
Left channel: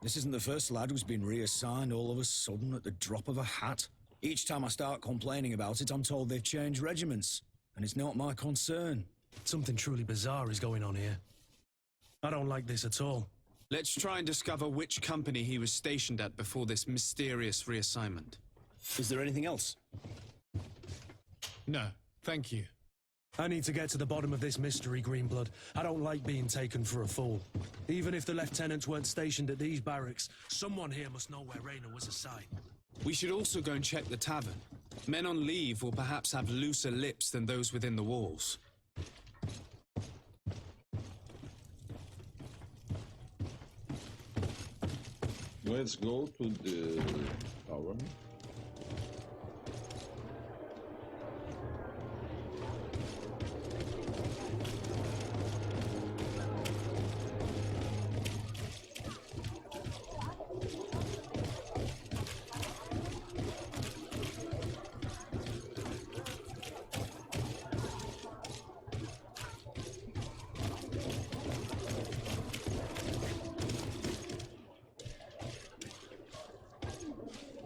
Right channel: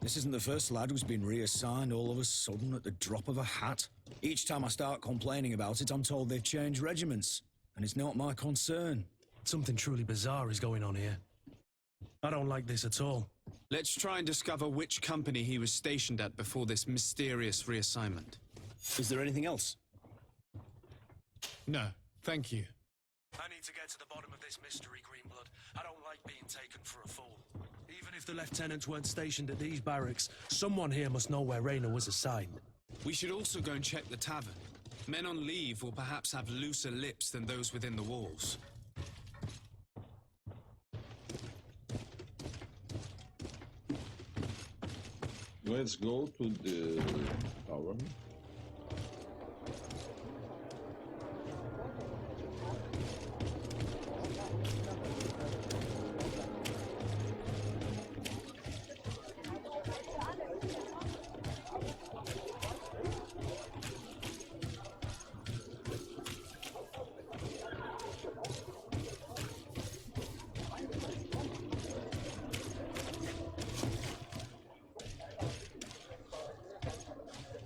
This isn't the first lad who's been reassigned all of a sudden at the drop of a hat. Each time I start complaining about it, I'm told they've changed regiments, and it's not my concern. Something truly bizarre is going on here. I don't like this at all. Let's try and discover which company he was stationed at before this mysterious reassignment. Is there anything else? No, thank you. I need to get to the bottom of this mystery, Greenblood. I don't like being taken for a fool. Even if the lieutenants weren't stationed at these barracks, someone here must know where Raynor was assigned. We should also go and check the tavern. Men on leave will perhaps have looser lips than those within the walls. Let's go to the tower.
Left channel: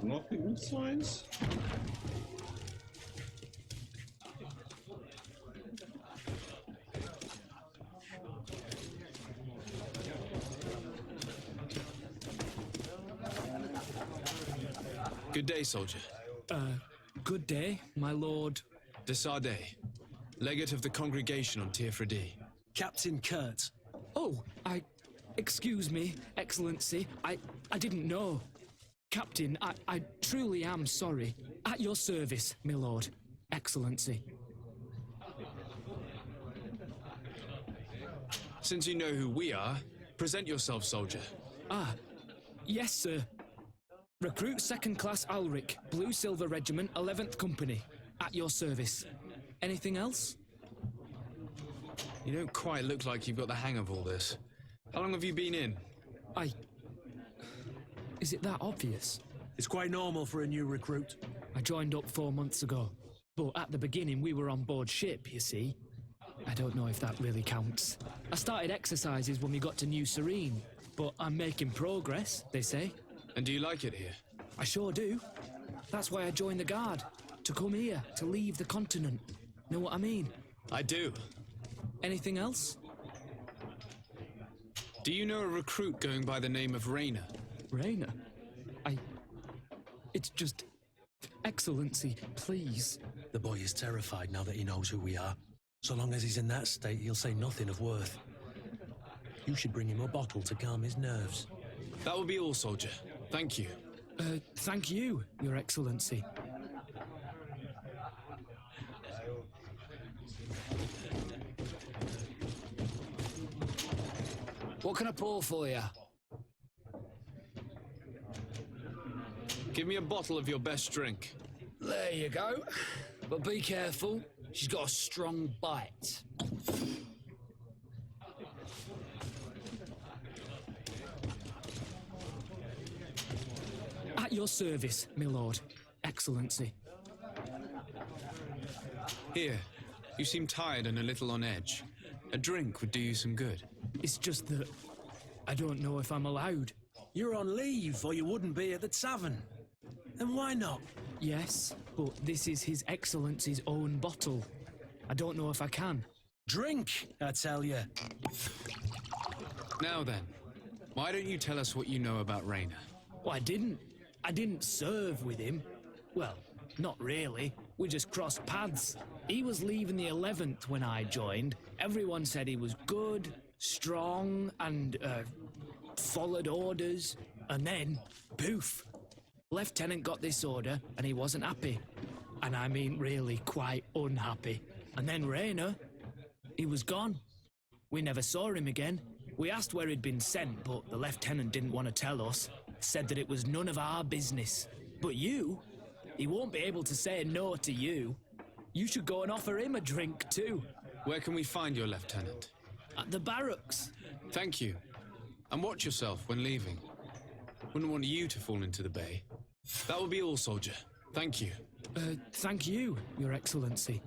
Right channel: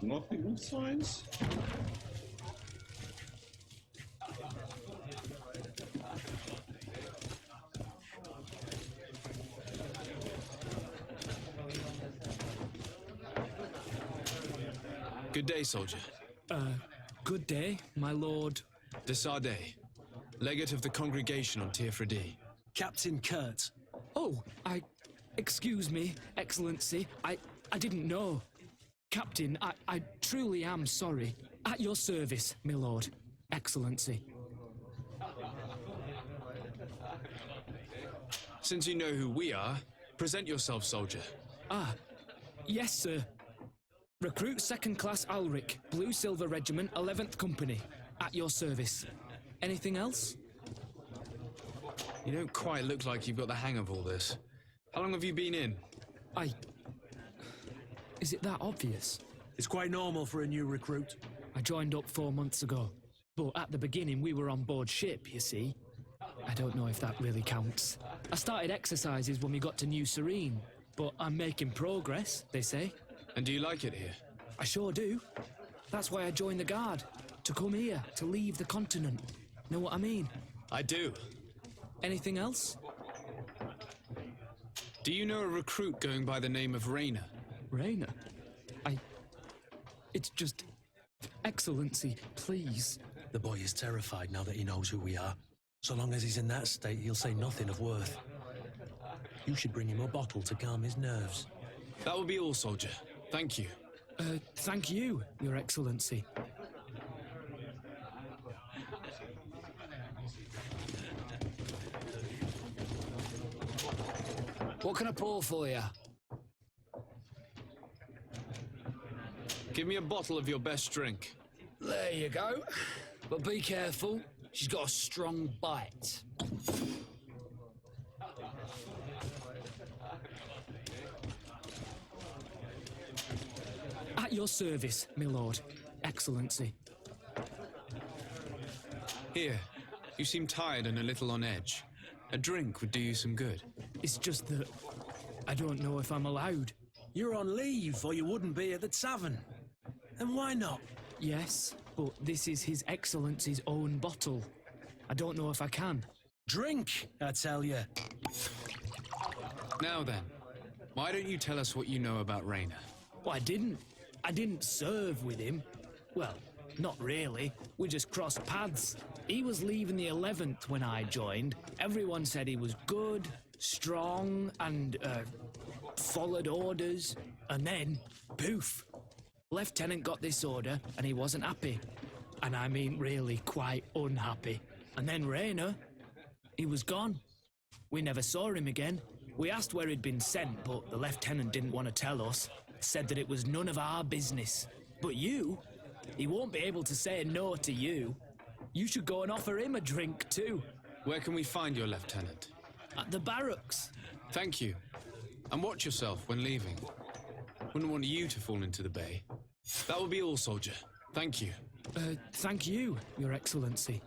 Not the good signs. Good day, soldier. Good day, my lord. De Sardet, legate of the congregation on Tier-Fredy. Captain Kurt. Oh, excuse me, Excellency. I didn't know. Captain, I truly am sorry. At your service, my lord. Excellency. Since you know who we are, present yourself, soldier. Ah, yes, sir. Recruit 2nd Class Alric, Blue Silver Regiment, 11th Company. At your service. Anything else? You don't quite look like you've got the hang of all this. How long have you been in? Is it that obvious? It's quite normal for a new recruit. I joined up 4 months ago. But at the beginning, we were on board ship, you see. I don't know if that really counts. I started exercises when we got to New Serene. But I'm making progress, they say. And do you like it here? I sure do. That's why I joined the Guard. To come here, to leave the continent. Know what I mean? I do. Anything else? Do you know a recruit going by the name of Raynor? Raynor? It's just... Excellency, please. The boy is terrified now that he knows who we are. So long as he's in that state, he'll say nothing of worth. You should bring him a bottle to calm his nerves. That will be all, soldier. Thank you. Thank you, Your Excellency. What can I pour for you? Give me a bottle of your best drink. There you go. But be careful, she's got a strong bite. At your service, my lord. Excellency. Here, you seem tired and a little on edge. A drink would do you some good. It's just that I don't know if I'm allowed. You're on leave, or you wouldn't be at the tavern. And why not? Yes, but this is His Excellency's own bottle. I don't know if I can. Drink, I tell you. Now then, why don't you tell us what you know about Raynor? Well, I didn't serve with him. Well, not really. We just crossed paths. He was leaving the 11th when I joined. Everyone said he was good, strong, and, followed orders. And then, poof. Lieutenant got this order, and he wasn't happy. And I mean really quite unhappy. And then Raynor, he was gone. We never saw him again. We asked where he'd been sent, but the lieutenant didn't want to tell us. Said that it was none of our business. But you, he won't be able to say no to you. You should go and offer him a drink too. Where can we find your lieutenant? At the barracks. Thank you. And watch yourself when leaving. Wouldn't want you to fall into the bay. That will be all, soldier. Thank you. Thank you, Your Excellency.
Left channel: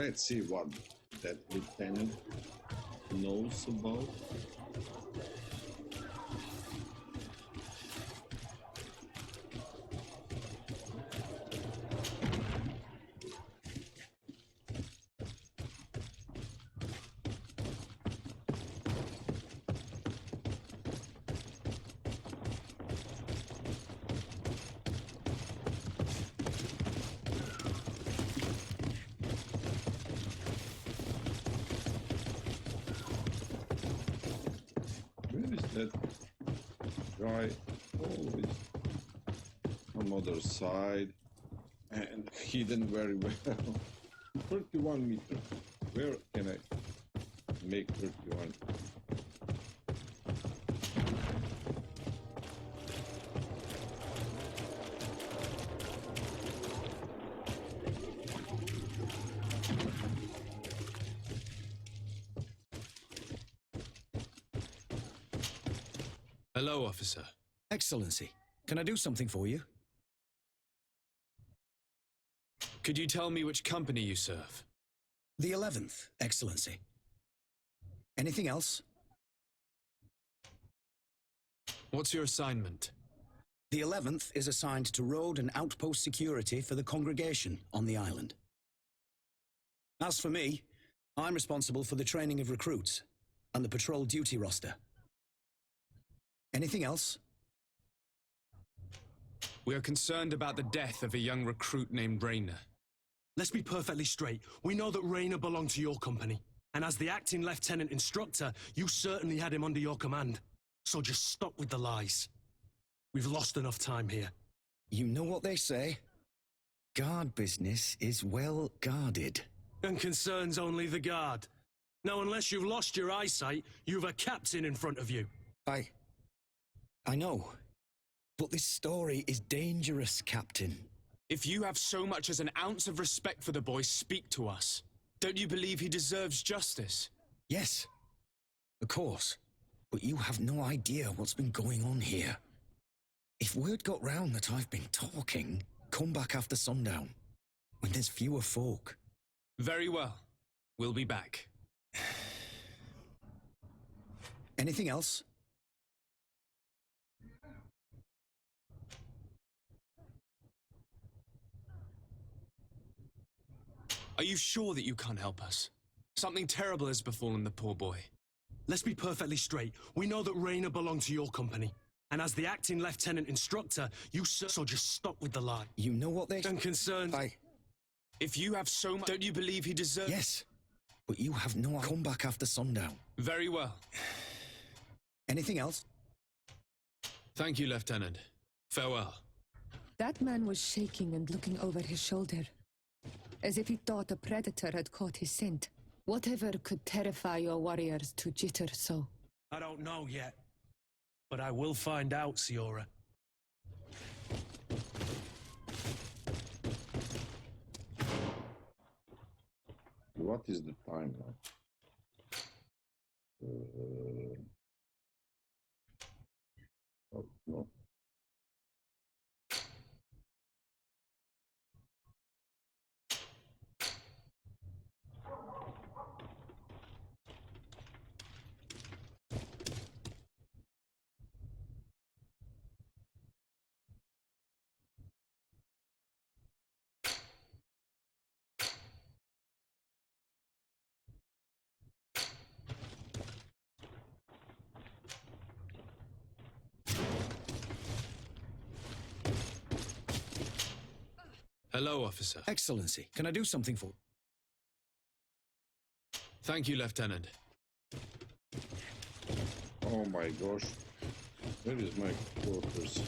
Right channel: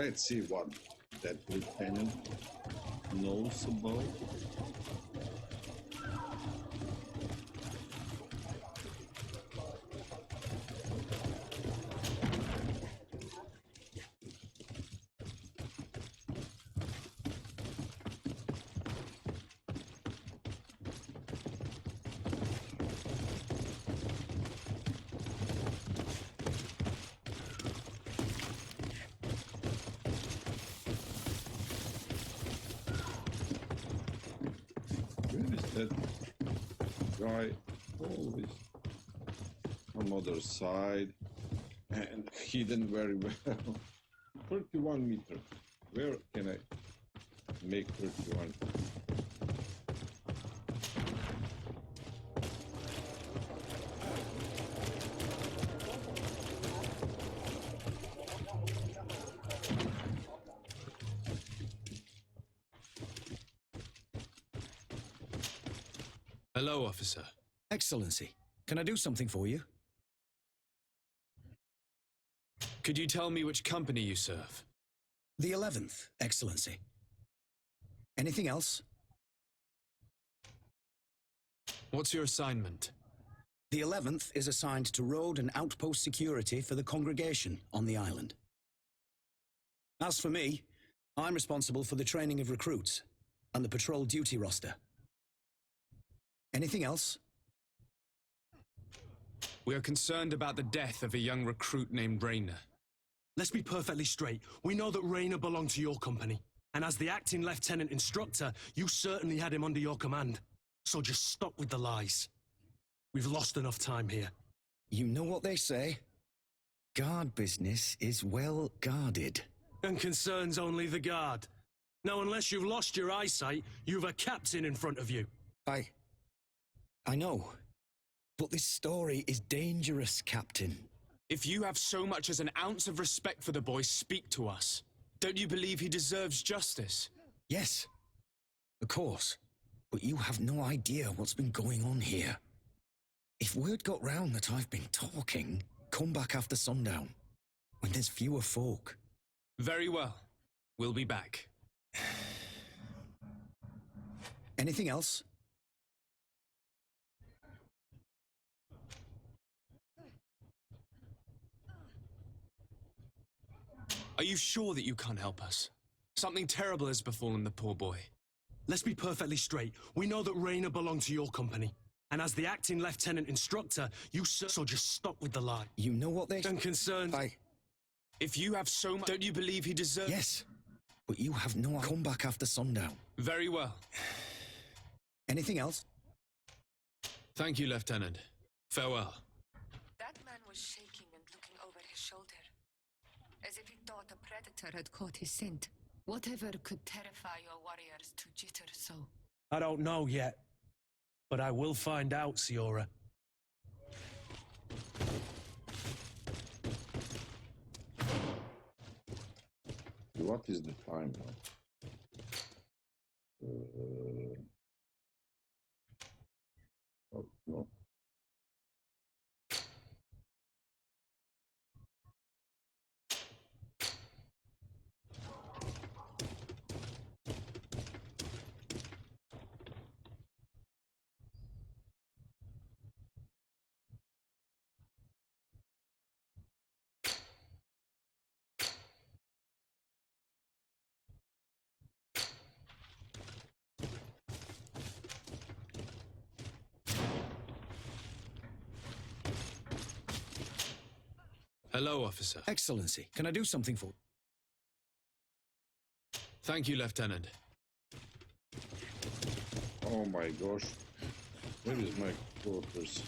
Let's see what that lieutenant knows about. Where is that guy? Always on other side and hidden very well. 31 meters. Where can I make 31? Hello, officer. Excellency, can I do something for you? Could you tell me which company you serve? The 11th, Excellency. Anything else? What's your assignment? The 11th is assigned to road and outpost security for the congregation on the island. As for me, I'm responsible for the training of recruits and the patrol duty roster. Anything else? We are concerned about the death of a young recruit named Rainer. Let's be perfectly straight. We know that Rainer belonged to your company. And as the acting lieutenant instructor, you certainly had him under your command. So just stop with the lies. We've lost enough time here. You know what they say? Guard business is well guarded. And concerns only the guard. Now, unless you've lost your eyesight, you've a captain in front of you. I know. But this story is dangerous, Captain. If you have so much as an ounce of respect for the boy, speak to us. Don't you believe he deserves justice? Yes, of course. But you have no idea what's been going on here. If word got round that I've been talking, come back after sundown, when there's fewer folk. Very well. We'll be back. Anything else? Are you sure that you can't help us? Something terrible has befallen the poor boy. Let's be perfectly straight. We know that Rainer belonged to your company. And as the acting lieutenant instructor, so just stop with the lie. You know what they... And concerns... If you have so much... Don't you believe he deserves... Yes, but you have no... Come back after sundown. Very well. Anything else? Thank you, Lieutenant. Farewell. That man was shaking and looking over his shoulder, as if he thought a predator had caught his scent. Whatever could terrify your warriors to jitter so? I don't know yet, but I will find out, Siora. What is the time now? Oh, no. Hello, officer. Excellency, can I do something for... Thank you, Lieutenant. Oh my gosh. Where is my quarters?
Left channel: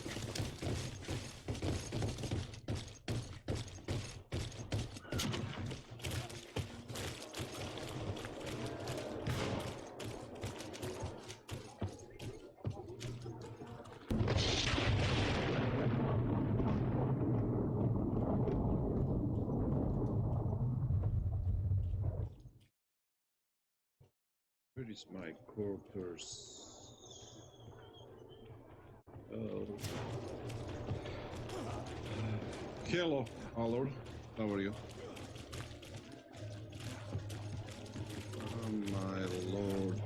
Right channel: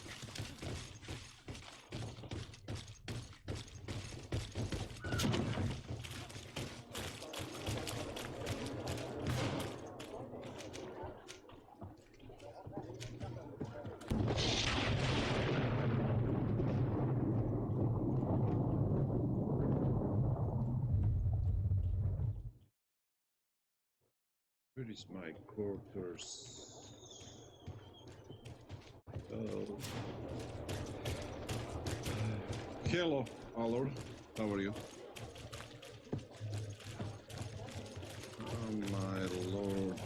Where is my quarters? Oh. Hello, Allard. How are you? my lord.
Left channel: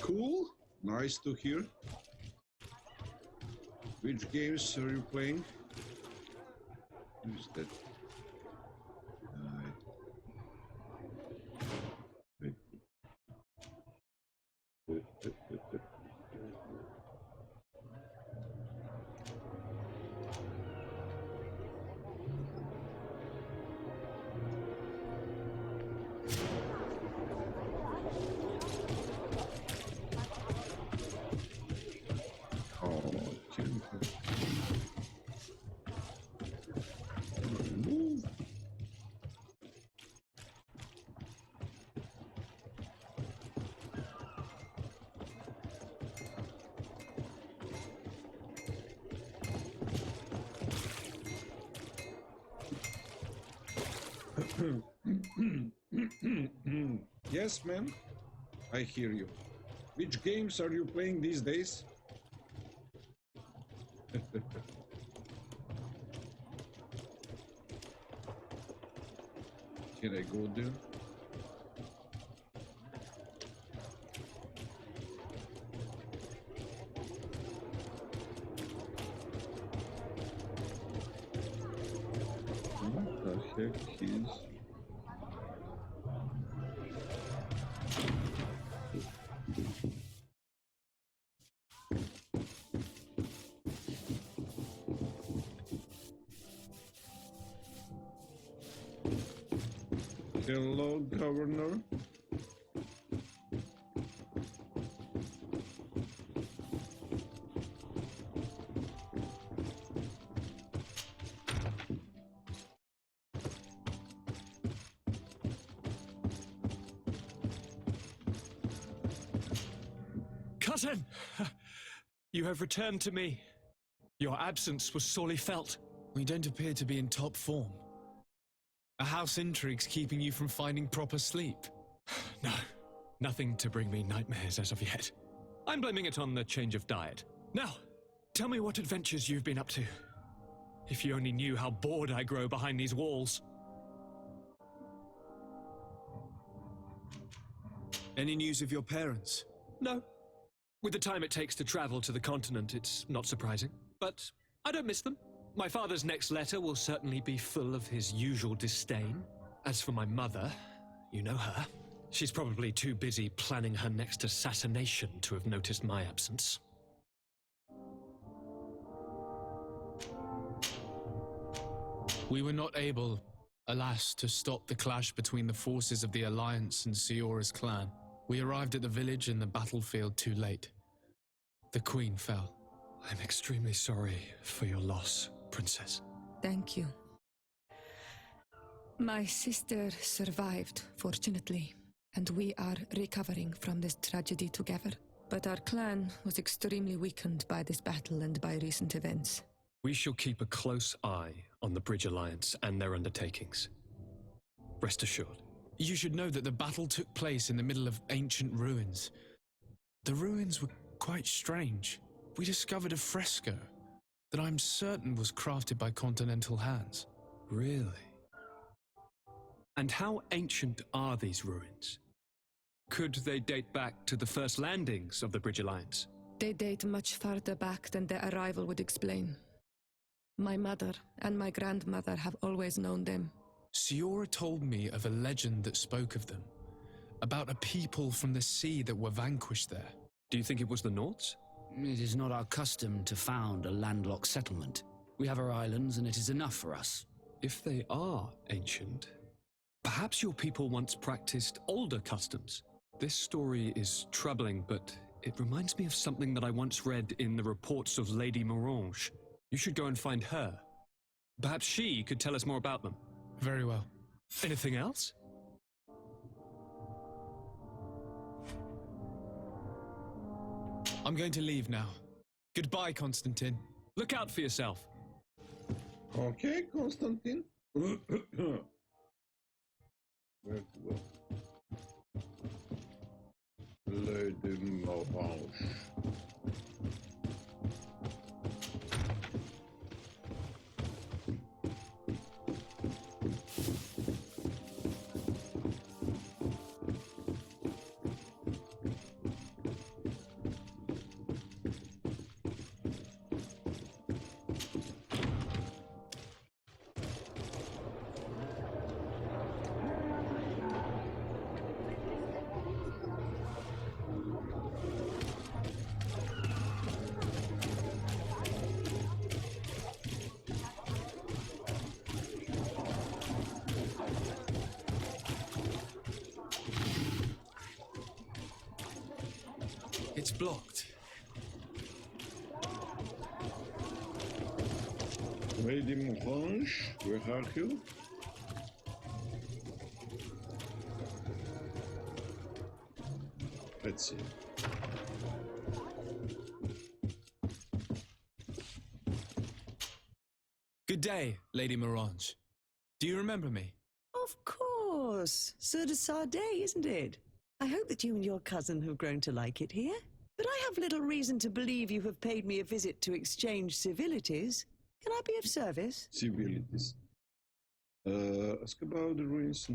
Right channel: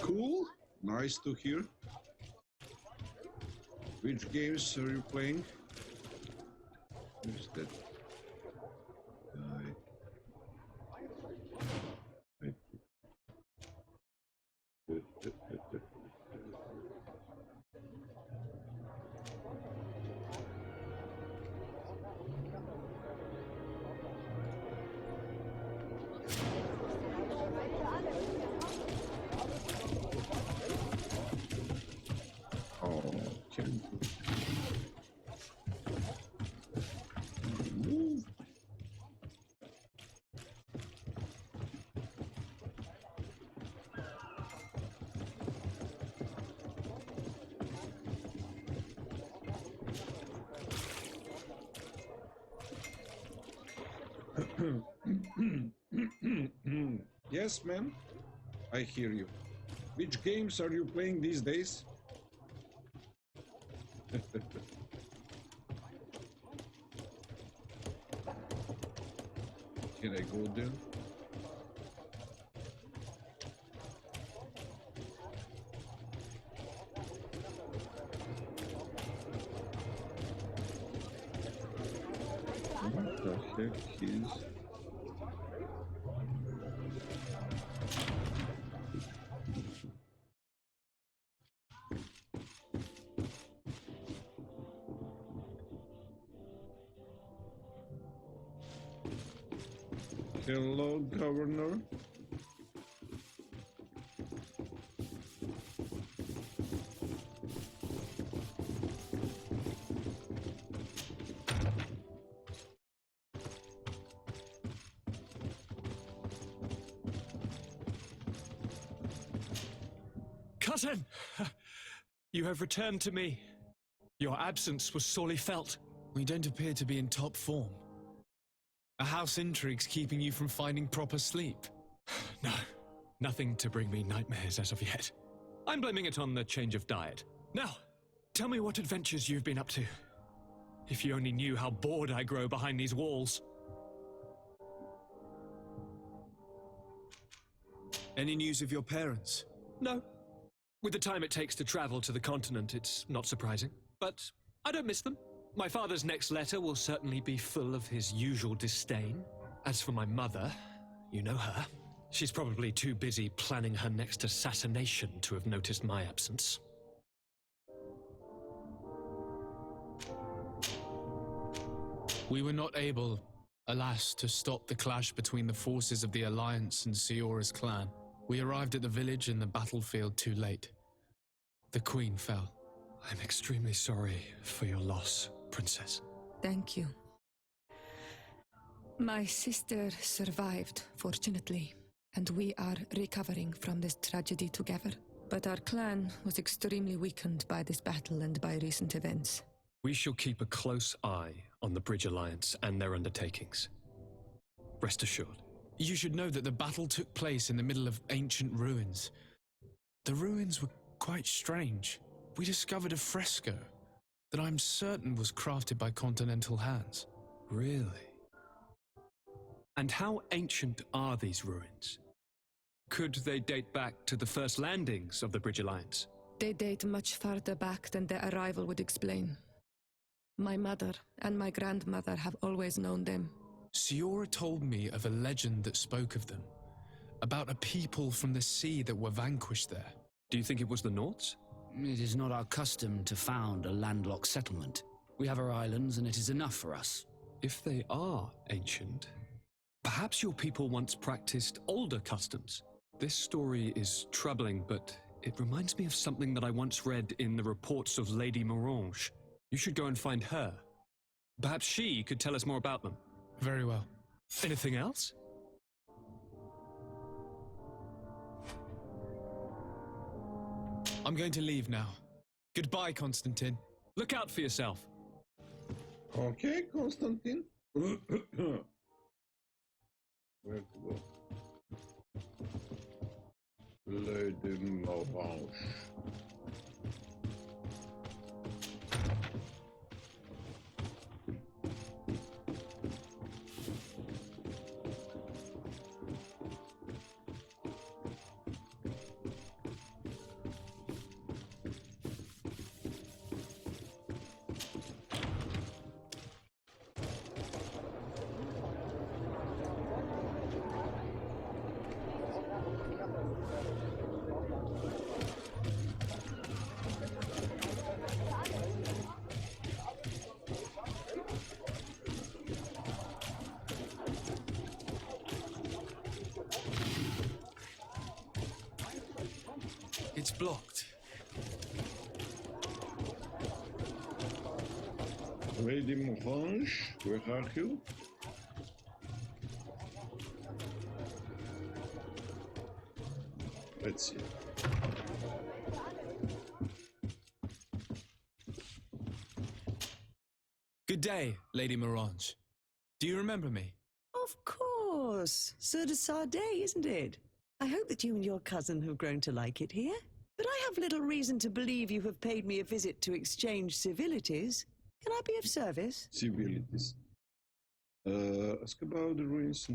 Cool, nice to hear. Which games are you playing? Who's that guy? Wait. Oh, can't move. Yes, man, I hear you. Which games are you playing these days? Can I go there? What the heck is... Hello, Governor. Cousin! You have returned to me. Your absence was sorely felt. We don't appear to be in top form. A house intrigue's keeping you from finding proper sleep. No, nothing to bring me nightmares as of yet. I'm blaming it on the change of diet. Now, tell me what adventures you've been up to. If you only knew how bored I grow behind these walls. Any news of your parents? No. With the time it takes to travel to the continent, it's not surprising. But I don't miss them. My father's next letter will certainly be full of his usual disdain. As for my mother, you know her. She's probably too busy planning her next assassination to have noticed my absence. We were not able, alas, to stop the clash between the forces of the Alliance and Siora's clan. We arrived at the village and the battlefield too late. The Queen fell. I'm extremely sorry for your loss, Princess. Thank you. My sister survived, fortunately, and we are recovering from this tragedy together. But our clan was extremely weakened by this battle and by recent events. We shall keep a close eye on the Bridge Alliance and their undertakings. Rest assured. You should know that the battle took place in the middle of ancient ruins. The ruins were quite strange. We discovered a fresco that I'm certain was crafted by continental hands. Really? And how ancient are these ruins? Could they date back to the first landings of the Bridge Alliance? They date much farther back than their arrival would explain. My mother and my grandmother have always known them. Siora told me of a legend that spoke of them, about a people from the sea that were vanquished there. Do you think it was the Nords? It is not our custom to found a landlocked settlement. We have our islands, and it is enough for us. If they are ancient, perhaps your people once practiced older customs. This story is troubling, but it reminds me of something that I once read in the reports of Lady Morange. You should go and find her. Perhaps she could tell us more about them. Very well. Anything else? I'm going to leave now. Goodbye, Constantine. Look out for yourself. Okay, Constantine. Where to go? Lady Morange. It's blocked. Lady Morange, where are you? Let's see. Good day, Lady Morange. Do you remember me? Of course. Sur de Sade, isn't it? I hope that you and your cousin have grown to like it here. But I have little reason to believe you have paid me a visit to exchange civilities. Can I be of service? Civilities. Ask about the ruins.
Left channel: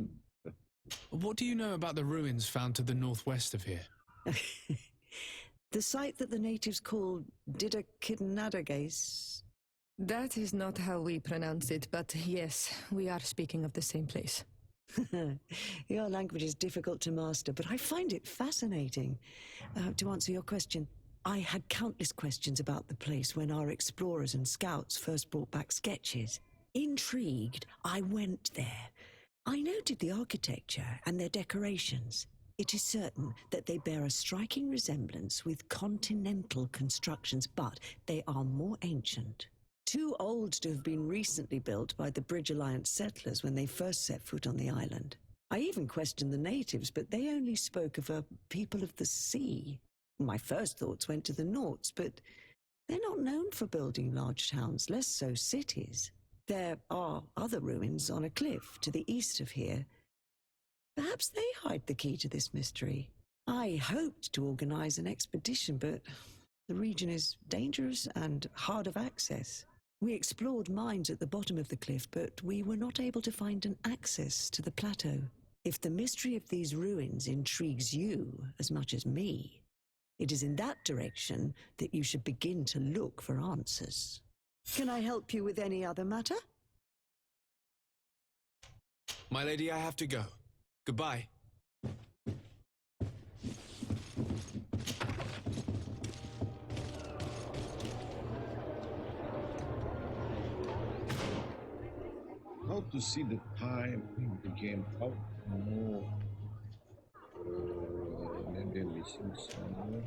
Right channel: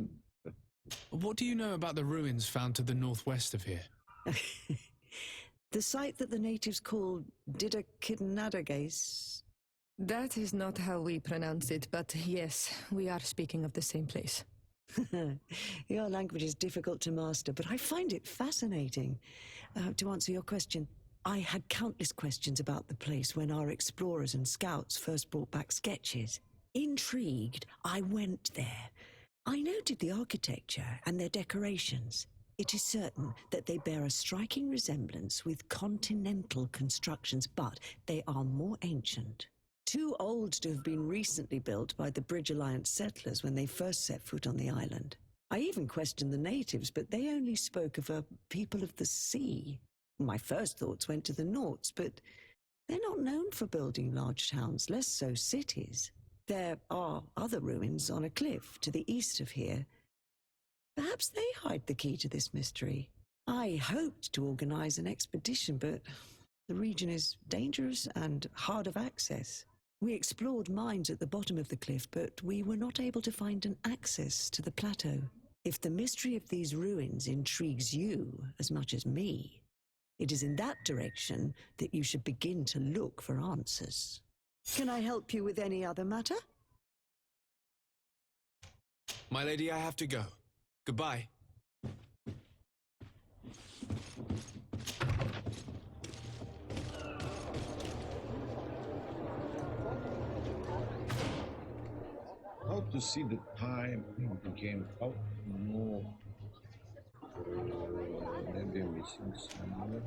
What do you know about the ruins found to the northwest of here? The site that the natives call Didakidnadagais. That is not how we pronounce it, but yes, we are speaking of the same place. Your language is difficult to master, but I find it fascinating. To answer your question, I had countless questions about the place when our explorers and scouts first brought back sketches. Intrigued, I went there. I noted the architecture and their decorations. It is certain that they bear a striking resemblance with continental constructions, but they are more ancient. Too old to have been recently built by the Bridge Alliance settlers when they first set foot on the island. I even questioned the natives, but they only spoke of a people of the sea. My first thoughts went to the Nauts, but they're not known for building large towns, less so cities. There are other ruins on a cliff to the east of here. Perhaps they hide the key to this mystery. I hoped to organize an expedition, but the region is dangerous and hard of access. We explored mines at the bottom of the cliff, but we were not able to find an access to the plateau. If the mystery of these ruins intrigues you as much as me, it is in that direction that you should begin to look for answers. Can I help you with any other matter? My lady, I have to go. Goodbye. How to see the time in the game? How to know? Maybe I'm missing somewhere.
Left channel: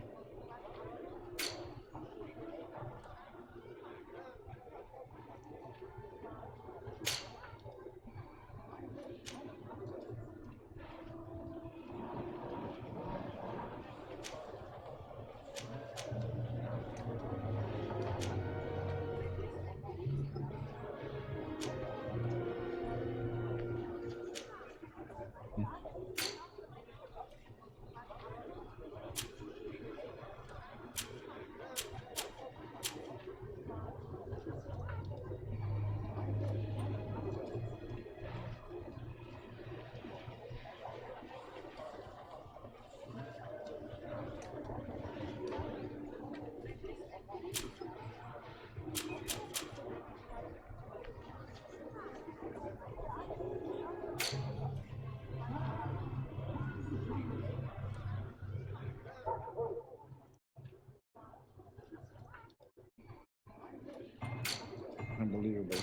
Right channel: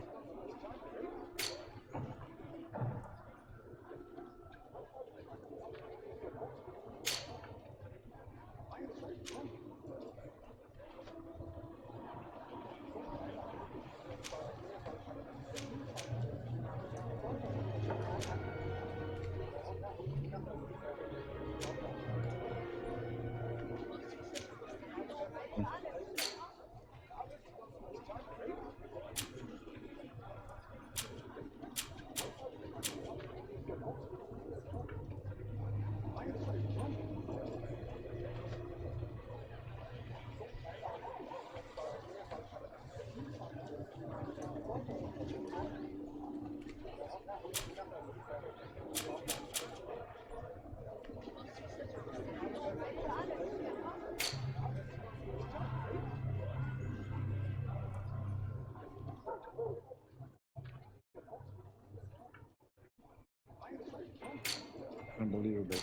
Unbelievable.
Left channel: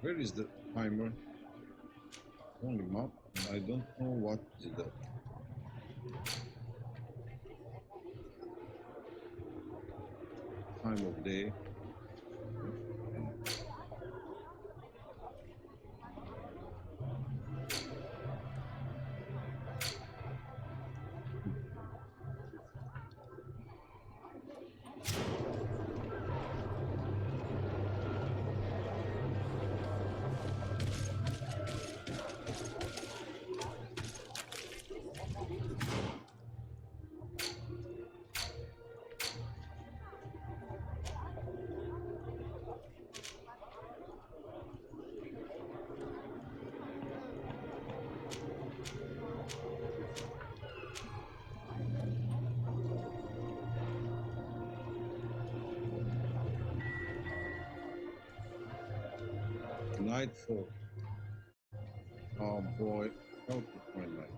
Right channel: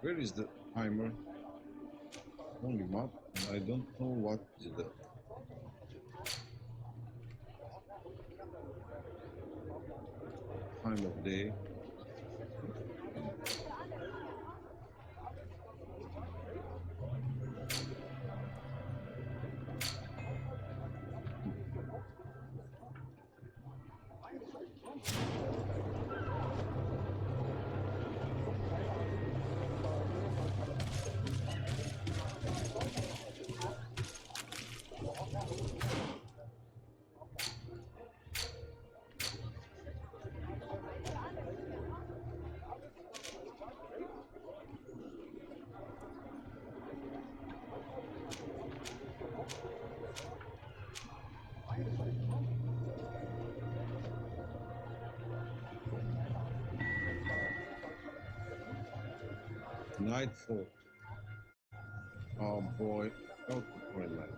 Where is the timer? Only map, and I don't know what is the time of day. Nightfall. Oh boy, how to find night.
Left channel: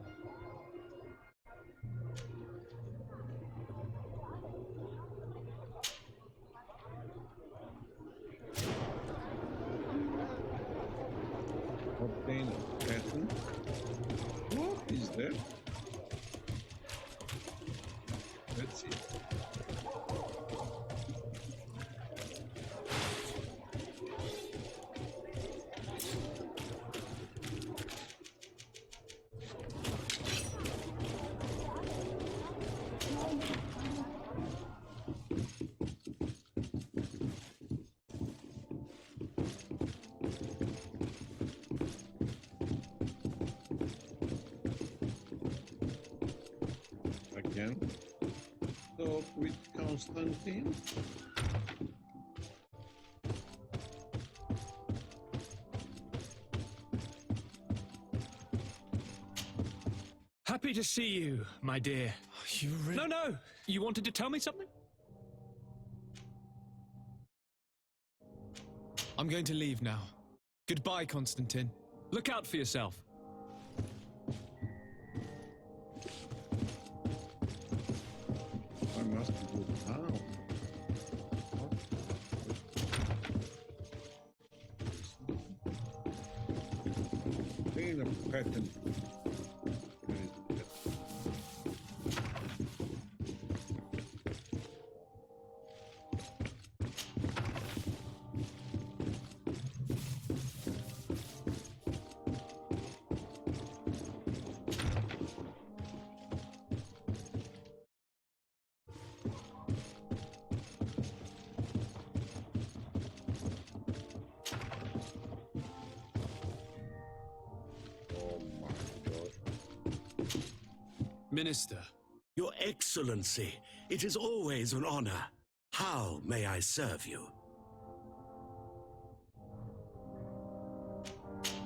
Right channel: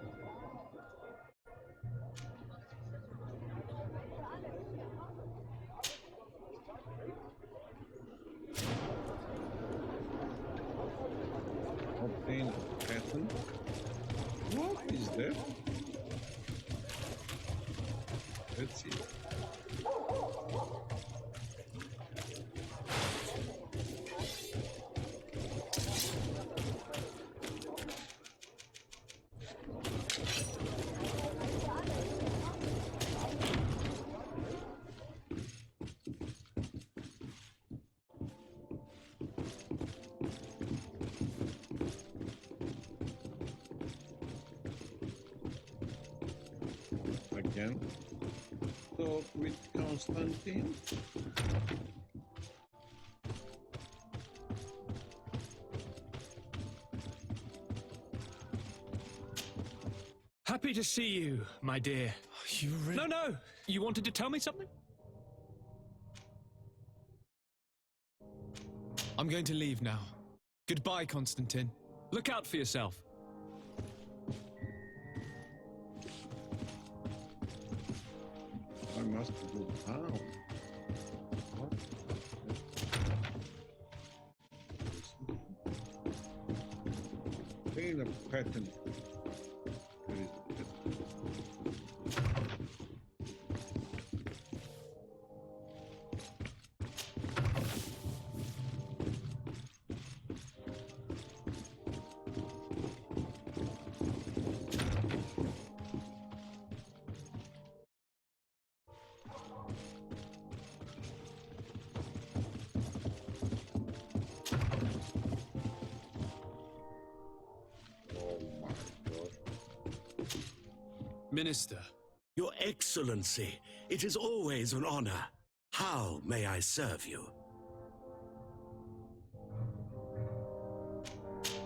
Obtain a pattern. What is that? Let's see. Again. Talk with Constantine. Happy to see you, my dear. You really... No! You wanted to tell me something? I'm going to leave now. Goodbye, Constantine. Look out for yourself. I must go down. What? Obtain a pattern. Where is the pattern? Oh my God. Minister. Your Excellency, it is always an honor. How may I serve you?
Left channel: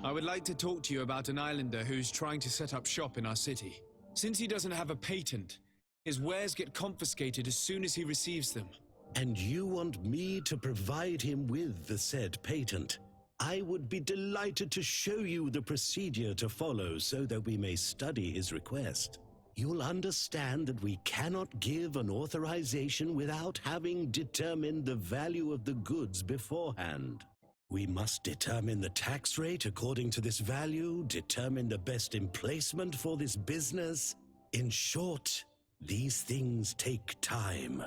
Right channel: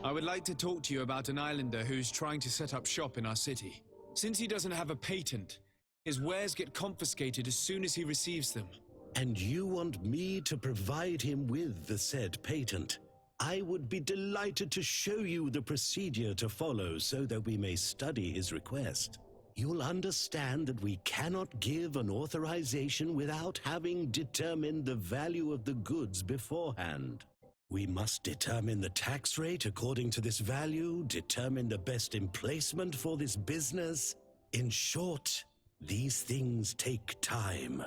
I would like to talk to you about an islander who's trying to set up shop in our city. Since he doesn't have a patent, his wares get confiscated as soon as he receives them. And you want me to provide him with the said patent? I would be delighted to show you the procedure to follow so that we may study his request. You'll understand that we cannot give an authorization without having determined the value of the goods beforehand. We must determine the tax rate according to this value, determine the best emplacement for this business. In short, these things take time.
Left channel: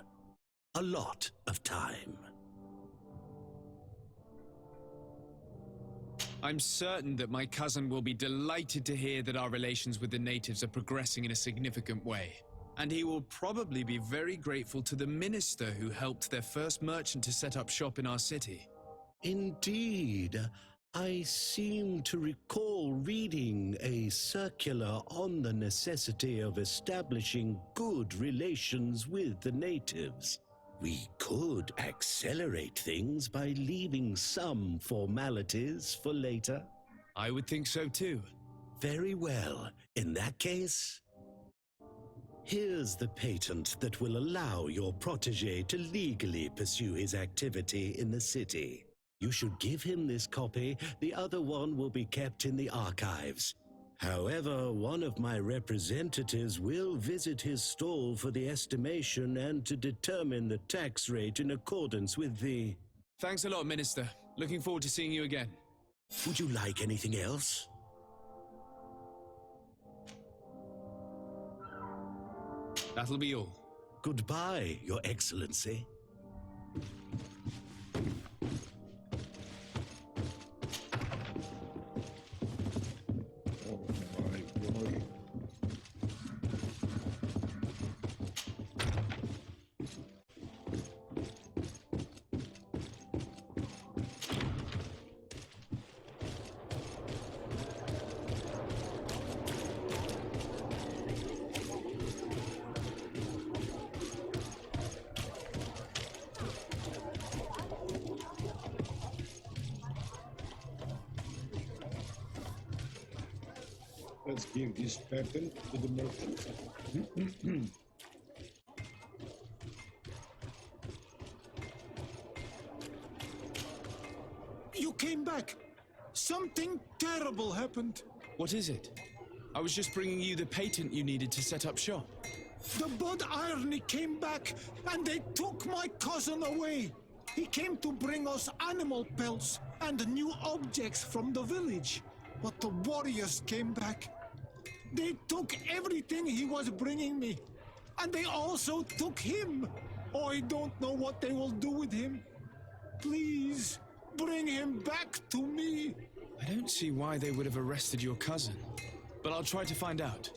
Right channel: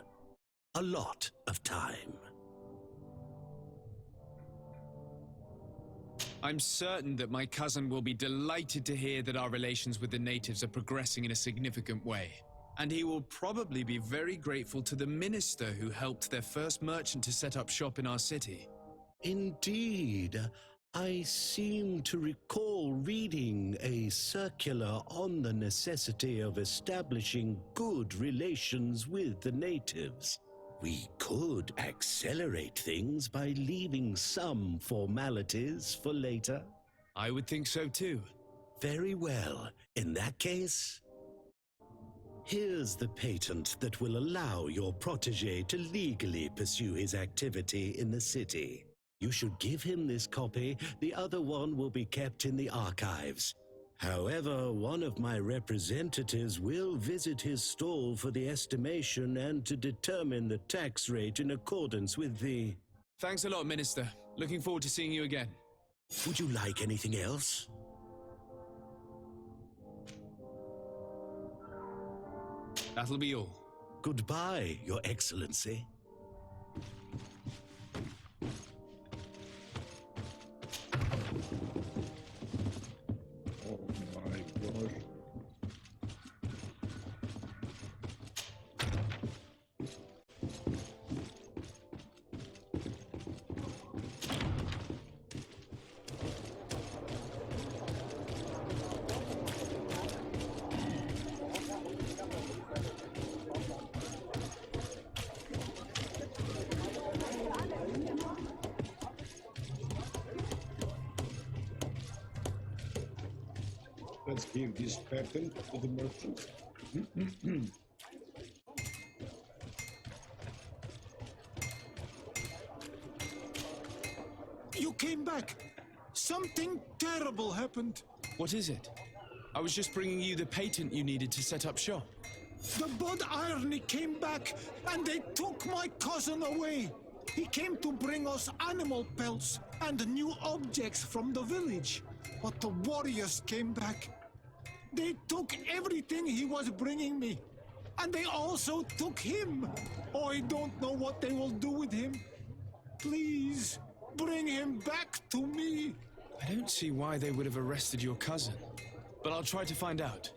A lot of time. I'm certain that my cousin will be delighted to hear that our relations with the natives are progressing in a significant way. And he will probably be very grateful to the minister who helped their first merchant to set up shop in our city. Indeed. I seem to recall reading a circular on the necessity of establishing good relations with the natives. We could accelerate things by leaving some formalities for later. I would think so too. Very well. In that case, here's the patent that will allow your protege to legally pursue his activity in the city. You should give him this copy. The other one will be kept in the archives. However, one of my representatives will visit his stall for the estimation and to determine the tax rate in accordance with the... Thanks a lot, Minister. Looking forward to seeing you again. Would you like anything else? That'll be all. Goodbye, Your Excellency. Oh my gosh. Let's give this patent to the merchant. You came back! Something terrible happened. What is it? I was just bringing you the patent you needed to set up shop. The Bud Irony came back, and they took my cousin away. He came to bring us animal pelts and new objects from the village. But the warriors came back. They took everything he was bringing me. And they also took him. I don't know what they will do with him. Please, bring him back to me. I don't see why they would have arrested your cousin, but I'll try to find out.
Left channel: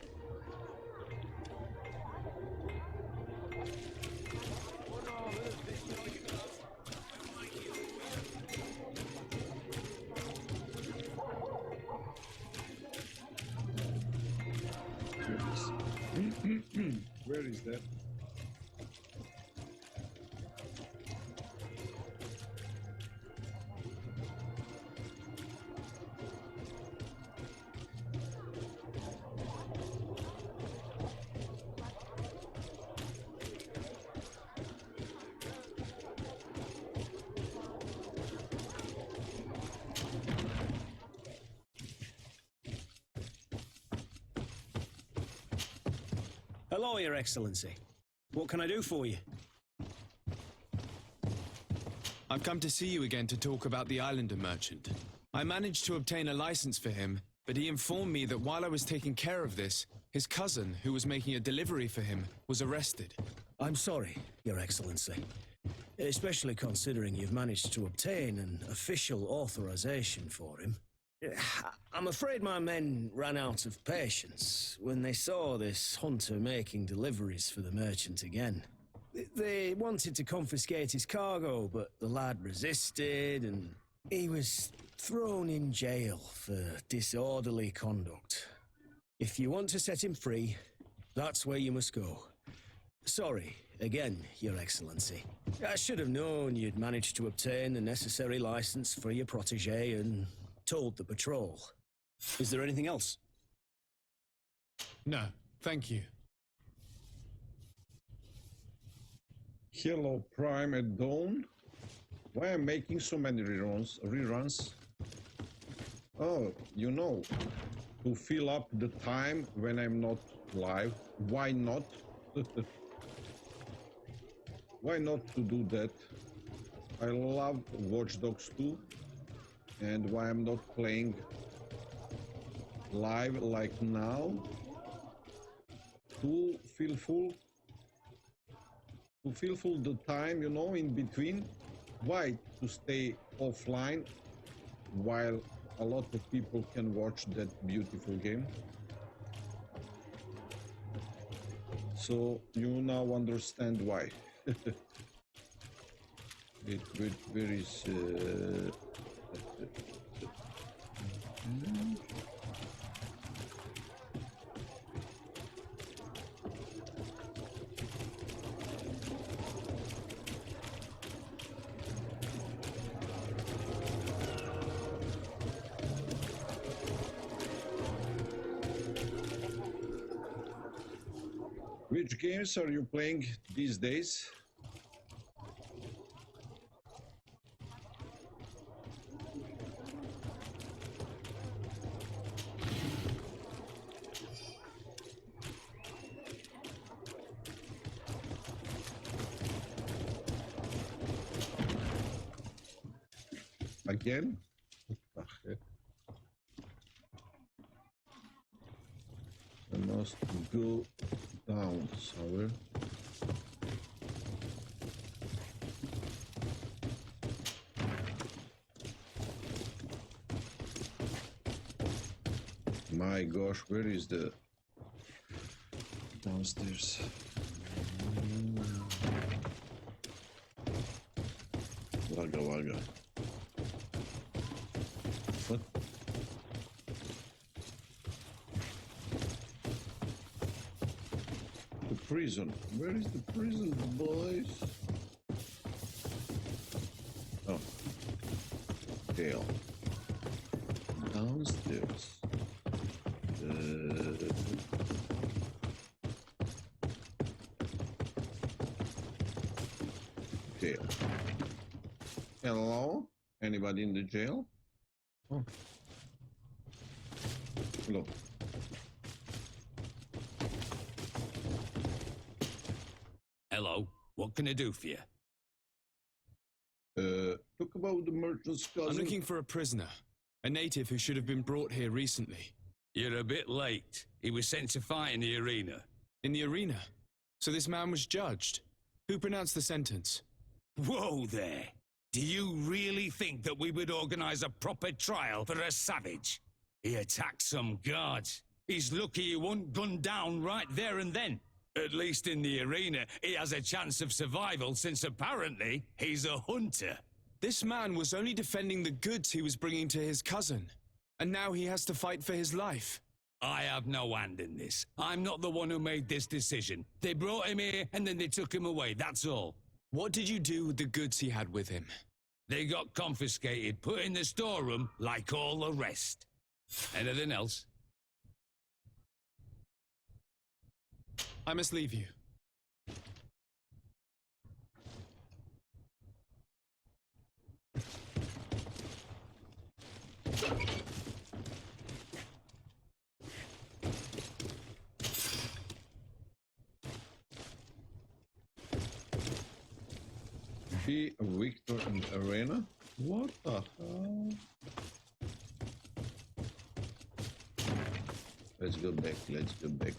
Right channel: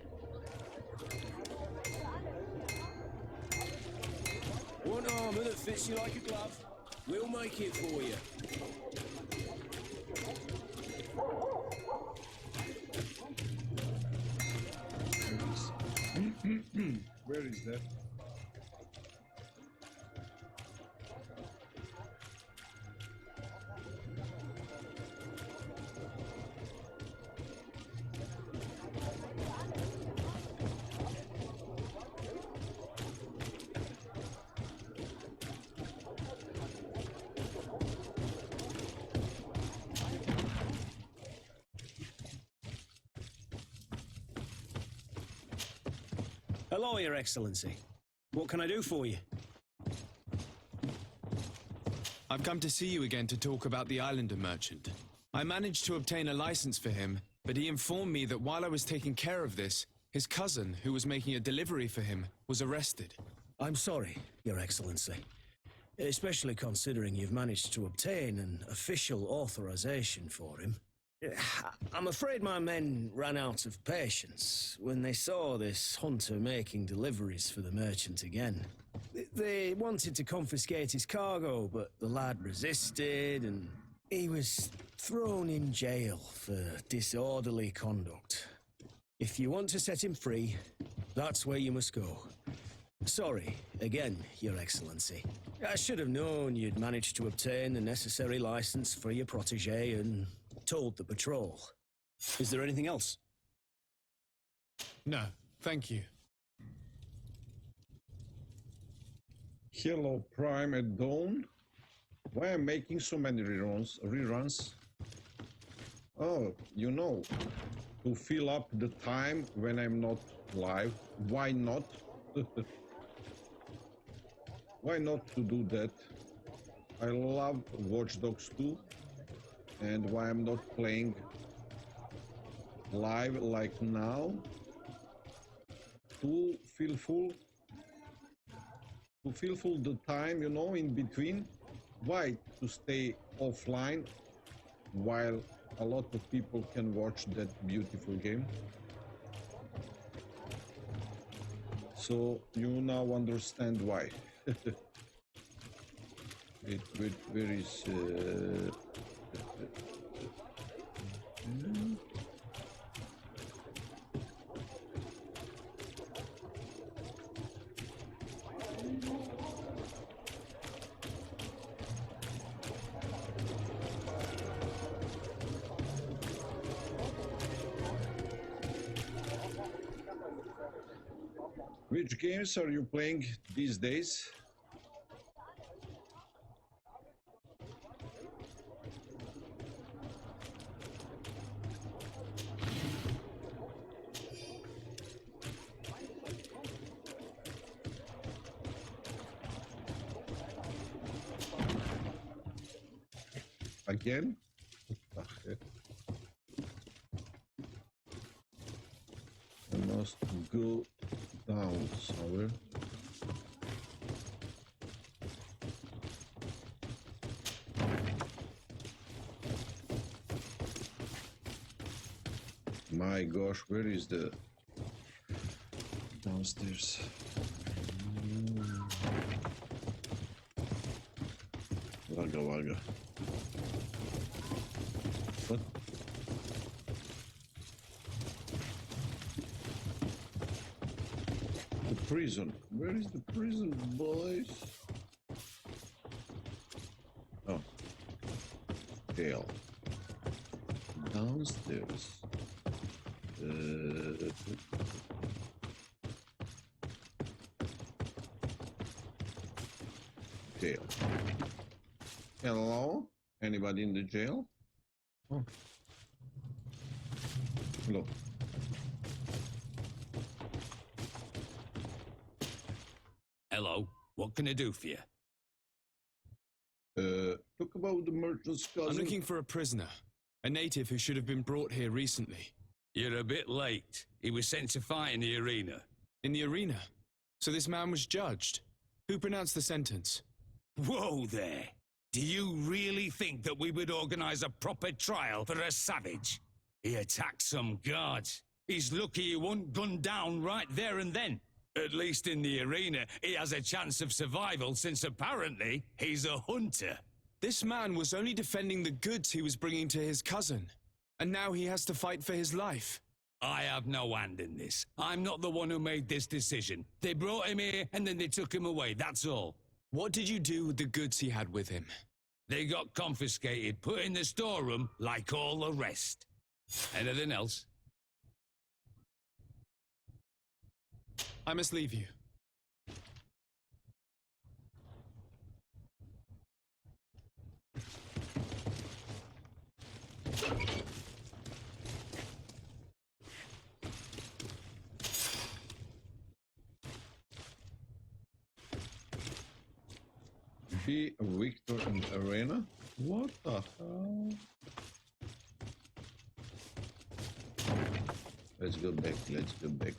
Want armor that fits you like a glove? We'll make it for you. Where is that? Hello, Your Excellency. What can I do for you? I've come to see you again to talk about the Islander merchant. I managed to obtain a license for him, but he informed me that while I was taking care of this, his cousin, who was making a delivery for him, was arrested. I'm sorry, Your Excellency. Especially considering you've managed to obtain an official authorization for him. I'm afraid my men ran out of patience when they saw this hunter making deliveries for the merchant again. They wanted to confiscate his cargo, but the lad resisted and he was thrown in jail for disorderly conduct. If you want to set him free, that's where you must go. Sorry, again, Your Excellency. I should have known you'd managed to obtain the necessary license for your protégé and told the patrol. Is there anything else? No, thank you. Hello, Prime at dawn. Why am I making so many reruns? Oh, you know, to fill up the time when I'm not live. Why not? Why not to do that? I love Watch Dogs 2. And why I'm not playing live like now, to fulfill the time, you know, in between. Why to stay offline while a lot of people can watch that beautiful game? So you now understand why. Where is which games are you playing these days? Again? I must go down somewhere. My gosh, where is the downstairs? Vaga. What? The prison. Where is the prison, boys? Oh. Jail. Downstairs. Jail. Hello? Anybody in the jail? Oh, Hello. Hello. What can I do for you? Talk about the merchant's cousin. I'm looking for a prisoner. A native who should have been brought here recently. You're a bit late. He was sent to fight in the arena. In the arena? So this man was judged. Who pronounced the sentence? Whoa there. Do you really think that we would organize a proper trial for a savage? He attacked some guards. He's lucky he wasn't gunned down right there and then. At least in the arena, he has a chance of survival since apparently he's a hunter. This man was only defending the goods he was bringing to his cousin. And now he has to fight for his life. I have no hand in this. I'm not the one who made this decision. They brought him here and then they took him away, that's all. What did you do with the goods he had with him? They got confiscated, put in the storeroom like all the rest. Anything else? I must leave you. Be a victor in the arena? What the hell? Let's go back, let's go back.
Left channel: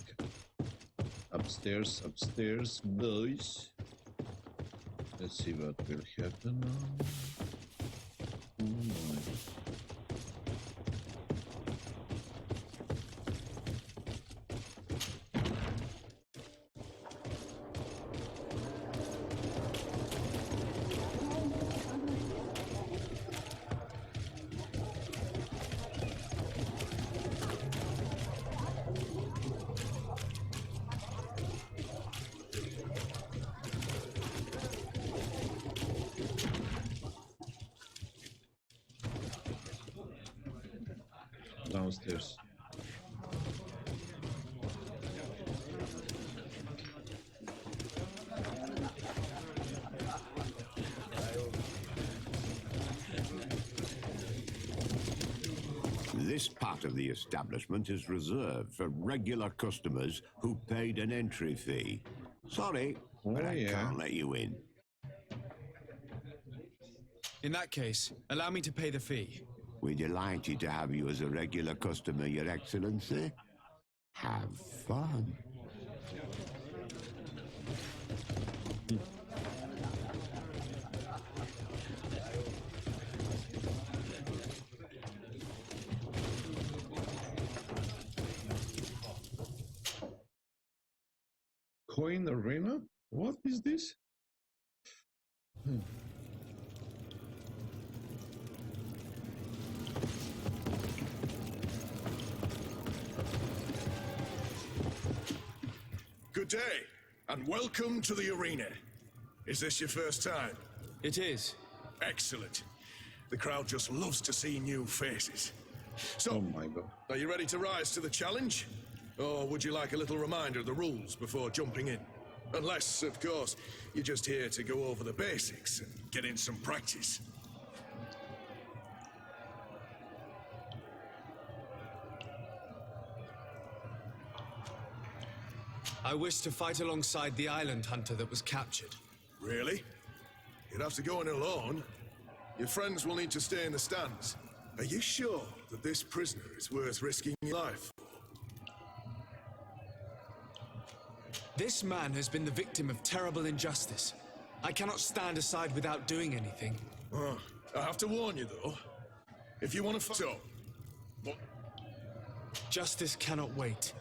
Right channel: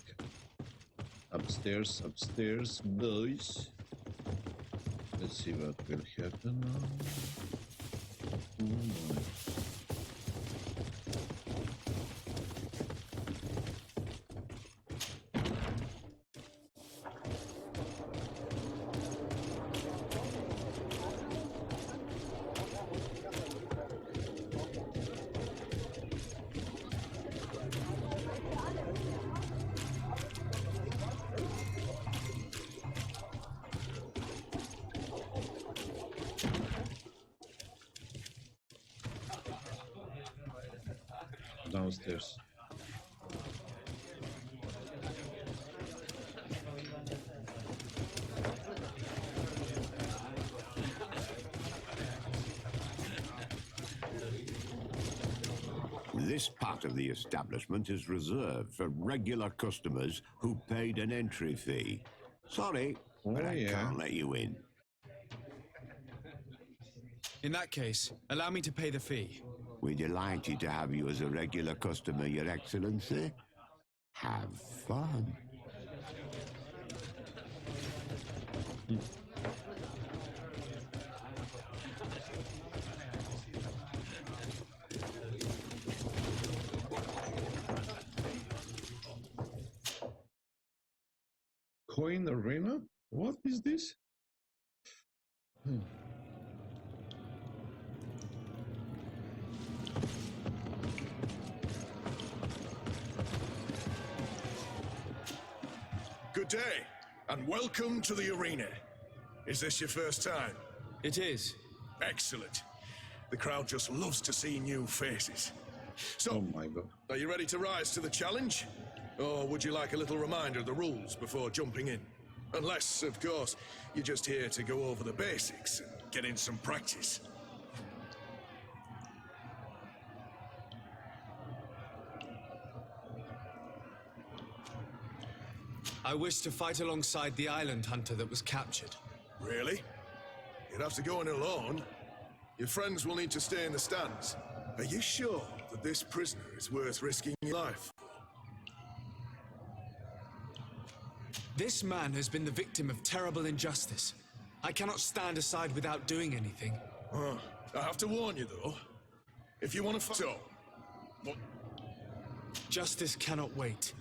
Upstairs, upstairs, boys. Let's see what will happen now. Oh my. Downstairs. This part of the establishment is reserved for regular customers who paid an entry fee. Sorry, but I can't let you in. In that case, allow me to pay the fee. We're delighted to have you as a regular customer, Your Excellency. Have fun. Coin arena? What is this? Good day, and welcome to the arena. Is this your first time? It is. Excellent. The crowd just loves to see new faces. So, oh my God. Are you ready to rise to the challenge? Or would you like a little reminder of the rules before jumping in? Unless, of course, you're just here to go over the basics and get in some practice. I wish to fight alongside the island hunter that was captured. Really? You'd have to go in alone. Your friends will need to stay in the stands. Are you sure that this prisoner is worth risking your life for? This man has been the victim of terrible injustice. I cannot stand aside without doing anything. I have to warn you, though. If you want to fight... What? Justice cannot wait.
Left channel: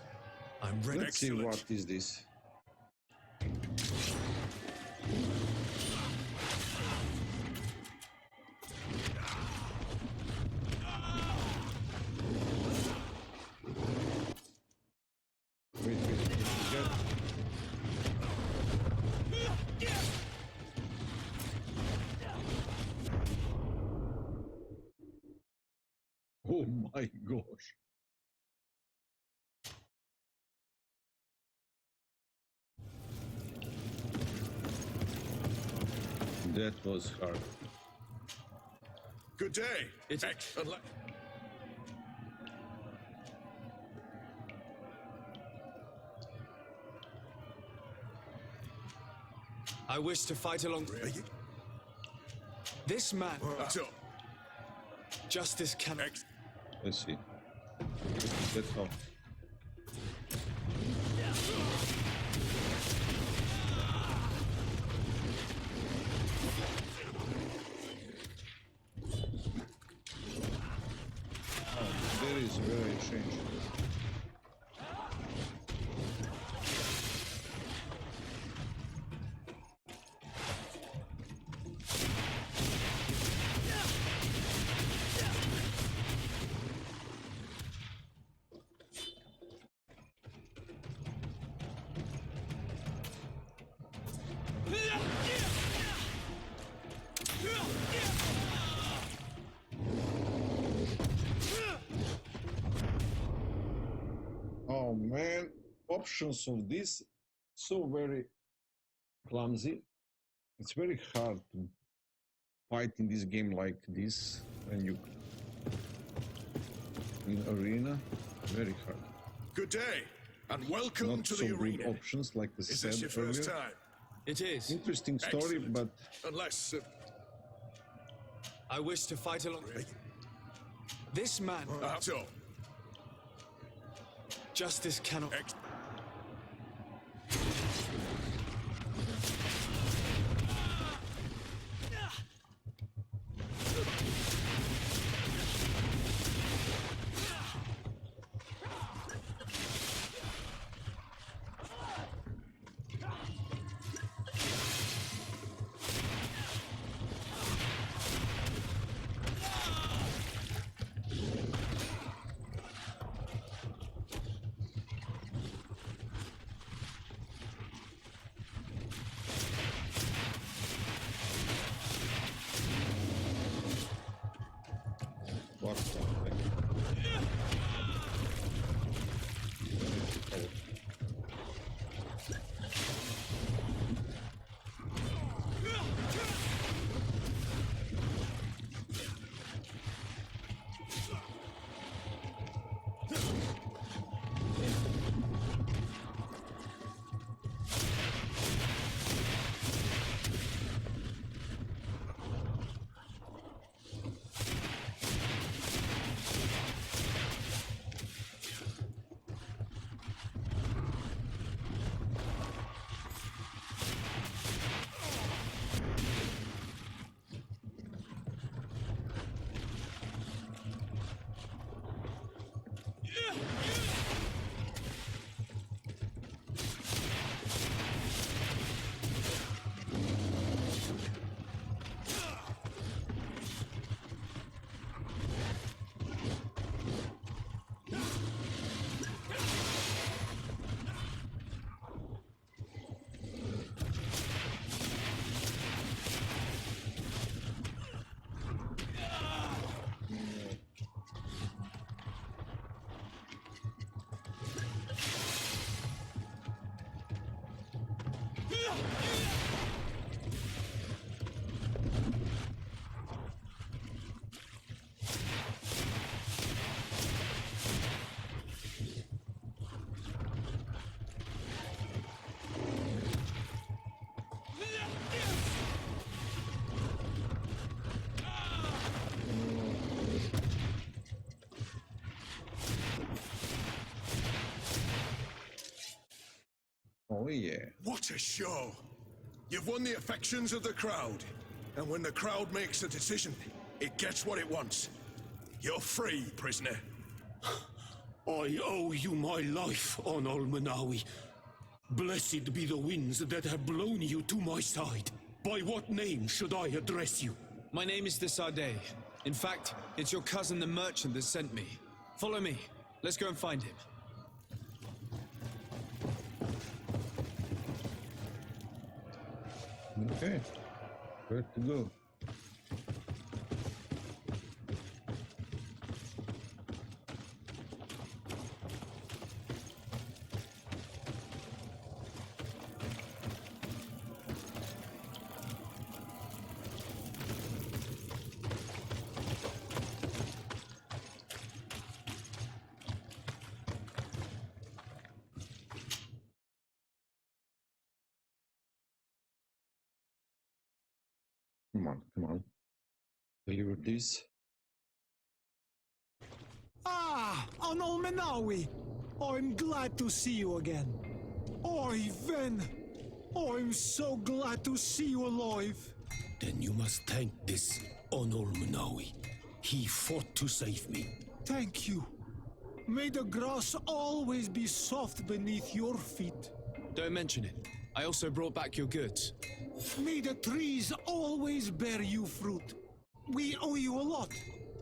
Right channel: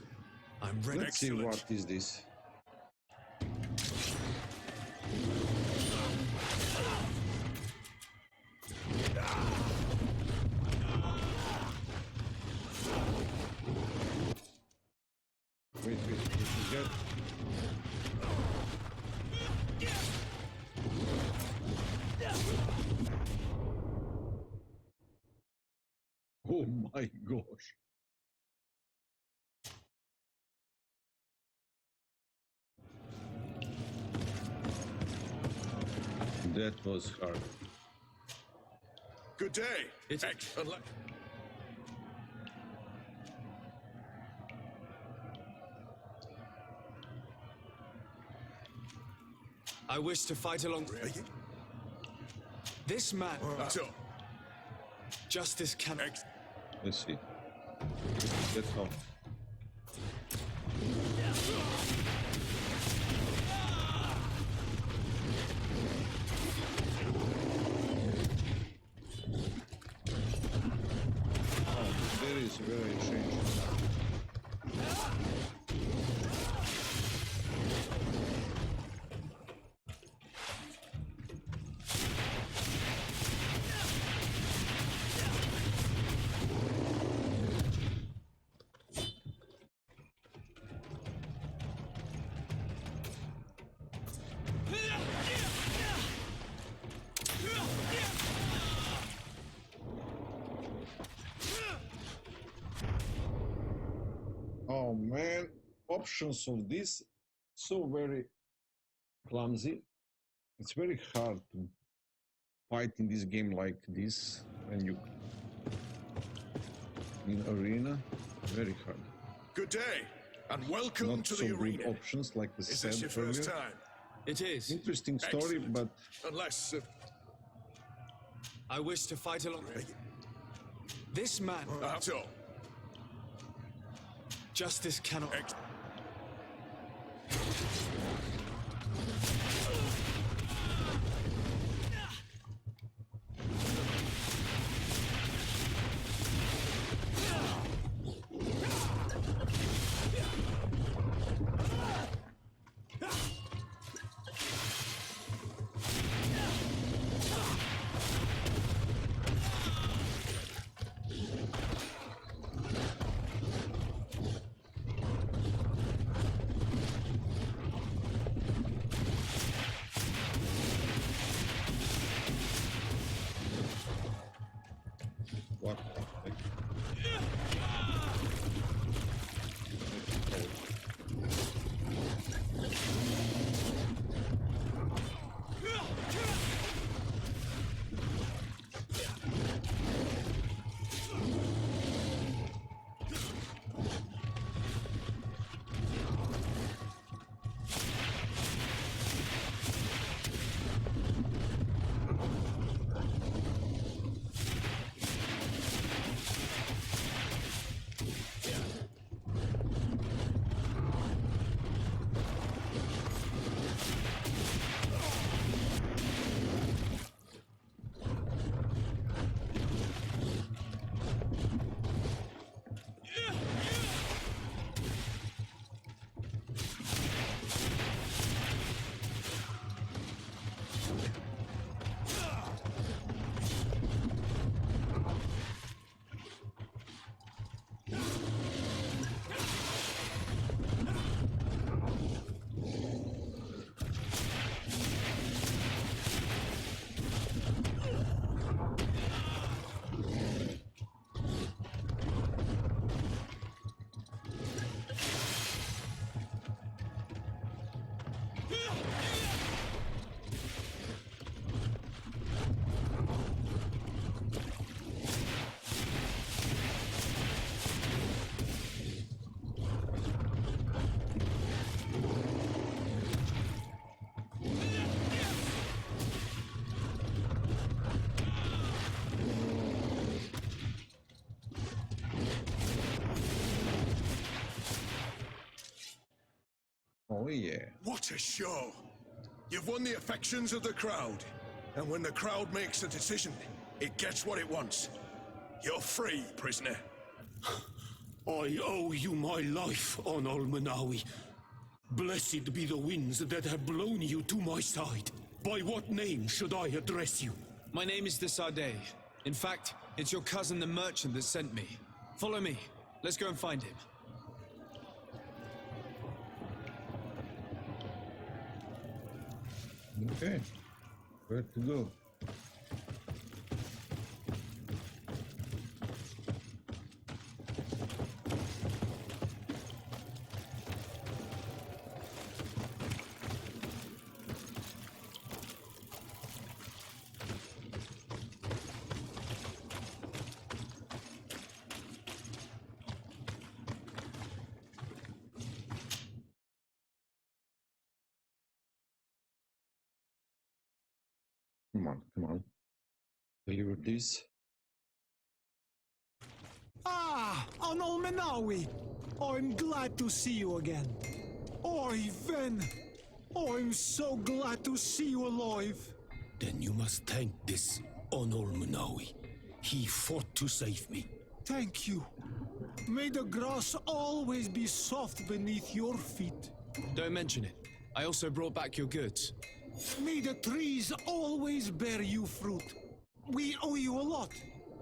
I'm ready. Let's see what is this. Wait, get... Oh my gosh. That was hard. Good day. I wish to fight along... This man... Justice cannot... Let's see. That's how. There is very strange. Oh man, options of this so very clumsy. It's very hard to fight in this game like this when you in arena. Very hard. Good day, and welcome Not to so the good arena. options like the Is said this your first earlier. time? It is. Interesting story, Excellent. but Unless... I wish to fight along... This man... so... Justice cannot... what the heck? Oh yeah. What a show! You've won the affections of the crowd. And when the crowd makes a decision, it gets what it wants. You're free, prisoner. I owe you my life, on Almanawi. Blessed be the winds that have blown you to my side. By what name should I address you? My name is Desade. In fact, it's your cousin the merchant that sent me. Follow me. Let's go and find him. Okay. Where to go? Come on, come on. Deliver this. Ah, Anol Menawi! I'm glad to see you again. Oi, Ven! I'm so glad to see you alive. Then you must thank this Onol Munawi. He fought to save me. Thank you. May the grass always be soft beneath your feet. Don't mention it. I also brought back your goods. May the trees always bear you fruit. We owe you a lot.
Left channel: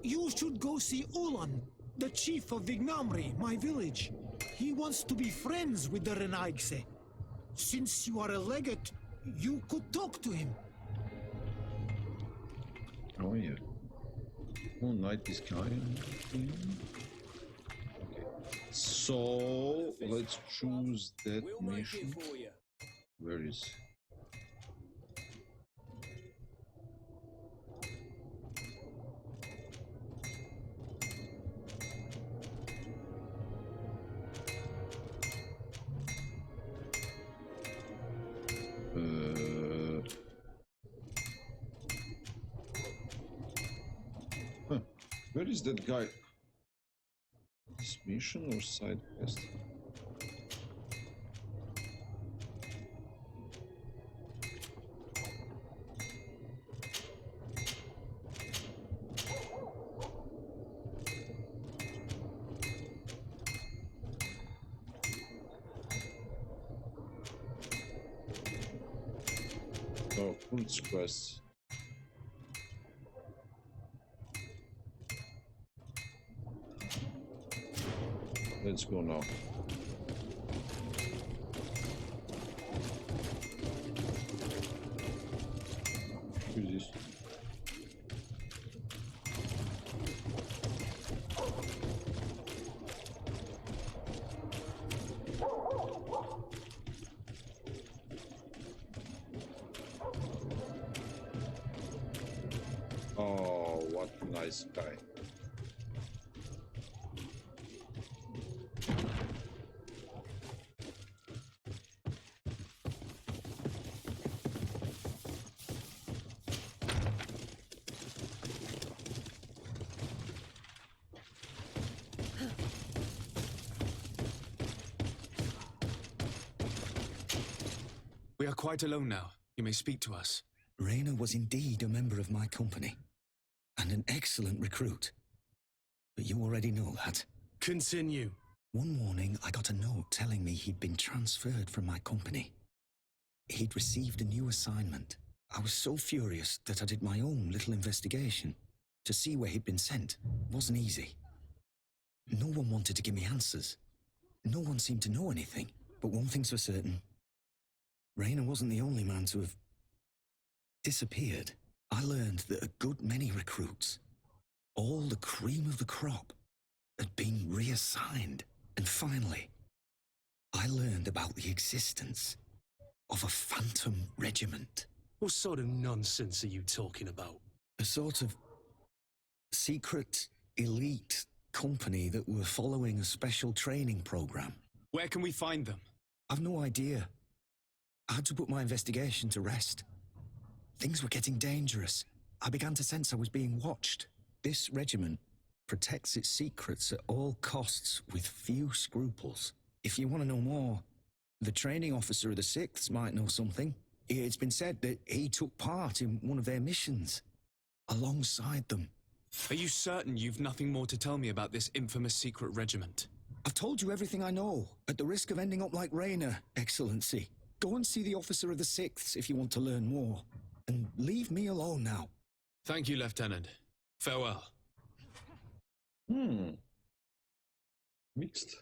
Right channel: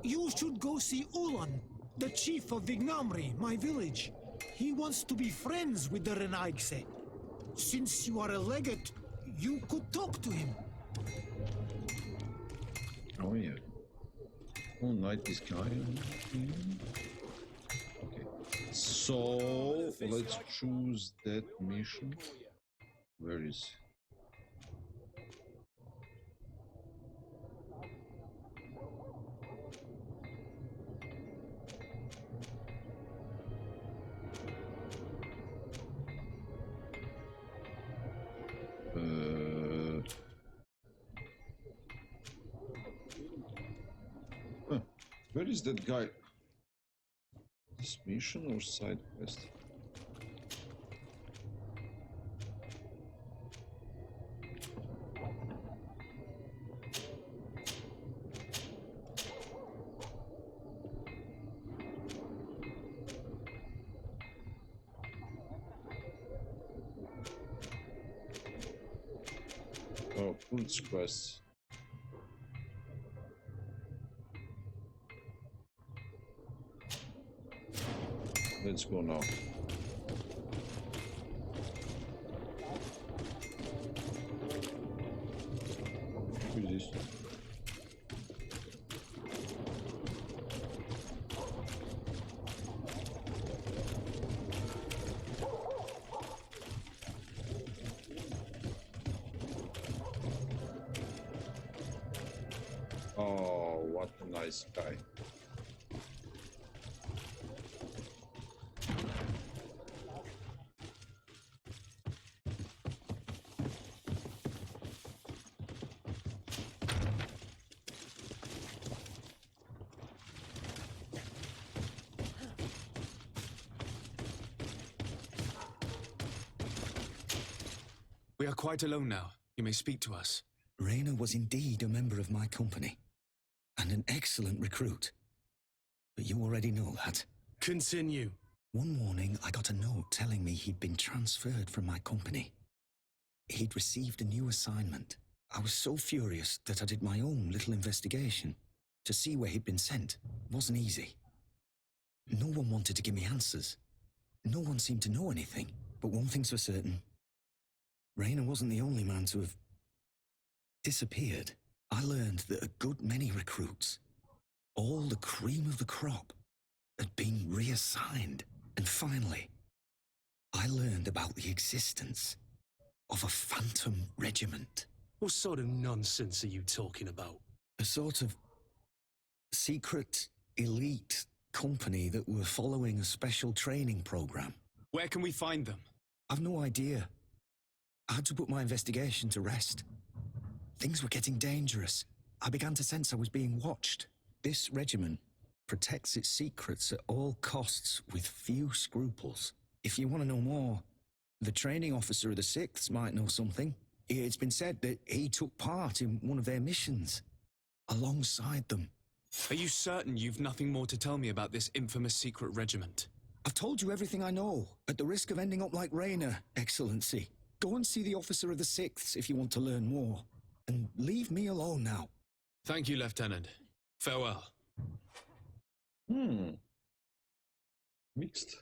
You should go see Ulan, the chief of Vignamri, my village. He wants to be friends with the Renaigse. Since you are a legate, you could talk to him. Oh yeah. Oh, night this guy. Okay. So let's choose that mission. Where is? Where is that guy? This mission or side quest? Oh, Kunz quest. Let's go now. Who is this? Oh, what a nice guy. We are quite alone now. You may speak to us. Raina was indeed a member of my company, and an excellent recruit. But you already know that. Continue. One morning, I got a note telling me he'd been transferred from my company. He'd received a new assignment. I was so furious that I did my own little investigation. To see where he'd been sent wasn't easy. No one wanted to give me answers. No one seemed to know anything. But one thing's for certain. Raina wasn't the only man to have disappeared. I learned that a good many recruits, all the cream of the crop, had been reassigned. And finally, I learned about the existence of a phantom regiment. What sort of nonsense are you talking about? A sort of secret, elite company that were following a special training program. Where can we find them? I've no idea. I had to put my investigation to rest. Things were getting dangerous. I began to sense I was being watched. This regiment protects its secrets at all costs with few scruples. If you want to know more, the training officer of the 6th might know something. It's been said that he took part in one of their missions, alongside them. Are you certain you've nothing more to tell me about this infamous secret regiment? I've told you everything I know, at the risk of ending up like Raina, Excellency. Go and see the officer of the 6th if you want to learn more. And leave me alone now. Thank you, Lieutenant. Farewell. Mixed.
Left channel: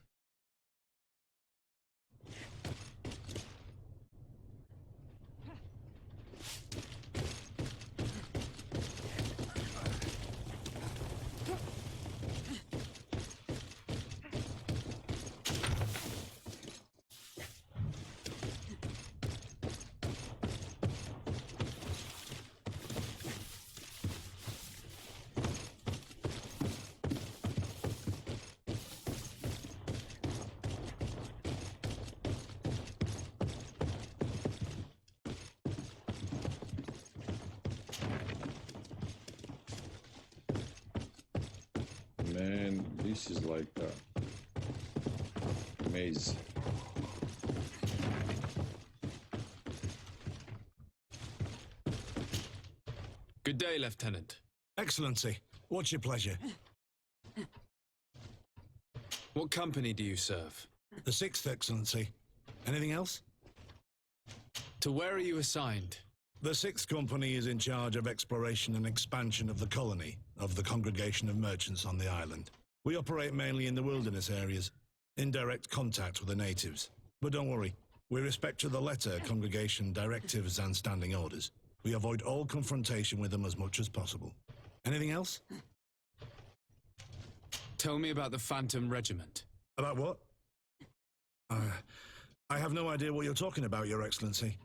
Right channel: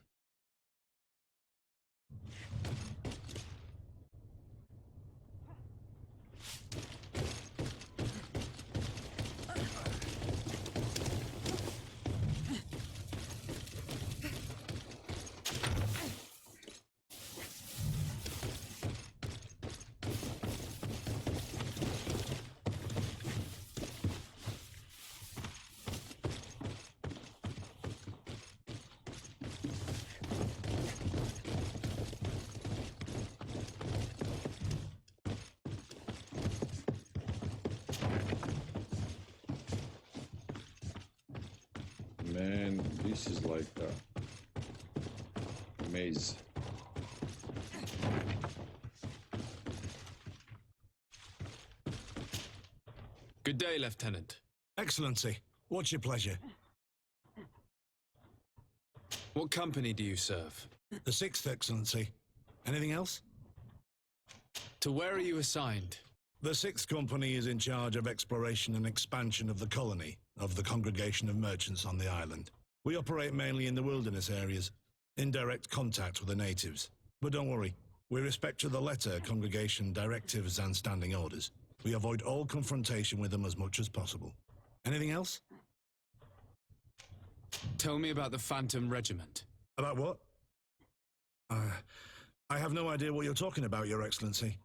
This is like a maze. Good day, Lieutenant. Excellency, what's your pleasure? What company do you serve? The 6th, Excellency. Anything else? To where are you assigned? The 6th Company is in charge of exploration and expansion of the colony of the Congregation of Merchants on the island. We operate mainly in the wilderness areas, in direct contact with the natives. But don't worry, we respect to the letter Congregation directives and standing orders. We avoid all confrontation with them as much as possible. Anything else? Tell me about the Phantom Regiment. About what? I have no idea what you're talking about, Your Excellency.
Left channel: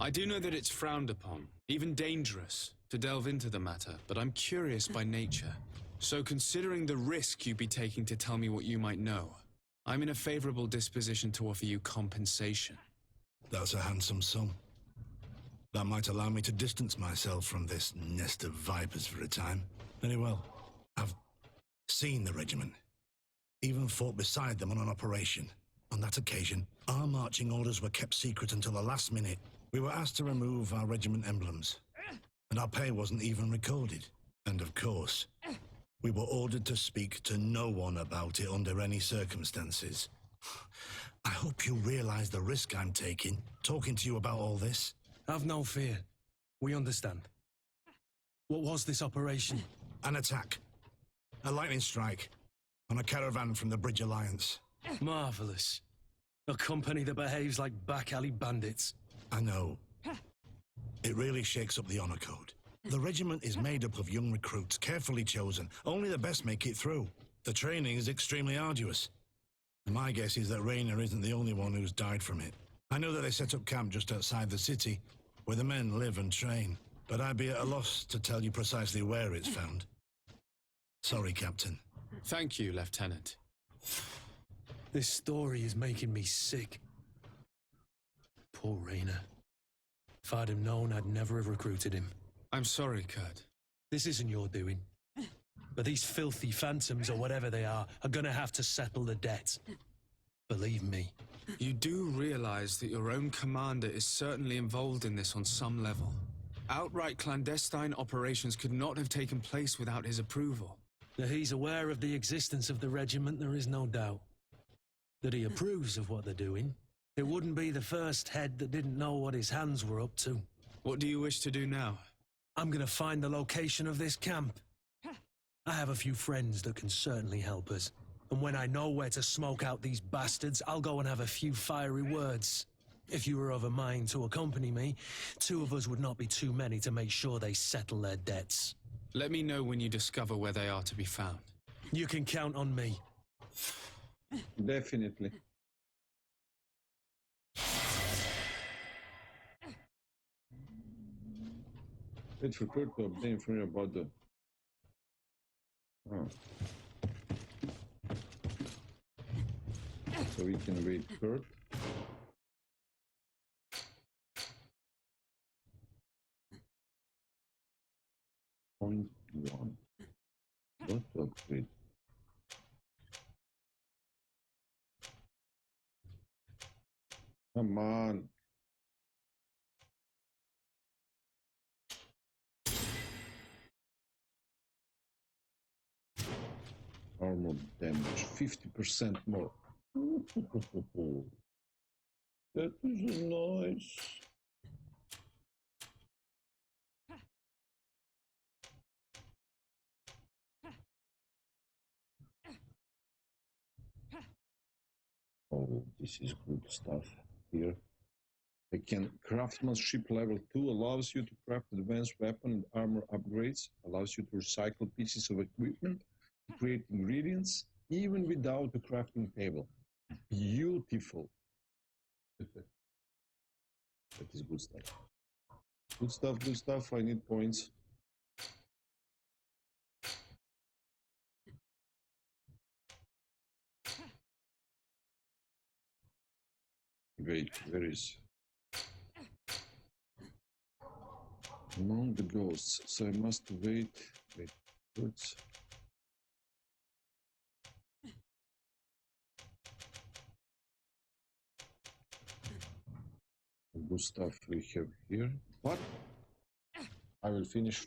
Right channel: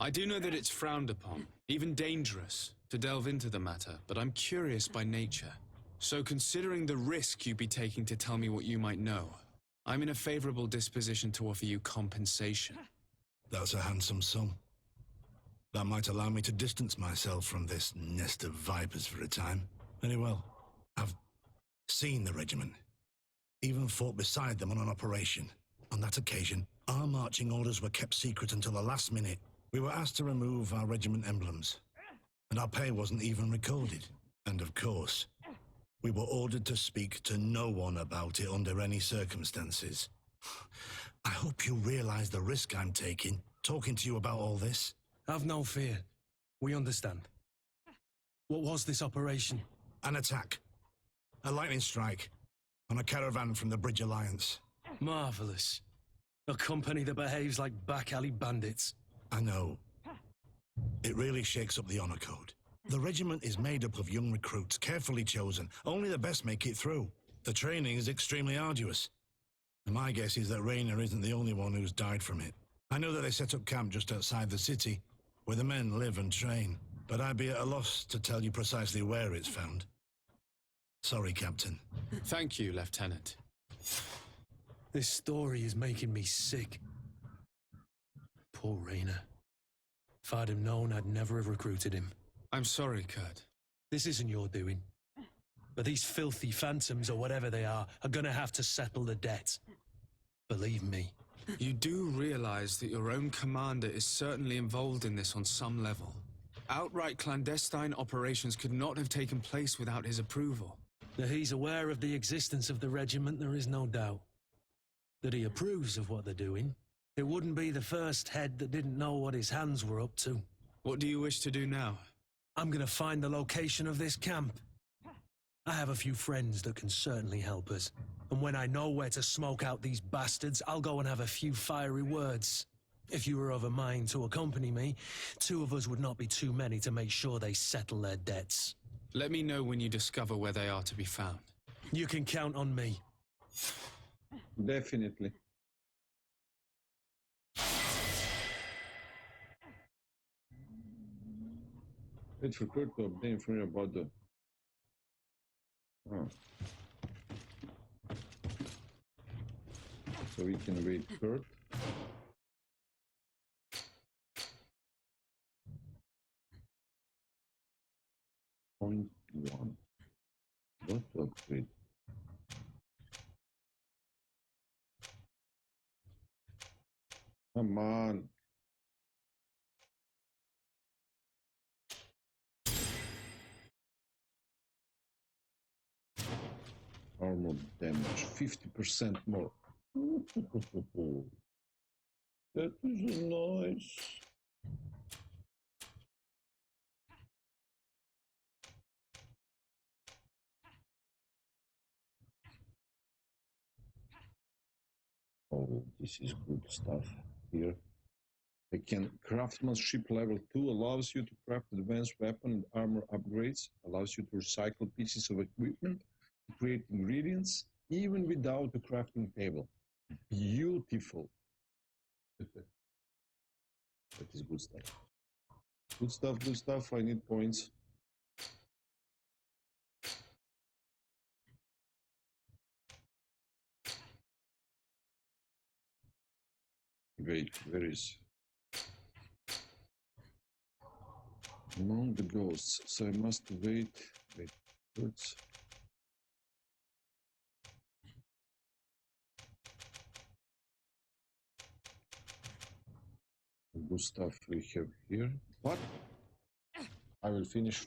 I do know that it's frowned upon, even dangerous, to delve into the matter, but I'm curious by nature. So considering the risk you'd be taking to tell me what you might know, I'm in a favorable disposition to offer you compensation. That's a handsome sum. That might allow me to distance myself from this nest of vipers for a time. Very well. I've seen the regiment. Even fought beside them on an operation. On that occasion, our marching orders were kept secret until the last minute. We were asked to remove our regiment emblems, and our pay wasn't even recorded. And of course, we were ordered to speak to no one about it under any circumstances. I hope you realize the risk I'm taking, talking to you about all this. Have no fear. We understand. What was this operation? An attack. A lightning strike on a caravan from the Bridge Alliance. Marvelous. A company that behaves like back-alley bandits. I know. It really shakes up the honor code. The regiment is made up of young recruits, carefully chosen. Only the best make it through. The training is extremely arduous. And my guess is that Raynor isn't the only one who's died from it. I know that they set up camp just outside the city, where the men live and train, but I'd be at a loss to tell you precisely where it's found. Sorry, Captain. Thank you, Lieutenant. This story is making me sick. Poor Raynor. If I'd have known, I'd never have recruited him. I'm sorry, Kurt. This isn't your doing. But these filthy phantoms, or whatever they are gonna have to settle the debt. Believe me. You do realize that your own commander is certainly involved in this on some level. Outright clandestine operations could not have taken place without his approval. That he's aware of the existence of the regiment, there is no doubt. That he approves of what they're doing. It wouldn't be the first head that didn't know what his hands were up to. What do you wish to do now? I'm gonna find the location of this camp. I have a few friends that can certainly help us. And when I know where to smoke out these bastards, I'll go and have a few fiery words. If you were of a mind to accompany me, 2 of us would not be too many to make sure they settle their debts. Let me know when you discover where they are to be found. You can count on me. Definitely. Wait for Kurt to obtain information about the... Oh. So we can wait Kurt. Point 1. What to upgrade? Come on. Armor damage 50% more. That is nice. Oh, this is good stuff here. I can craftsmanship level 2 allows you to craft advanced weapon and armor upgrades, allows you to recycle pieces of equipment, to create ingredients, even without a crafting table. Beautiful. That is good stuff. Good stuff, good stuff. I need points. Wait, where is... Among the ghosts, so I must wait. Wait, words. Good stuff we have here. What? I will finish